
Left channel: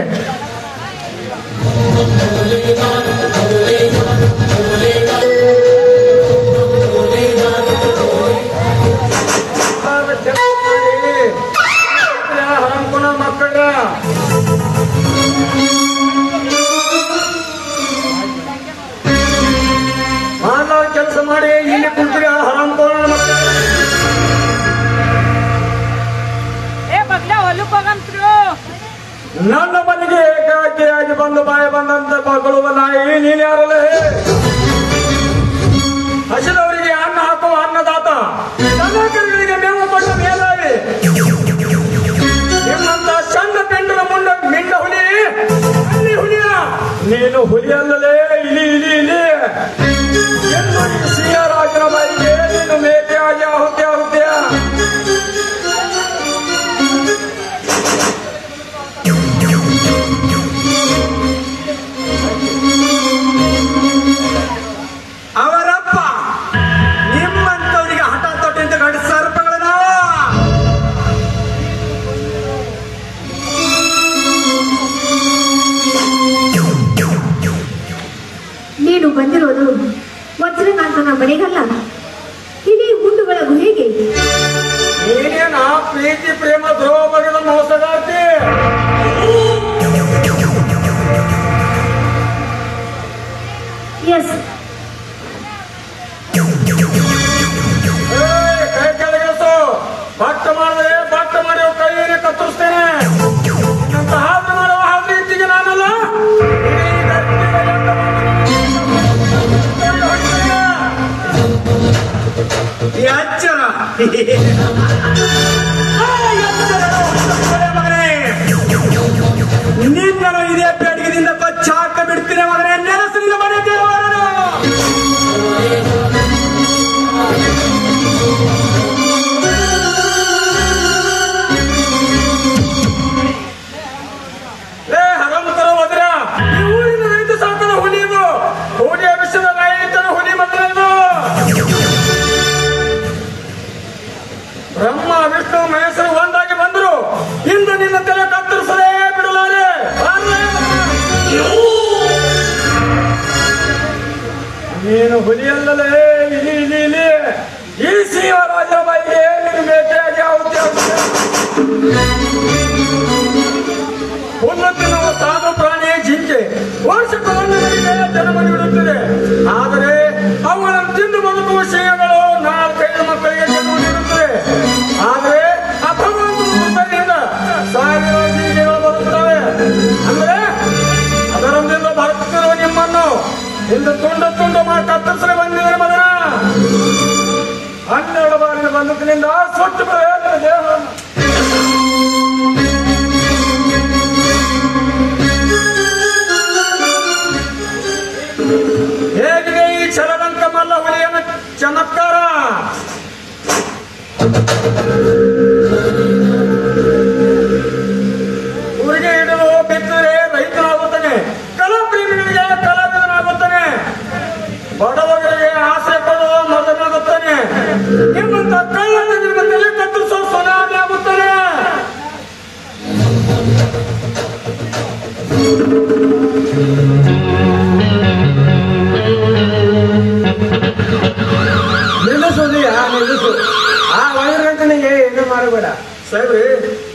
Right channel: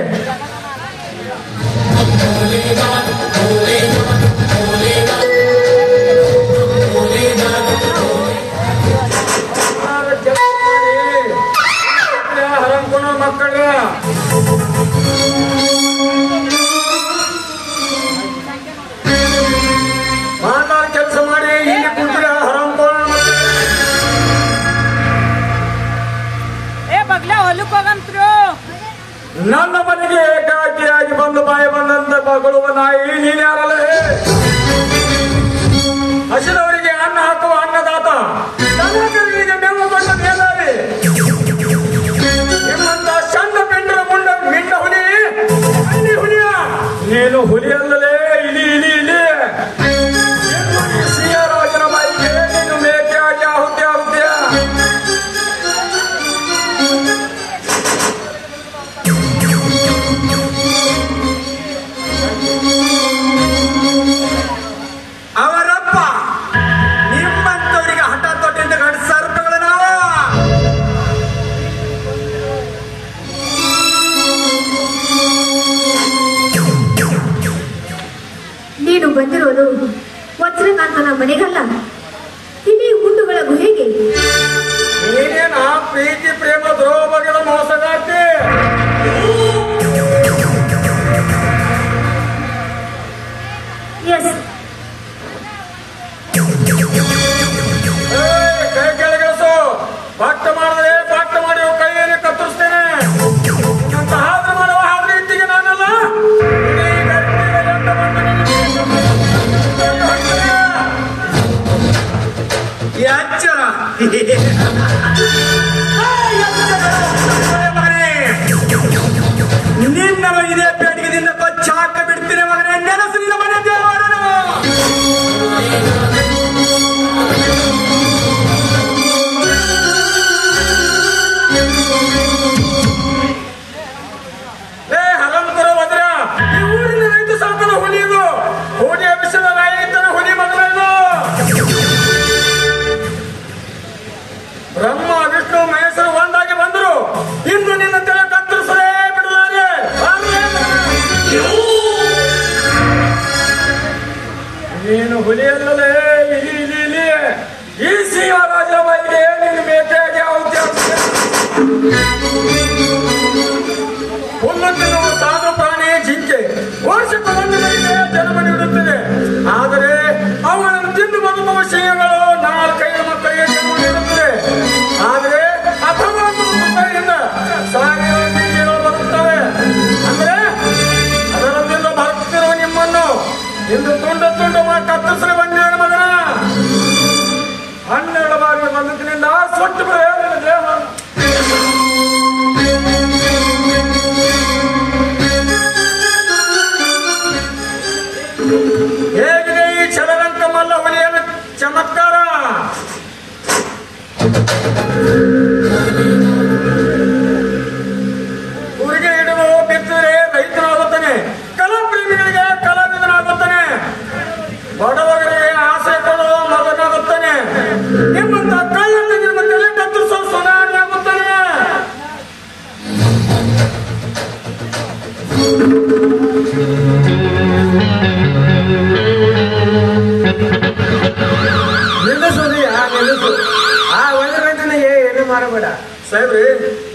ಹರಂಕುನ ಮಕ್ಕಳ ಕೆಲಸ ಮಾಡಿ ಇಲ್ಲಿ ಕುಂತಿರ ಹರಂಕುನ ನನ್ನ ಮನೆಗೆ ಏಕಾಕಿಯಾಗಿ ಬಂದು ಬಾಯಿ ಬಂದಂತ ಮಕ್ಕಳು ನಾಯಿ ನೀನ್ಯಾರಲ್ಲ. ಹಸಿದವರಿಗೆ ಅನ್ನ ಹಾಕುವ ಅನ್ನದಾತ, ದನಕರುಗಳಿಗೆ ಮೇವು ಕೊಟ್ಟ ಮೇಲಾವಿ. ನಿಮ್ಮಂತ ಸಣ್ಣ ಪೆಂಡರ ಮುಂಡ ಮಿಂಡ ಹುಲಿ ಅಲ್ಲಿ ಹುಲಿಯ ನೀನು ಹುಲಿಯಲ್ಲಲೇ ಇಲಿ ಇಲಿ ಇಲಿ. ಸಿಂಹರಾಜನ ಮೈಗೆ ನೀನು ಮೇಕೆಯಾಗಿ ಆಹುತಿ ಆಗುತ್ತೀಯ. ಅವರಪ್ಪ ನಿಮ್ಮಂತವರಿಗೆ ಹಠ ತೊಟ್ಟಿಂದ ಗಂಡ ಸರ್ಪಗಳನ್ನ ನೀನು ಬಂದಿರೋದು ವಜ್ರಕಾಂತನ ಮನೆಗಲ್ಲ, ಇಡೀ ಗುಂಡುಗಳ ಗುಹೆಗೆ. ನೀನೇನ ಪ್ರೀತಿ ಪ್ರೇಮ ದ್ರೋಹಗಳ ಮೋಸಗಾರ್ತಿ. ಎಸ್, ಕೈ ಕೆಳಗಿಳಿಸು. ಭಕ್ತ ಮಾಡಿದ್ರೆ ಭಕ್ತ ಮಾಡಿ ಕೈಯಲ್ಲಿ ಕತ್ತರಿಸ್ತೇನೆ. ಇಂತ ಹಾದು ಮಾಡುವ ಹಾದಿ ಇತ್ತಿಗೆ ನಾನಲ್ಲ. ಎಚ್ಚರ. ನಿನ್ನನ್ನು ಇದೇ ಪೇಟಿಗೆದಿಂದ ಕೊಚ್ಚಾಕ ಬಿಡ್ತೀನಿ ಮಗನೇ. ನೆನಸಿನ ಮನೆ ದೇವರನು. ಹಗಂತರ ಹೋದ್ರ ಈ ಊರಿನ ರೈತ ಸಾಕನ ಹುಲಿದು ಹುಲಿ ಅಭಿಷೇಕ ರೈತರ ಹುಲಿ ಮಗನದು. ಬ್ರಹ್ಮ ವಿಷ್ಣು ಮಹೇಶ್ವರ ಒಂದಾಗಿ ಬಂದ್ರು. ಇಂದು ನಿನ್ನ ತಲೆ ಕತ್ತರಿಸೇ ಬಿಡುತ್ತಾರೆ. ನೀನು ಹುಲಿಯಲ್ಲಲೇ ಇಲಿ ಇಲಿ ಇಲಿ. ಈ ಶಿವರಾಜ ಬೈಗೆ ನೀನು ಮೇಕೆಯಾಗಿ ಆಹುತಿ ಆಗುತ್ತೀಯ. ಹುಲ್ಲು ತಿನ್ನುವ ಸಾಧು ಪ್ರಾಣಿ ಜಿಂಕೆ ವರ್ಷಕ್ಕೊಮ್ಮೆ ಜನ್ಮ ನೀಡುತ್ತದೆ. ಆದರೆ ಅವುಗಳನ್ನು ತಿಂದು ಬಂದ ಮನುಷ್ಯಗಳು 4-5 ಮಕ್ಕಳಿಗೆ ಜನ್ಮ ನೀಡುತ್ತದೆ. ಆದರೆ ಅಥವಾ ಮಕ್ಕಳಿಂದ ಸಾವಿರ ಜಿಂಕೆಗಳು ಬರುತ್ತವೆ. ಅಂದ್ರೆ ಅದರಲ್ಲಿಂದ ಬರುತ್ತಿರುವ ನಿಮ್ಮನ್ನು ಇಂದು ತುಂಡ ಮಾಡಿ ಕತ್ತರಿಸಲು ಬಂದಿದ್ದಾರೆ ಮಗ. 12 ಬಾರಿ ಬಂದದಿಂದ ಸುಟ್ಟು ದೇಹ ಹೇಗೆ ಈ ಕ್ಷಣವನ್ನು ಊರಿಗೆ ಹಿಡಿದು ಬಿದ್ದರೆ ರೈತನಾಗುತ್ತಾನೆ, ಕಲಾಪ್ರೇಮಿಗಳಿಗೆ ಕಲಾವಿದನಾಗುತ್ತಾನೆ, ಬಡವರಿಗೆ ಆಸೆ ಕೊಡುವ ಮಗನಾಗುತ್ತಾನೆ, ನಿಮ್ಮಂತ ಕಳ್ಳನ ನಿಮ್ಮ ತಲೆ ಕತ್ತರಿಸುವ ಸೊನಾಗುತ್ತಾನೆ. ನಿಲ್ಲಿಸು. ಆ ಒಳಗಂಟನಿಗೆ ಏನು ಮಾಡಬೇಡ. ಸಾಹೇಬ್ರಿ,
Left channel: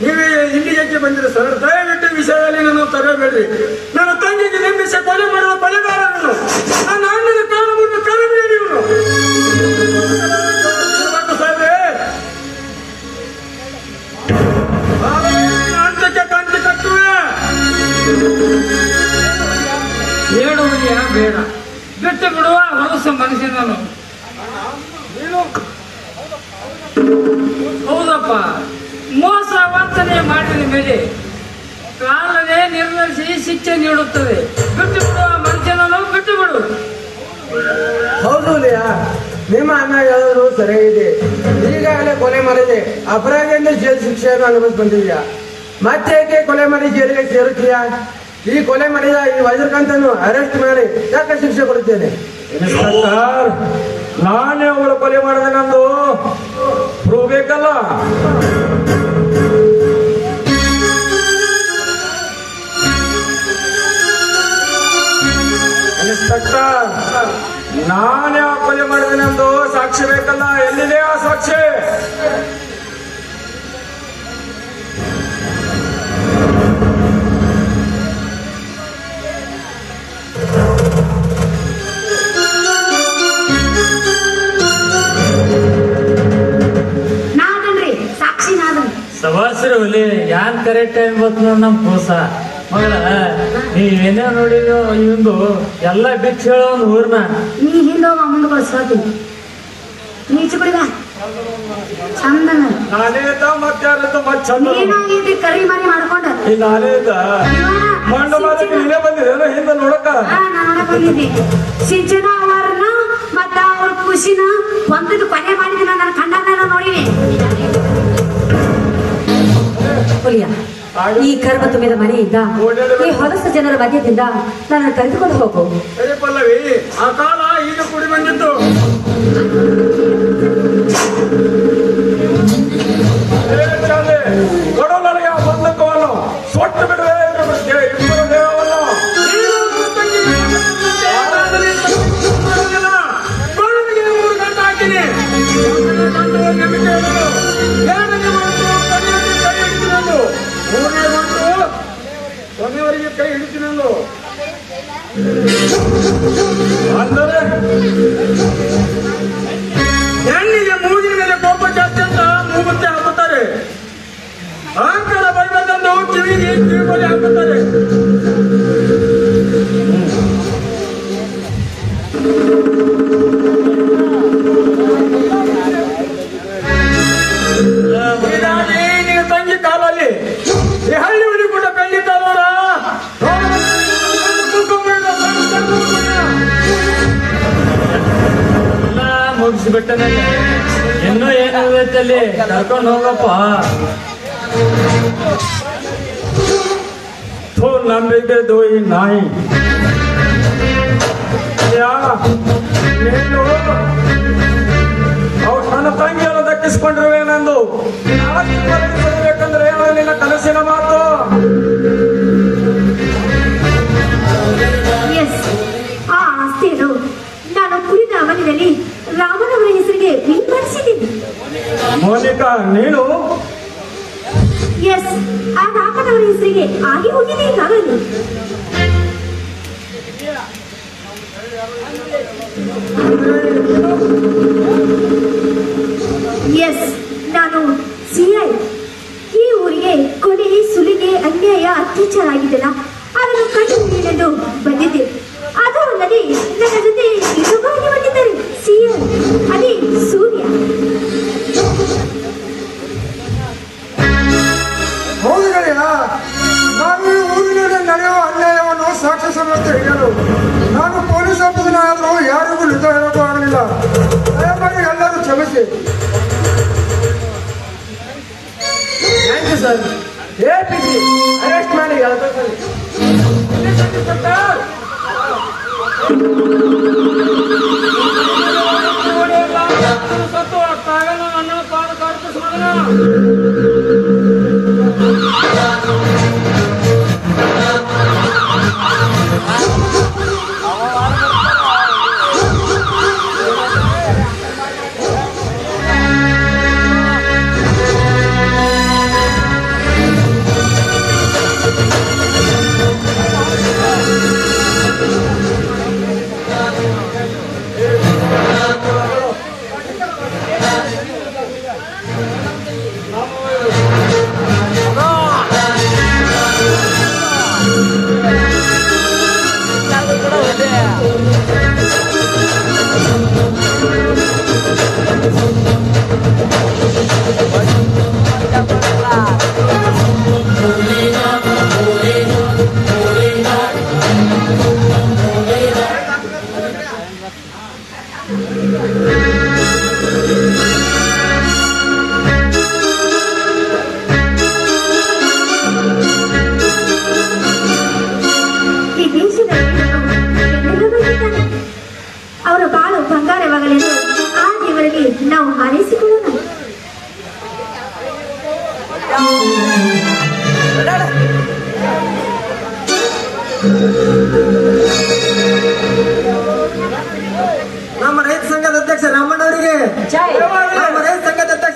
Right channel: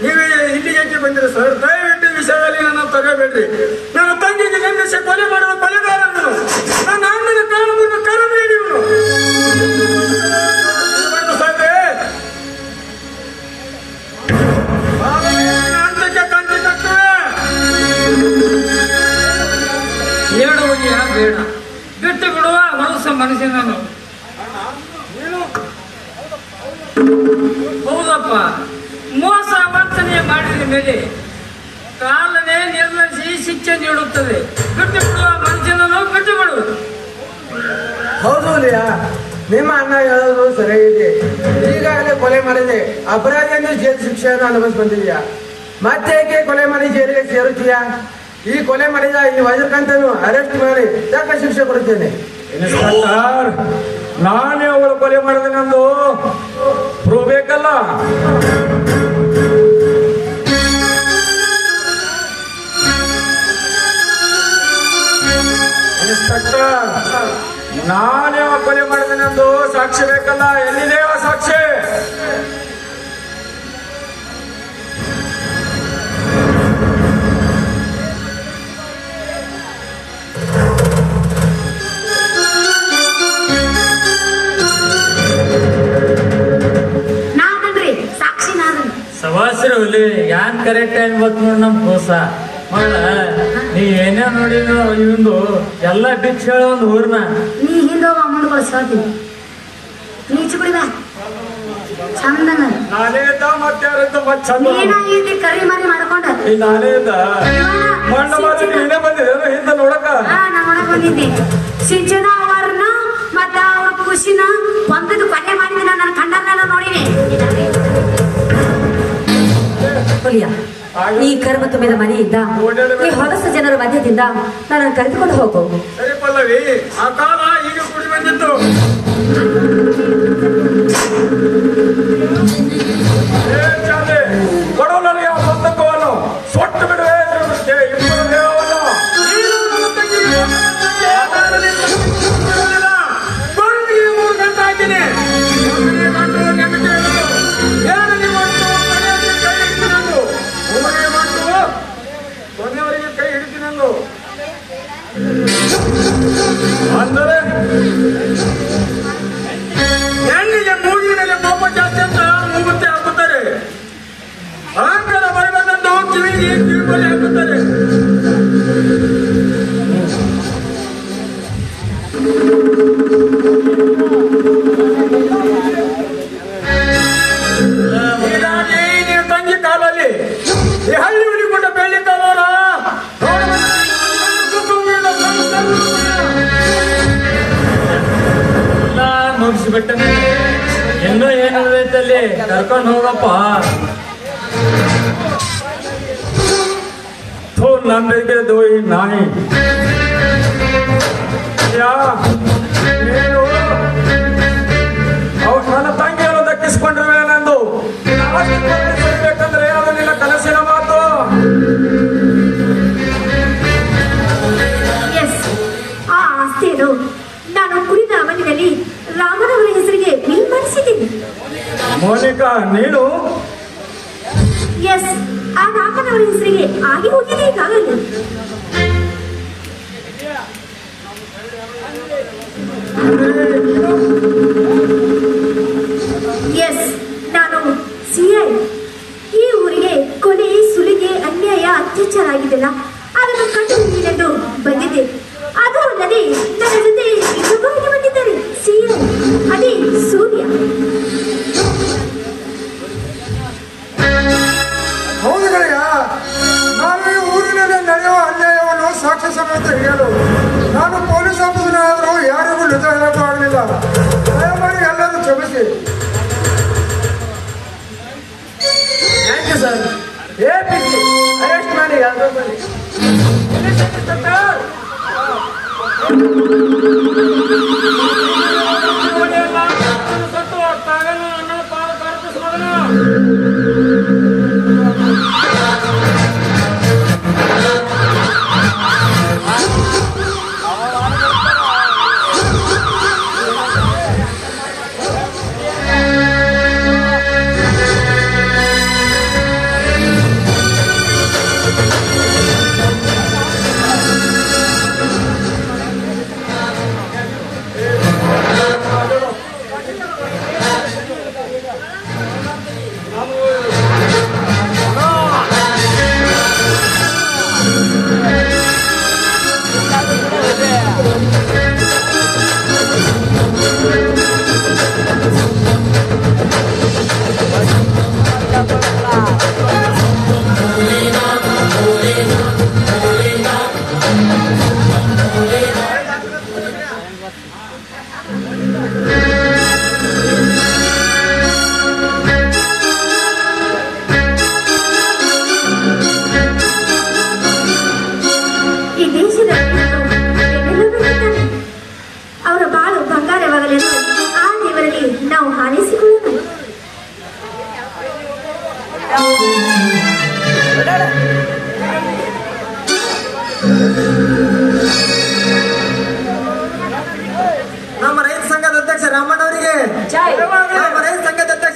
ನೀವೇ ಇಲ್ಲಿಗೆ ಬಂದಿರಿ ಸರ್, ದಯವಿಟ್ಟು ವಿಷಯದಲ್ಲಿ ನನ್ನ ತರಬೇಡ್ರಿ. ನನ್ನ ತಂಗಿಗೆ ನಿಂದಿಸಿ ಕೊಲೆ ಮಾಡುವ ಬಲಿದಾರನು, ನನ್ನ ಅಣ್ಣನ ಕಾರಣವನ್ನು ಕರಬೇಡಿ. ಸಾಹೇಬ್ರೆ, ಅಂತಕ್ಕೆ ತಂಗಿ ತಕ್ಕವೆ ಬೇಡುವುದಿಯ ಬೇಡ, ಬಿಟ್ಟು ಬಿಡುವ ಮನಸ್ಸಿನನು. ಹೌದಪ್ಪ, ಮೋಸ ವಂಚನೆ ಮಾಡಿದ ಮೇಲೆ ಕಾಲವೇ ನಿರ್ವಹಿಸಿ ಶಿಕ್ಷೆ ನೀಡುತ್ತದೆ. ಬಿಟ್ಟು ಬಿಡುವ ಮನುಷ್ಯನನ್ನು ಬಿಟ್ಟು ಬಿಡು. ಹೌದು ಲಿಯಾ, ನಿಮ್ಮ ಅಣ್ಣ ಯಾವುದು ಸರಿಯಾಗಿದೆ. ಈಗಾಗಲೇ ಕೊಲೆ ಮಾಡಿದೆ, ಅಪರಾಧಿಯನ್ನು ಜೈಲು ಶಿಕ್ಷೆಯನ್ನು ಅನುಭವಿಸಿ ಬಂದಿದ್ಯಾ. ಮತ್ತೆ ಏಕೆ ಕೊಲೆ ಮಾಡಿ ಜೈಲಿಗೆ ಸೇರುತ್ತೀಯಾ? ಈ ಕೊಲೆ ಮಾಡಿದ ಈ ವಜ್ರಕಾಂತನು ಅರೆಸ್ಟ್ ಮಾಡಿ ತಕ್ಕ ಶಿಕ್ಷೆ ಕೊಡುತ್ತೇನೆ. ಇನ್ಸ್ಪೆಕ್ಟರ್, ನಾನೇ ಅವಳು ಕೊಲೆ ಮಾಡಿದೆ ನಂದು ಪ್ರೂವ್ ಬೇಕಲ್ಲ. ಇನ್ಸ್ಪೆಕ್ಟರ್, ನಾನೇ ಕೊಲೆ ಮಾಡಿದೆ ನಂದು ಸಾಕ್ಷಿ ಬೇಕಲ್ಲ. ಎಲ್ಲಿದೆ ಆ ಸಾಕ್ಷಿ? ಸವಾಸರು ಒಲಿ ಯಾನ್ ಕರೆಕ್ಟ್ ಟೈಮ್ ಗೊತ್ತು ನೋಡ್ ನಮ್ ಕೋಸ ಮಗಳ. ನೀ ಏನೇ ನೋಡಿದ ಇವಂದು ಎಲ್ಲ ಬಿಚ್ಚ ಹೇಳೋ ಒಂದು ಊರ್ನ ನೀ ಹಿಂದೋ ಅಮ್ಮಗಳು ಸಾಧ್ಯ ನೀಚ ಬಿಡಿದ ಚಂದನ ನಾನೇ ಇದ್ದ ಮತ್ತೆ ಯಾರದ್ದು ಮತ್ತೆ ಚಂದ ನೀನು ಇಲ್ಲಿ ಕರಿ ಮರಿ ಮಾಡ್ಕೊಂಡ ಈ ನಾನೇ ಇದ್ದ ಮಂಡ ಮಾತ್ರ ಇಲ್ಲೇ ಬಂದಿರ ಹಿಂದೆ ನೋಡಕ. ನಾನು ಬಂದಿದ್ದೆ ಸಿಂಚನ ಅವರನ್ನ ಮತ್ತ ಅವ್ರ ಖುಷಿನ ಒಂದದು ಕೊನೆ ಮಾಡಿದ ನನ್ನ ಕಣ್ಣನ್ನ ನೋಡಿನಿ. ಈ ಕರ್ಮ ತುಂಬಿದ ಮನೆಯಿಂದ ಈ ಹೊಲಸ ಜನರ ಮಧ್ಯದಿಂದ ನನ್ನ ಕರೆದುಕೊಂಡು ಹೋಗು. ಸರಿ ಪಲ್ಲವಿ, ಆ ಕಾಲ ಈಗ ಕೂಡಿ ಬಂದಿತ್ತು. ಕೊಡೋನಲ್ಲಿಯ ಪುಸ್ತಕವನ್ನು ಸೊಟ್ಟು ಬಿಡುವೆ. ಕೊನೆಯವರಿಗೆ ಕೈ ಹಿಡಿತೀನಂದು ಅಂದರೆ ಹೆಣ್ಣಿಗೆ ಮೂಗಿನ ಮೇಲೆ ಕೋಪ ಜಾಸ್ತಿ ಅಂತ ಮೂಗುತ್ತಿ ಹಾಕುತ್ತಾರೆ, ಅಹಂಕಾರ ಬರಬೇಕಂದು ಕಿವಿಗೆ ಕಿವಿಗೊಲೆ ಹಾಕುತ್ತಾರೆ. ಹೀಗಾಗಿ ನೀವು ತಂಗಿ ಕಾಲಲ್ಲಿ ಈ ಹಳ್ಳಿ ಉಳಿಕೊಂಡ ಬೆಳ್ಳಿ ಕಾಲವರ ಮುಗಿಸ್ಬಿಟ್ಟನೆ. ಇನ್ನೂ ಏನಾಗೈತಲ್ಲಿ ಕರ್ಕೊಂಡು ಹೋಗಪ್ಪ. ನಂಬಿಕೆದು ಈ ನಾಯಿ ನೀನು ಅವ್ರು ನನ್ನ ತಂಗಿಯನ್ನು ದಕ್ಕಿಸ್ಕೊಂಡಿರುವೆ ನಂದು ಬೇಕಂದ್ರೆ ಯಾವ ನಿನ್ನ ಕನಸಿನ ಮಾತು. ಆ ಆಸ್ತಿಯನ್ನು ನಾನು ಕುರಿತ ಅವನಿನಲ್ಲಿ ರಾಮನವರ ಹೆಸರಿಗೆ ವಿಂಗಡಿಸಿದ್ದೀನಿ. ಮೋನಿಕಾ, ನೀನು ಆ ರಾಮನವರ ಹೆಸರಿಗೆ ಹಾಗೆ ಉಳಿಯಬೇಕಾಗಲ್ಲ. ನಾನು ಸಿಐ. ಈ ಊರಿಗೆ ಕೊಲೆ, ಸುಲಿಗೆ, ಅನ್ಯಾಯ, ಅತ್ಯಾಚಾರ ಆಗಿದೆಲ್ಲ ಅದನ್ನು ಕಂಡು ನೀಡಲು ಬಂದಿದ್ದೆ. ಅದು ಅಲ್ಲದೆ ನನ್ನ ಜೊತೆ ಇನ್ನೊಬ್ಬರಿಗೆ ಬಂದಿದ್ದಾರೆ ಸಿಐ, ಅದೇ ಸೂರ್ಯ. ಹೌದಯ್ಯ, ನಾನು ಊರಿನಲ್ಲಿ ನಡೆಯುವ ಅನ್ಯಾಯವನ್ನು ಸಾಕ್ಷಿ ಸಮೇತ ಹೇಳು. ನಾನು ಪೊಲೀಸ್ ಆಫೀಸರಾದರೂ ಯಾರಿಗೂ ನಿಜ ಹೇಳೋಕ್ಕಾಗಲಿಲ್ಲ. ದಯಮಾಡಿ ಎಲ್ಲರೂ ಕ್ಷಮಿಸಿ. ಈ ದೇಶದ ಅವರ ಬಾಳು ಬಂಗಾರವಾಗಲೆಂದು ಆ ದೇವರಲ್ಲಿ ನಾವು ಹಾರೈಸಿಕೊಳ್ಳೋಣ. ನಮ್ಮ ರೈತ ಸಂಘದ ಅಧ್ಯಕ್ಷ ರಾಮಣ್ಣವರಿಗೆ ಜೈ. ನಮ್ಮ ರೈತ ಸಂಘದ ಅಧ್ಯಕ್ಷ